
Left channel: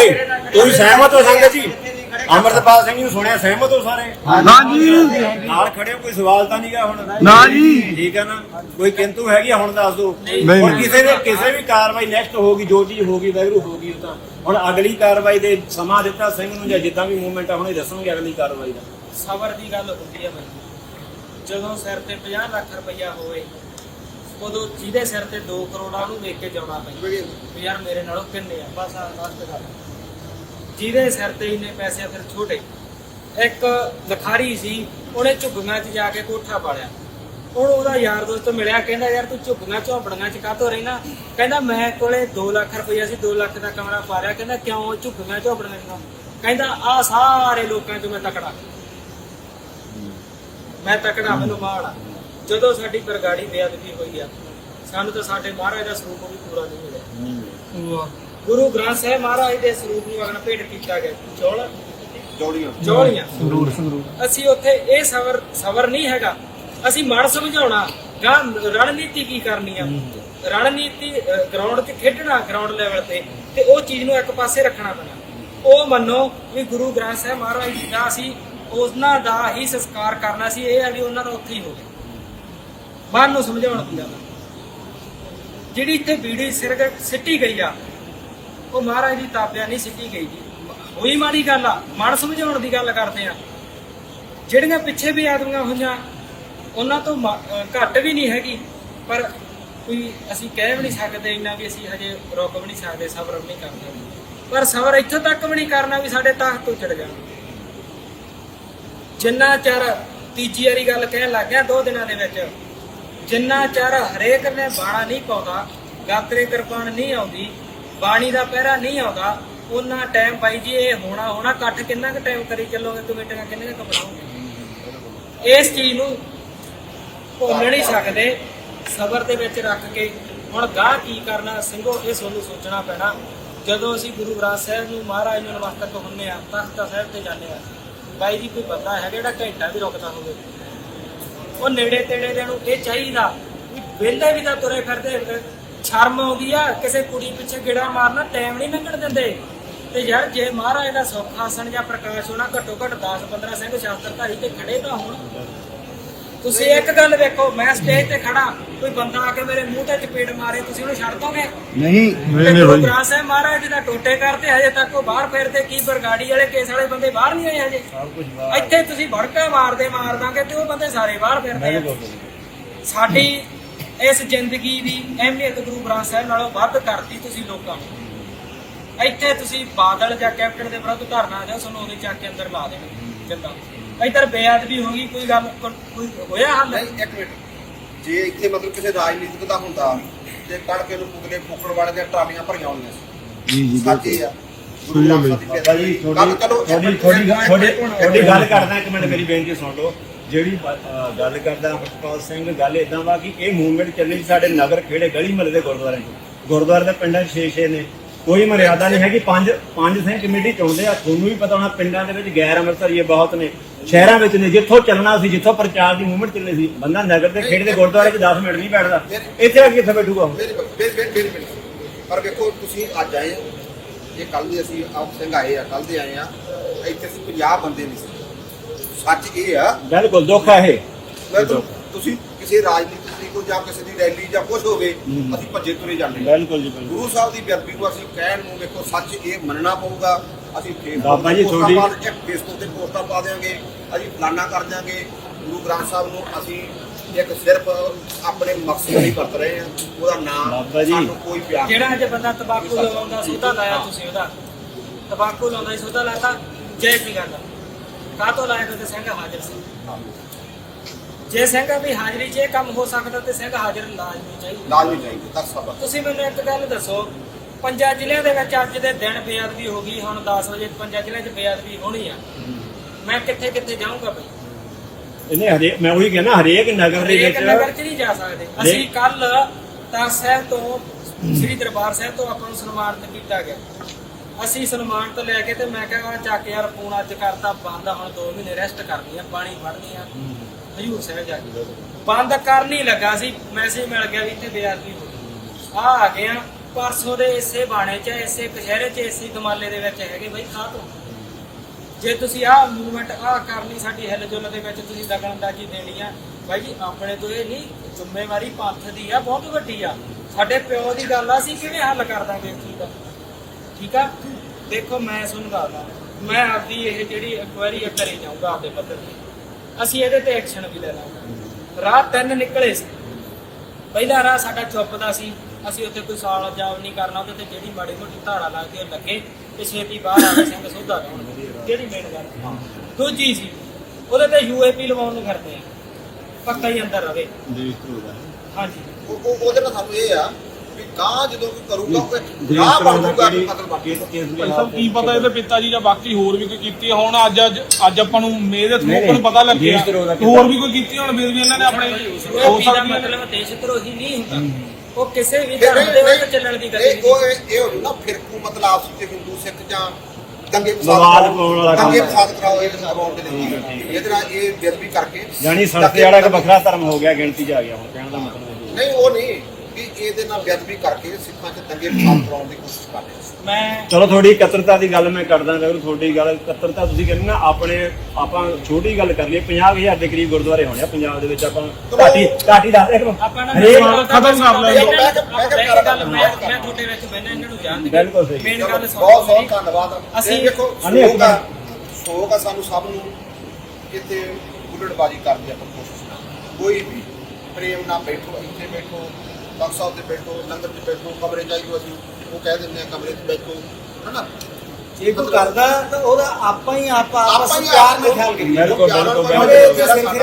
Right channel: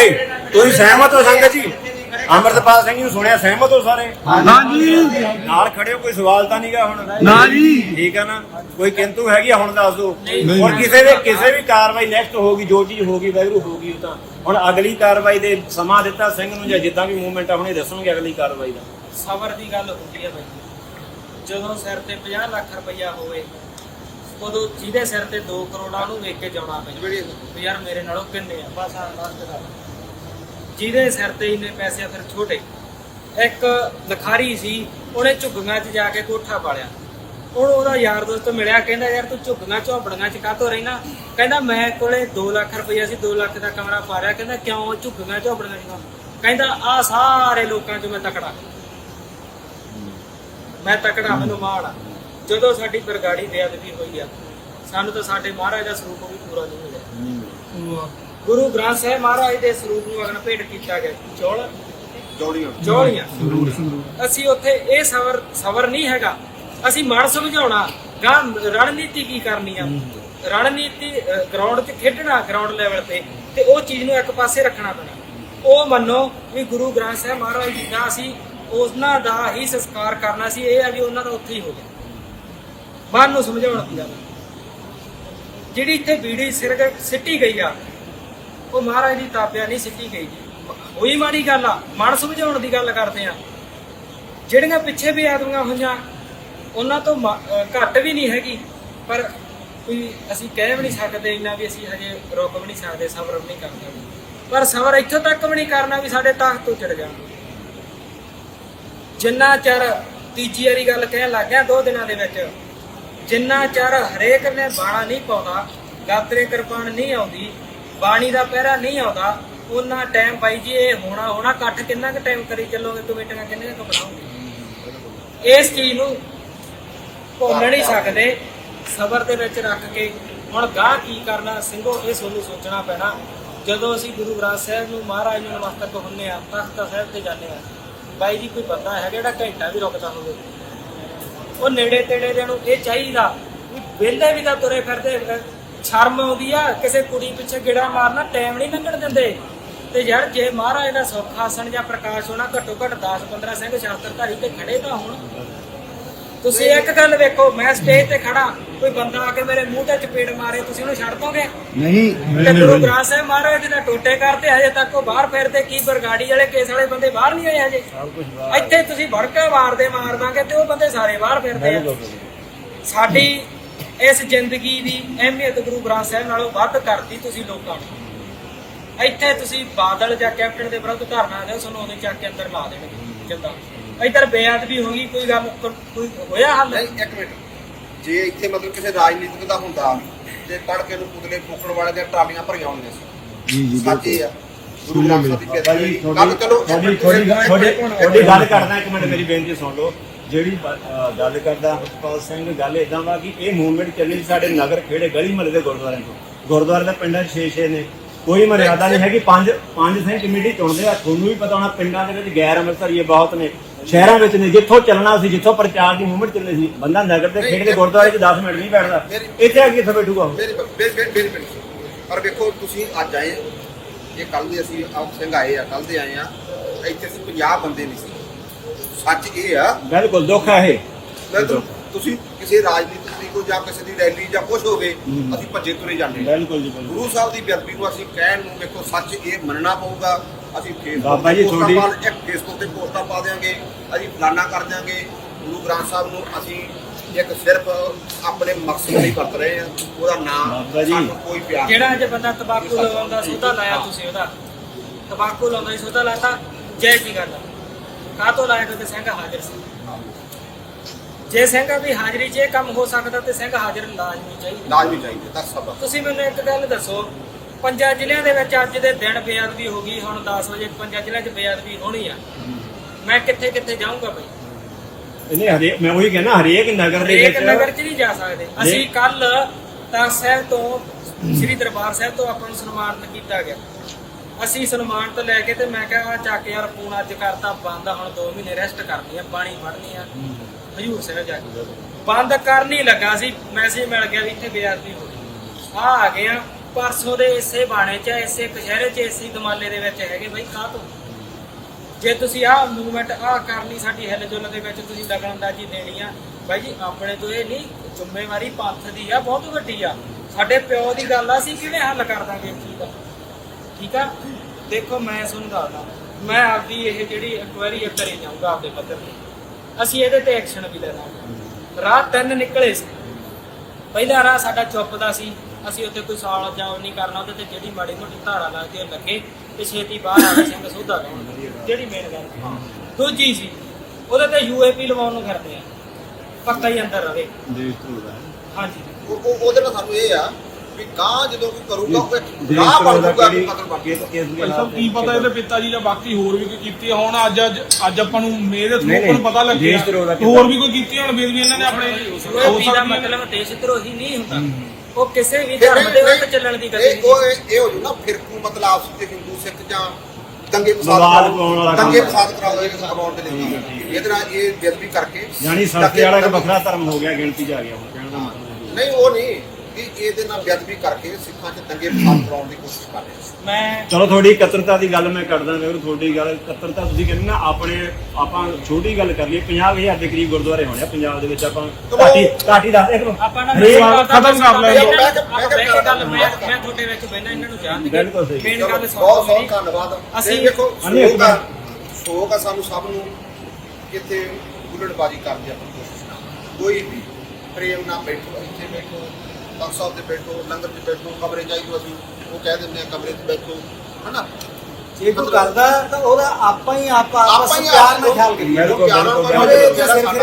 ਤੁਸੀਂ ਸਹਿਮਤ ਹੋ? ਸੰਗਤ ਜੀ ਅੰਮ੍ਰਿਤਪਾਲ ਸਿੰਘ ਨੂੰ ਸੁਣਿਆ, ਸਹਿਮਤ ਹੋ ਸਾਰੇ? ਹਾਂਜੀ, ਨਾਲ ਖੜੇ ਹੋ, ਕੋਈ ਸਵਾਲ ਤਾਂ ਨਹੀਂਗਾ ਹੁਣ? ਨਾ ਜੀ, ਠੀਕ ਹੈ ਨਾ, ਕੋਈ ਕਿੰਤੂ ਹੈਗੀ ਹੁਣ ਦੱਸ ਦਿਓ। ਹੁਣ ਕਿਸੇ ਵੀ ਕਾਰਵਾਈ ਨੈਕਸਟ ਹੋਗੀ, ਜੋ ਚੀਜ਼ ਹੋਗੀ ਵੈਗਰੂ ਹੋਗੀ, ਤਾਂ ਹੁਣ ਅਗਲੀ ਕਾਰਵਾਈ ਦੇ ਸਮਾਂ ਦਿੱਤਾ ਸਿੰਘ ਨੂੰ ਜਾਂ ਜਿੱਦਾਂ ਵੀ ਮੂਵਮੈਂਟ ਆ ਹੁਣੇ ਦੱਸਣਗੇ ਅਗਲੀ ਕਾਰਵਾਈ ਦਾ। ਸਬਰ ਦੀ ਗੱਲ ਹੁੰਦੀ ਹੈ ਬਾਈ, ਜਦੋਂ ਸਿਰ ਤੇ 50 ਲੱਖ ਰੁਪਈਆ ਹੋਵੇ ਉਦੋਂ ਜਿਹਦੇ ਸਿਰ ਤੇ 2 ਕਰੋੜਾਂ ਨੂੰ ਵੇਖ ਕੇ ਜਾਣਾ ਪੈਂਦਾ ਵੀ ਯਾਰ ਮੇਰੇ ਨਾਲੋਂ ਕਿੰਨੇ ਆ, ਬਸ ਆ ਲਾਸਟ ਗੱਲ। ਜਿਹਦੇ ਸਿਰ ਤੇ ਇੰਨੇ ਪੈਸੇ ਫਿਰ ਛੋਟੇ। ਇੱਕ ਲਖਾਰੀ ਸੀ, ਉਹਨੇ ਝੁੱਗੀਆਂ 'ਚ ਜਾ ਕੇ ਕੋਠਾ ਪਾਲਿਆ, ਉਹਦਾ ਯਾਰ ਦੋਸਤ ਮਿਲਿਆ, ਕਹਿੰਦਾ ਯਾਰ ਤੂੰ ਝੁੱਗੀਆਂ ਝੋਪੜੀਆਂ ਚ ਕਾਹਤੋਂ ਰਹਿਣਾ? ਕਹਿੰਦਾ ਮੈਂ ਕੋਲੇ 2 ਲੱਖ ਰੁਪਈਆ ਸੀ, 2 ਲੱਖ ਦਾ ਕਮਰਾ ਪਾ ਰਿਹਾ। ਕਹਿੰਦਾ ਕਿਉਂ ਝੁੱਗੀਆਂ ਝੋਪੜੀਆਂ ਚ? ਕਹਿੰਦਾ ਆ ਸਾਰੇ ਲੋਕਾਂ ਚ ਮੈਂ ਤਕੜਾ, ਮੈਨੂੰ ਮਾਣ ਆ। ਜਦੋਂ ਸਾਡੀ ਬਰਗਾੜੀ ਬੇਅਦਬੀ ਹੋਈ ਆ, ਸਾਨੂੰ ਤਾਂ ਸਾਡੇ ਮਹਾਰਾਜ ਦਾ ਸਰੂਪ ਵੀ ਪੂਰਾ ਨਹੀਂ ਮਿਲਿਆ। ਗੁਰੂ ਗ੍ਰੰਥ ਸਾਹਿਬ ਮਹਾਰਾਜ ਦੇ ਸਰੂਪ ਨੂੰ ਅਗਨ ਭੇਟ ਕੀਤਾ ਗਿਆ ਚੌਲੀਆਂ। ਅਸੀਂ ਉੱਥੇ ਇਹ ਸਬਰ ਨਹੀਂ ਹੈਗਾ, ਅਸੀਂ ਮਨ ਸਮਝਾਉਣਾ ਜਾਂ ਰਣਨੀਤੀ ਕੀ ਕਰਨੀ ਆ। ਰਣਨੀਤੀ ਗਰਾਊਂਡ 'ਚ ਖੇਡਣਾ, ਗਰਾਊਂਡ ਲੈਵਲ ਤੇ ਉਹ ਚੀਜ਼ ਨੂੰ ਇੱਕ ਪਾਸੇ ਰੱਖਣਾ ਪੈਣਾ। ਉਹ ਮੰਨੋ ਵੀ ਗੁਰੂ ਗ੍ਰੰਥ ਸਾਹਿਬ ਮਹਾਰਾਜ ਜੀ ਦਾ ਅਸੀਂ ਉਹਨਾਂ ਦਾ ਹੀ ਸੰਸਕਾਰ ਕਰਨਾ ਸੀ, ਇਹ ਆ ਵੀ ਉਹਨਾਂ ਦਾ ਉੱਥੇ ਹੀ ਹੋ ਗਿਆ। ਮਨ ਨੂੰ ਸਮਝਾਉਣ ਦੀ ਗੱਲ, ਜਿਹੜੀ ਇੱਥੇ ਬੀੜੀ ਸਿੱਟੀ ਗਈ ਆ, ਉਹ ਮਹਾਰਾਜ ਦੀ ਤਾਬਿਆ ਨਹੀਂ ਸਿੱਟੀ ਗਈ ਜੀ। ਉਹੀ ਮਾੜੀ ਗੱਲ ਆ, ਮਨ ਸਮਝਾਉਣ ਦੀ ਗੱਲ ਕਰਦੇ ਆ। ਜਿਹੜੀਆਂ ਪਿੱਛੇ ਵੀ ਆਦਮੀਆਂ ਹੋਈਆਂ ਉਹਨਾਂ ਤੋਂ ਘੱਟ ਵੀ ਨਹੀਂ ਹੈਗੀ, ਪਰ ਕੋਈ ਅਸੀਂ ਕਹਿ ਵੀ ਨਹੀਂ ਸਕਦੇ ਇੰਨਾ ਵੀ ਅਸੀਂ ਹਜੇ ਰੁਕ ਵੀ ਨਹੀਂ ਸਕਦੇ, ਸਬਰ ਵੀ ਨਹੀਂ ਕਰਦੇ। ਪਰ ਸਬਰ ਇੱਥੋਂ ਤੱਕ ਵੀ ਨਹੀਂ ਕਰਨਾ ਵੀ ਸਾਡੇ ਤਖਤ ਤੋਂ ਚੜ ਜਾਣ। ਜਿੰਨਾ ਚਿਰ ਤੀਜੀ ਵਾਰੀ ਗੱਲ ਕਹਿਣ ਲੱਗ ਗਿਆ 2 ਦਿਨਾਂ ਦੇ ਵਿੱਚ, ਜਿੰਨਾ ਚਿਰ ਹਰੇਕ ਨੇ ਬਾਣਾ ਨਹੀਂ ਪਾਉਂਦਾ, ਯਾਤਰੇ ਕਿਰਪਾਨ ਨਹੀਂ ਆਉਂਦੀ, ਬਾਣੀ ਦਾ ਪਹਿਰਾ ਨਹੀਂ ਆਉਂਦਾ, ਉਹਨਾਂ ਟਾਈਮ ਬਾਈ ਜੀ ਇਹ ਹੋਣਾ ਇਕੱਠ ਕਿੰਨਾ ਕੁ ਟਾਈਮ ਕਰੀ ਚੱਲੋਗੇ, ਕਮੇਟੀਆਂ ਕਿੰਨੀਆਂ ਕੁ ਬਣਾਓਗੇ? ਇਸ ਚੀਜ਼ ਨੂੰ ਭੁੱਲ ਨਹੀਂ ਸਕਦੇ। ਸਬਰ ਦੇ ਵਿੱਚ ਰੱਖ ਕੇ ਹੁਣ ਗਾਹ ਕੀ ਕਰਨਾ ਸਿੰਘੋ, ਇਹ ਤੁਹਾਨੂੰ ਸੋਚਣਾ ਪੈਣਾ। ਜਦੋਂ ਅਸੀਂ ਗੁਰੂ ਗ੍ਰੰਥ ਸਾਹਿਬ ਨੂੰ ਮਹਾਰਾਜ ਨੂੰ ਨਮਸਤਕ ਹੁੰਦੇ ਆ, ਤਖਤ ਸਾਹਿਬ ਤੇ ਜਾਂਦੇ ਆ, ਬਾਈ ਜੀ ਕੋਈ ਬੰਦਾ ਹੈ ਜਿਹੜਾ ਘੰਟਾ ਵੀ ਰੁਕਦਾ ਹੋਵੇ, ਉਹ ਨੇੜੇ ਤੇੜੇ ਦੇ ਨੂੰ ਇਹ ਚਾਹੀਦਾ ਵੀ ਵਿਹਲੇ ਵੀ ਤਾਂ ਤੁਰੇ ਫਿਰਦੇ, ਸ਼ਰਮ ਆਉਂਦੀ ਆ ਕਿਸੇ ਕੁੜੀ ਪਿੱਛੇ ਗੇੜਾ ਮਾਰਨਾ, ਟਾਈਮ ਨਹੀਂ ਲੰਘਣ ਦਿੰਦੇ। ਤੇ ਯਾਰ ਜੇ ਮਹਾਰਾਜ ਦਾ ਸੁੱਖ ਆਸਣ ਜਾਂ ਪ੍ਰਕਾਸ਼ ਹੋਣਾ, ਘੱਟੋ ਘੱਟ 10-15 ਸਿੰਘ ਸ਼ਾਸਤਰਧਾਰੀ ਤੇ ਖੜੇ ਤਾਂ ਹੋਣ। ਤੁਸੀਂ ਇੱਕ ਗੱਲ ਵੇਖੋ, ਮੈਂ ਸਟੇਜ ਤੇ ਖੜਾ, ਕੋਈ ਬੰਦਾ ਆ ਕੇ ਮੇਰੇ ਮੂੰਹ ਤੇ ਚਪੇੜ ਮਾਰੇ, ਤੁਸੀਂ ਉਹਨੂੰ ਛੱਡ ਦੋਗੇ? ਨਹੀਂ। ਗੁਰੂ ਗ੍ਰੰਥ ਸਾਹਿਬ ਮਹਾਰਾਜ ਜੀ ਦਾ ਟੋਟੇ ਕਰਦੇ, ਹਜੇ ਤੱਕ ਉਹ ਬਾਹਰ ਫਿਰਦੇ। ਕੀ ਬਰਗਾੜੀ ਵਾਲੇ ਕੇਸ ਵਾਲੇ ਬੰਦੇ ਬਾਹਰ ਨਹੀਂ ਆਏ ਹਜੇ? ਇੱਥੇ ਤੁਸੀਂ ਭੜਕੇ ਮਾਰ ਦਾਂਗੇ ਤੇ ਉਹ ਬੰਦੇ ਸਾਰੇ ਬਾਹਰ ਫਿਰਦੇ ਆ। ਸਾਡੀ ਇਸ ਜ਼ਿੰਦਗੀ ਦੀ ਅਹਿਮੀਅਤ ਗੁਰੂ ਗ੍ਰੰਥ ਸਾਹਿਬ ਨਾਲੋਂ ਵੱਧ ਕਰਤੀ ਤੁਸੀਂ ਲੋਕਾਂ ਨੇ। ਇੱਥੇ ਤੁਸੀਂ ਬਾਦਲ ਜਾਂ ਕੈਪਟਨ ਦੇ ਵਿਰੁੱਧ ਧਰਨਾ ਦਿਓ, ਤੁਹਾਨੂੰ ਉਹਦੇ ਚੱਕ ਕੇ ਅੰਦਰ ਲਾ ਦੇਣਗੇ ਜਿੰਦਾ। ਇੱਧਰ ਬੇਅਦਬੀ ਹੋ ਗਈ, ਕੋਈ ਗੱਲ ਕੋਈ ਹੋਇਆ ਹੱਲ? ਇੱਕ ਮਿੰਟ, ਜੇ ਇੱਥੇ ਮਤਲਬ ਕਿਸੇ ਰਾਜਨੀਤਿਕ ਦਾ ਹੁੰਦਾ ਤੇ ਪੜ ਕੇ ਨੂੰ ਪੁਤਲੇ ਫੂਕਣ ਵਾਲੇ ਦੀਆਂ ਟਰਾਲੀਆਂ ਭਰੀਆਂ ਹੋਣੀਆਂ ਸੀ। ਸੱਚ ਇਹ ਆ। ਤੁਹਾਡੀ ਗੱਲ ਕਰਦਾ, ਇੱਕ ਮਿੰਟ ਮੇਰੀ ਬੇਨਤੀ ਸੁਣ ਲਓ। ਜਿਹੜੀ ਗੱਲ ਕਰਦਾ ਅਮਰਪਾਲ ਸਿੰਘ, ਗੱਲ ਏਦਾਂ ਵਾ ਕਿ ਇਹ ਮੂਵਮੈਂਟ ਚੱਲੀ ਸਾਡੇ ਨਗਰ ਖੇੜੇ ਗਲੀ ਮਹੱਲੇ ਦੇ ਗੁਰਦੁਆਰਿਆਂ ਤੋਂ। ਗੁਰਦੁਆਰੇ ਦਾ ਪਿੰਡਾਂ 'ਚ 6 ਨੇ, ਕੋਈ ਮਰਿਆਦਾ ਨਹੀਂ ਹੈਗੀ। ਪੰਜ ਸਿੰਘ ਕਮੇਟੀ ਚੁਣਦੇ ਆ। ਤੁਹਾਨੂੰ ਵੀ ਪਤਾ ਹੋਣਾ ਪਿੰਡਾਂ ਦੇ ਵਿੱਚ ਗੈਰ ਅੰਮ੍ਰਿਤਸਰੀਏ ਬਹੁਤ ਨੇ, ਸ਼ਹਿਰਾਂ ਵਿੱਚ ਨੇ। ਜਿੱਥੋਂ ਚੱਲਣਾ ਸੀ, ਜਿੱਥੋਂ ਪ੍ਰਚਾਰ ਦੀ ਮੂਵਮੈਂਟ ਚੱਲਣੀ ਸੀ, ਬੰਦਾ ਨਗਰ ਦੇ ਖੇੜੇ ਦੇ ਗੁਰਦੁਆਰੇ 'ਚ 10 ਮਿੰਟ ਨਹੀਂ ਬੈਠਦਾ। ਇੱਥੇ ਆ ਕੇ ਕਿੱਥੇ ਬੈਠੂਗਾ ਉਹ? ਪਰ ਵੇਖੋ ਤੁਸੀਂ ਅੱਜ ਆਏ, ਇਹ ਕੱਲ ਦੇ ਅਸੀਂ ਸਿੰਘ ਆਏ ਆ, ਕੱਲ ਦੇ ਆਏ ਆ, ਇੱਥੇ ਅਸੀਂ 50 ਬੰਦੇ ਨਹੀਂ ਸੀ। ਸੱਚ ਇਹ ਆ, ਬਿਲਕੁਲ ਦੁੱਖ ਆ ਇਹ। ਤੁਸੀਂ ਕਿਸੇ ਰਾਜਨੀਤੀ ਕੋ ਜਾਂ ਕਿਸੇ ਦੀ ਰੈਲੀ ਜਾਂ ਕੁਝ ਹੋਵੇ, ਅਸੀਂ ਭੱਜੇ ਤੁਰੇ ਜਾਂਦੇ। ਬਿਲਕੁਲ ਜੀ, ਗੁਰੂ ਸਾਹਿਬ ਦੀ ਬੇਅਦਬੀ ਨੂੰ ਅਸੀਂ ਕਹਿਣ ਨੂੰ ਵੇਖੋ, ਸੱਚ ਇਹ ਮੰਨਣਾ ਪਊਗਾ। ਅਸੀਂ ਫੇਸਬੁੱਕ ਤੇ ਪੋਸਟਾਂ ਪਾ ਦਿਆਂਗੇ, ਅਸੀਂ ਫਲਾਨਾ ਕਰ ਦਿਆਂਗੇ। ਗੁਰੂ ਗ੍ਰੰਥ ਸਾਹਿਬ ਨੂੰ ਅਸੀਂ ਇੱਕ ਸਿਰਫ ਆਪਣੇ ਮਕਸਦ ਲਈ ਵਰਤ ਰਹੇ ਆ, ਉਹਦਾ ਨਾਮ ਸਾਨੂੰ ਕੋਈ ਪਿਆਰ। ਜਿਹੜਾ ਜੇ ਬੰਦਾ ਤੰਬਾਕੂ ਲਾਉਂਦਾ ਸੋਧਾ ਲਾਇਆ, ਤੁਸੀਂ ਉਹਦਾ ਤੰਬਾਕੂ ਲਾਉਂਦਾ ਸੋਧਾ ਲਾਇਆ, ਜੈ ਕੀ ਗੱਲ ਕਾਹਤੋਂ ਲਾਇਆ? ਤੇ ਸਿੰਘ ਹਾਜ਼ਰ ਸੀ। ਜੇ ਸਿੰਘ ਦੀ ਹਾਜ਼ਰੀ 'ਚ ਇਹ ਕੰਮ ਹੋ ਸਕਦਾ ਤੇ ਸਿੰਘ ਹਾਜ਼ਰ ਲਾਜ਼ਮੀ ਚਾਹੀਦਾ। ਤੁਸੀਂ ਮੈਨੂੰ ਇੱਕ ਗੱਲ ਦੱਸੋ, 5 ਜ਼ਿਲ੍ਹਿਆਂ ਦੇ ਵਿੱਚ ਅੱਜ ਦੇ ਦਿਨ ਬੇਅਦਬੀ ਹੋ ਗਈ, ਹੁਣ 10 ਵਜੇ 5 ਜ਼ਿਲ੍ਹਿਆਂ 'ਚ ਬੇਅਦਬੀ ਹੋਣੀ ਆ, ਮੈਂ ਕਿੱਥੇ ਜਾਊਂਗਾ ਬਈ? ਮੈਂ ਉਹੀ ਕਹਿੰਦਾ, ਹਰੇਕ ਨਗਰ ਦੇ ਵਿੱਚ ਨਗਰ 'ਚ ਨਹੀਂ ਜਾ ਸਕਦੇ। ਅਸੀਂ ਕੱਲ ਤਖਤ ਸਾਹਿਬ ਤੋਂ ਸ੍ਰੀ ਦਰਬਾਰ ਸਾਹਿਬ ਤੋਂ ਆਪਾਂ ਨੂੰ ਸਨਮਾਨਿਤ ਕੀਤਾ ਗਿਆ। ਅਸੀਂ ਸਨਮਾਨ ਤੋਂ ਲੈ ਕੇ ਤੇ ਮੈਂ ਕਿਹਾ ਚੱਕ ਯਾਰ ਫੋਨ ਅੱਜ ਕਰਤਾ ਬੰਦ, ਹੁਣ 2 ਮਹੀਨੇ ਰੈਸਟ ਕਰਨੀ ਆ, ਪਾਣੀ ਫੜਨੀ ਆ, ਹਜ਼ੂਰ ਸਾਹਿਬ ਜਾ ਕੇ ਬੰਦ ਕਰਨ ਹੀ ਲੱਗਾ ਸੀ। ਮੈਸੇਜ ਮਿਲ ਗਿਆ ਵੀ ਇੱਥੇ ਬੇਅਦਬੀ ਹੋ ਗਈ। ਆ ਗਏ ਆ ਪਰਸੋਂ ਦੇ ਇਸੇ ਬਾਣੇ 'ਚ, ਇਸੇ ਕਸ਼ਹਿਰੇ 'ਚ, ਇਸੇ ਦਮਾਲੇ ਦੇ ਵਿੱਚ ਹੈਗੇ ਬਈ। ਕਾਹ ਤੋਂ ਜੇ ਤੁਸੀਂ ਆਹ ਮੂਵਮੈਂਟ ਆਹ ਕਰਨੀ, ਸਾਡੀ ਹਿਲਜੁਲ ਦੇ ਵਿੱਚ ਤੁਸੀਂ ਦਖਲਅੰਦਾਜ਼ੀ ਦੇਣੀ ਆ, ਬਾਈ ਜੀ ਆਪਣੇ ਤੋਂ ਇਹ ਨਹੀਂ, ਜ਼ਿੰਮੇਵਾਰੀ ਪੰਥ ਦੀ ਆ, ਬਹੁਤ ਵੱਡੀ ਆ। ਸਾਡੇ ਪਿਓ ਦੀ ਗੱਲ ਆ, ਅਸੀਂ ਕਿਵੇਂ ਹੱਲ ਕਰ ਦਾਂਗੇ ਇਸ ਚੀਜ਼ ਦਾ? ਠੀਕ ਆ, ਦੇਖੋ ਮੈਂ ਤੁਹਾਨੂੰ ਦੱਸਦਾ, ਮੈਂ ਆਪਦੀ ਇਹ ਜਿਹੜੀ ਇਨਕੁਆਇਰੀ ਕਰੀ ਜਾਊਂਗਾ ਆਪਦੇ ਪੱਧਰ ਤੇ, ਅਸੀਂ ਇਹਦੇ ਤੇ ਐਕਸ਼ਨ ਵੀ ਲੈ ਲਾਂਗੇ। ਰਾਹ 3 ਨਿਕਲੇ ਸੀ। ਪਹਿਲਾ ਰਾਹ ਸਾਡਾ ਚੁੱਪ ਦਾ ਸੀ, ਅਸੀਂ ਉੱਥੇ ਕੋਈ ਸਾਲ ਜਾਬ ਨਹੀਂ ਕਰਨਾ, ਉਹਦੇ ਤੇ ਜਿਹੜੀ ਮਾੜੀ ਮੋਟੀ ਧਾਰਾ ਲਾ ਕੇ ਲੱਗੇ ਤੇ ਛੇਤੀ ਬਾਹਰ ਆ ਕੇ ਸਿੰਘ ਸੋਧਾ ਲਾਉਣ, ਜਿਹੜੀ ਮੇਨ ਗੱਲ। ਦੂਜੀ ਸੀ ਉਹਦੇ ਤੇ UAP ਲਵਾਉਣ ਨੂੰ ਫਿਰਦੇ ਆ। ਪੱਕਾ ਹੀ ਅੰਦਰ ਰਵੇ। ਦੇਸ਼ ਧਰੋਹ ਦਾ ਹਾਂਜੀ ਉਹਦੇ ਨਾਲ ਸਾਨੂੰ ਇਹ ਆ ਵੀ ਗਾਂ ਜਦੋਂ ਕੋਈ ਕਰੂਗਾ ਉਹ ਗਾਂ ਬਣੂਗਾ ਕਿ ਮਤਲਬ ਬਾਕੀ ਸਰ ਕੀ ਪਤਾ ਇਹਦੇ ਪਿਤਾ ਜੀ ਜਾਂ ਬਾਕੀ ਹੋਰ ਵੀ ਕੋਈ ਕੀਤੀ ਆ। ਹੁਣ ਅੱਜ ਆਪਾਂ ਨੂੰ ਮੇਰੇ ਥਰੂ ਆਪਾਂ ਨੂੰ ਪਤਾ ਲੱਗਿਆ ਹੋਰ ਵੀ ਕੋਈ ਕੀਤੀ ਹੁਣ ਫਿਰ ਵੀ ਇਹਨਾਂ ਨੇ ਆਪਣੇ ਇਹਦਾ ਮਤਲਬ ਦੇਸ਼ ਧਰੋਹੀ ਨਹੀਂ ਹੁੰਦਾ, ਉਹ ਕਿਸੇ ਵੀ ਧਰਮ ਦੇ ਵਿੱਚ ਚੱਲਣ ਦੀ ਗੱਲ ਨਹੀਂ। ਇਹ ਹੋ ਜੂ ਨਾ ਫਿਰਕੂ ਮਤਲਬ ਆਪਸ ਵਿੱਚ ਹਿੰਦੂ ਸਿੱਖ ਜਾਂ ਦੰਗੇ ਵਿਵਾਦ ਪਾਉਣ ਵਾਲਾ ਕੰਮ। ਦੰਗੇ ਫਸਾਦ ਕਰਾਉਣ ਦੇ ਲਈ ਇਹਦੇ ਨਾਲ ਇਹ ਬੇਅਦਬੀ ਕਰਕੇ ਯਾਨੀ ਸੰਸਥੇ ਵਾਲਾ ਇੱਕ ਵੱਖਰਾ ਧਰਮ ਹੋ ਗਿਆ, ਗਿਣਤੀ 'ਚ ਆ ਗਿਆ ਹੁਣ ਕਹਿਣ ਦਾ ਮਤਲਬ ਨਹੀਂ ਉਹ ਨਹੀਂ ਕਿ ਇਹਦੇ ਨਾਲ ਬੇਅਦਬੀ ਕਰਕੇ ਸਿੱਖਾਂ 'ਚ ਦੰਗੇ ਫਸਾਦ ਕਰਾਉਣ ਦੀ ਕੋਸ਼ਿਸ਼ ਕਰ ਰਹੇ ਸੀ। ਮੈਂ ਚਲੋ ਥੋੜੀ ਇਕੱਤਰਤਾ ਦੀ ਗੱਲ ਮੈਂ ਕਰ ਦਿੰਦਾ, ਤੁਹਾਡੀ ਗੱਲ ਇਕੱਤਰਤਾ ਤੁਸੀਂ ਕਹਿੰਦੇ ਨਾ ਆਪਾਂ ਛੋਟੀ ਗੱਲ ਕਰ ਲਈਏ 50,000 ਦੇ ਕਰੀਬ ਗੁਰਦੁਆਰੇ ਹੋਣੇ ਆ ਪੰਜਾਬ ਦੇ ਵਿੱਚ। ਆਪਾਂ ਘਾਟੀ ਦਾ ਇੱਕ ਆਪਾਂ ਨਾ ਖਤਮ ਕਰ ਲੈਣ ਦਿਓ। ਮੈਂ ਤੁਹਾਡੇ ਵਿੱਚ ਬਹਿਣਾ ਇਹਨਾਂ ਨੂੰ ਜਾਣ ਦੇ ਬਿਲਕੁਲ ਸਹੀ। ਮੇਨ ਗੱਲ ਬਹੁਤ ਬਹੁਤ ਧੰਨਵਾਦ। ਅਸੀਂ ਦੇਖੋ ਹਾਂਜੀ, ਸ਼ੌਕ ਆ ਸਾਨੂੰ ਸਭ ਨੂੰ ਇੱਥੇ ਬੁਲਟਬਾਜ਼ੀ ਕਰਨ ਦੀ ਆਪਾਂ ਕੋਸ਼ਿਸ਼ ਨਾ ਕੋਈ ਵੀ ਪ੍ਰੇਮ ਨਾਲ ਬੈਠੋ, ਇੱਥੇ ਬੈਠੋ, ਤਖਤ ਸਾਹਿਬ ਤੇ ਬੈਠੋ, ਲੰਗਰ 'ਚ ਬੈਠੋ, ਕਮਰੇ ਚਾਹੀਦੇ ਅਸੀਂ ਉਹ ਕਹਿ ਦਿੰਦੇ ਆ ਕਮਰੇ 'ਚ ਬੈਠੋ, ਹਨਾ। ਜੇ ਕੋਈ ਕਰਦਾ ਤਾਂ ਉਹਦਾ ਆਪਾਂ ਹੀ ਆਪਸ ਵਿੱਚ ਪਿਆਰ ਨਾਲ ਖਿਆਲ ਕਰੀਏ। ਬਿਲਕੁਲ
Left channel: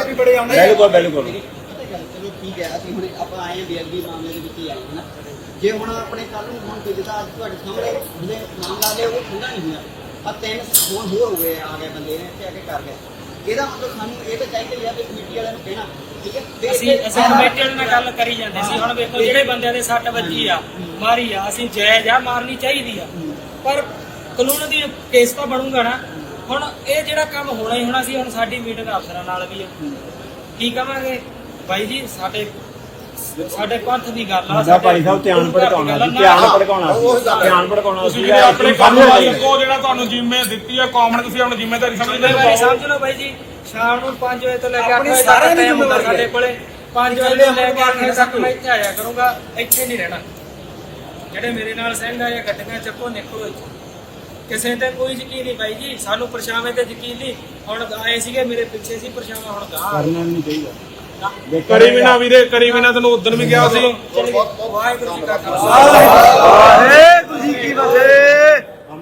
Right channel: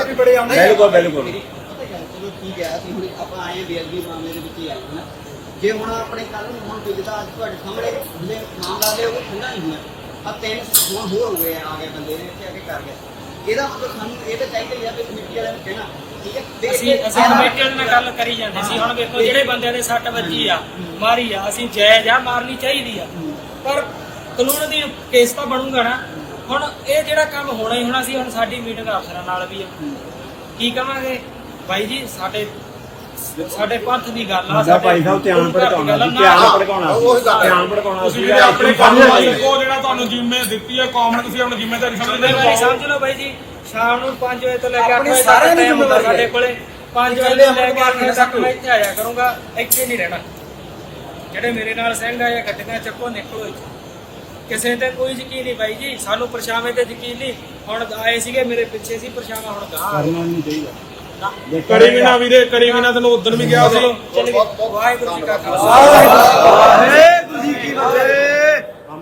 ਵੀ ਬੜੇ ਆਉਂਦੇ ਬਿਲਕੁਲ ਬਿਲਕੁਲ ਚਲੋ ਠੀਕ ਹੈ, ਅਸੀਂ ਹੁਣ ਆਪਾਂ ਆਏ ਬੇਅਦਬੀ ਮਾਮਲੇ ਦੇ ਵਿੱਚ ਹੀ ਆਏ ਨਾ। ਜੇ ਹੁਣ ਆਪਣੇ ਕੱਲ ਨੂੰ ਹੁਣ ਜਿੱਦਾਂ ਅੱਜ ਤੁਹਾਡੇ ਸਾਹਮਣੇ ਜਿਹੜੇ ਮਾਮਲਾ ਲਿਆ ਉਹ ਠੰਡਾ ਨਹੀਂ ਹੋਇਆ, ਆ 3 ਹੁਣ ਹੋਰ ਹੋ ਗਏ ਆ ਗਏ ਬੰਦੇ ਨੇ ਇੱਥੇ ਆ ਕੇ ਕਰ ਗਿਆ। ਇਹਦਾ ਮਤਲਬ ਸਾਨੂੰ ਇਹ ਤਾਂ ਚਾਹੀਦਾ ਹੀ ਆ ਵੀ ਕਮੇਟੀ ਵਾਲਿਆਂ ਨੂੰ ਕਹਿਣਾ ਠੀਕ ਹੈ। ਅਸੀਂ ਕਮੇਟੀ ਵਾਲਿਆਂ ਨਾਲ ਗੱਲ ਕਰੀ ਜਾਂਦੇ ਸੀ। ਹੁਣ ਵੇਖੋ ਜਿਹੜੇ ਬੰਦਿਆਂ ਦੇ ਸੱਟ ਵੱਜੀ ਆ, ਮਾਰੀ ਆ, ਅਸੀਂ ਜਾਇਜ਼ ਆ, ਮਾਰਨੀ ਚਾਹੀਦੀ ਆ, ਪਰ ਕਾਨੂੰਨ ਦੀ ਕੇਸ ਤਾਂ ਬਣੂਗਾ ਨਾ। ਹੁਣ ਇਹ ਜਿਹੜਾ ਕੰਮ ਹੋਣਾ ਹੀ ਹੋਣਾ ਸੀ। ਹੁਣ ਸਾਡੀ ਮੀਟਿੰਗ ਅਫਸਰਾਂ ਨਾਲ ਵੀ ਆ, ਕੀ ਕਵਾਂਗੇ ਬਾਈ ਜੀ, ਸਾਡੇ ਪੰਥ ਦੀ ਗੱਲ ਆ, ਸਾਡਾ ਭਾਈ ਸਾਹਿਬ ਧਿਆਨ ਭਟਕਾਉਣਾ ਸੀ, ਧਿਆਨ ਭਟਕਾਉਣਾ ਤੁਸੀਂ ਸੀ। ਜਿਹੜੇ ਆਪਣੇ ਕੰਮ ਵਾਲੇ ਕੋ ਜਿਹੜਾ ਤੁਹਾਨੂੰ ਜ਼ਿੰਮੇ ਦਿੱਤੀ ਹੈ ਕੌਮ ਨੇ, ਤੁਸੀਂ ਆਪਣੀ ਜ਼ਿੰਮੇਵਾਰੀ ਜ਼ਿੰਮੇਵਾਰੀ ਸਮਝ ਲਓ ਬਾਈ ਜੀ। ਸ਼ਾਮ ਨੂੰ 5 ਵਜੇ ਤੋਂ ਲੈ ਕੇ 8 ਵਜੇ ਸਾਰਿਆਂ ਤੱਕ ਦੀ ਟਾਈਮ ਹੁੰਦਾ ਜ਼ਿੰਮੇਵਾਰੀ ਸਾਡੇ ਕੋਲੇ। 5 ਵਜੇ ਤੋਂ ਲੈ ਕੇ 8 ਵਜੇ ਤੱਕ ਮੈਂ ਇੱਥੇ ਆਇਆ ਕਰੂੰਗਾ, ਇੱਥੇ ਨਹੀਂ ਰਹਿਣਾ। ਜਿਹੜੇ ਮੇਰੇ ਨਾਲ ਸਿੰਘ ਆਏ ਗੱਡੀਆਂ ਚੱਕੋ, ਨਿਕਲੋ ਇੱਥੇ। ਕਿਸੇ ਤੇ ਕੋਈ ਯਕੀਨ ਨਹੀਂ ਬਾਈ ਜੀ, ਸਾਨੂੰ ਪਰਛਾਵੇਂ ਤੇ ਯਕੀਨ ਨਹੀਂ। ਹੁਣ ਆਏ ਸੀਗੇ ਮੇਰੇ ਪਿੱਛੇ ਸੀ ਪਰਛਾਵਾਂ, ਹੁਣ ਗਾਹ ਕਰਨਾ ਨਹੀਂ ਚਾਹੀਦਾ। ਕਰੀ ਵੀ ਨਾ ਵੀਰੇ, ਕਰੀ ਵੀ ਨਾ, ਤੈਨੂੰ ਉਦੋਂ ਵੀ ਕਿਹਾ ਸੀ। ਚਲੋ ਵਾਹਿਗੁਰੂ ਜੀ ਕਾ ਖਾਲਸਾ।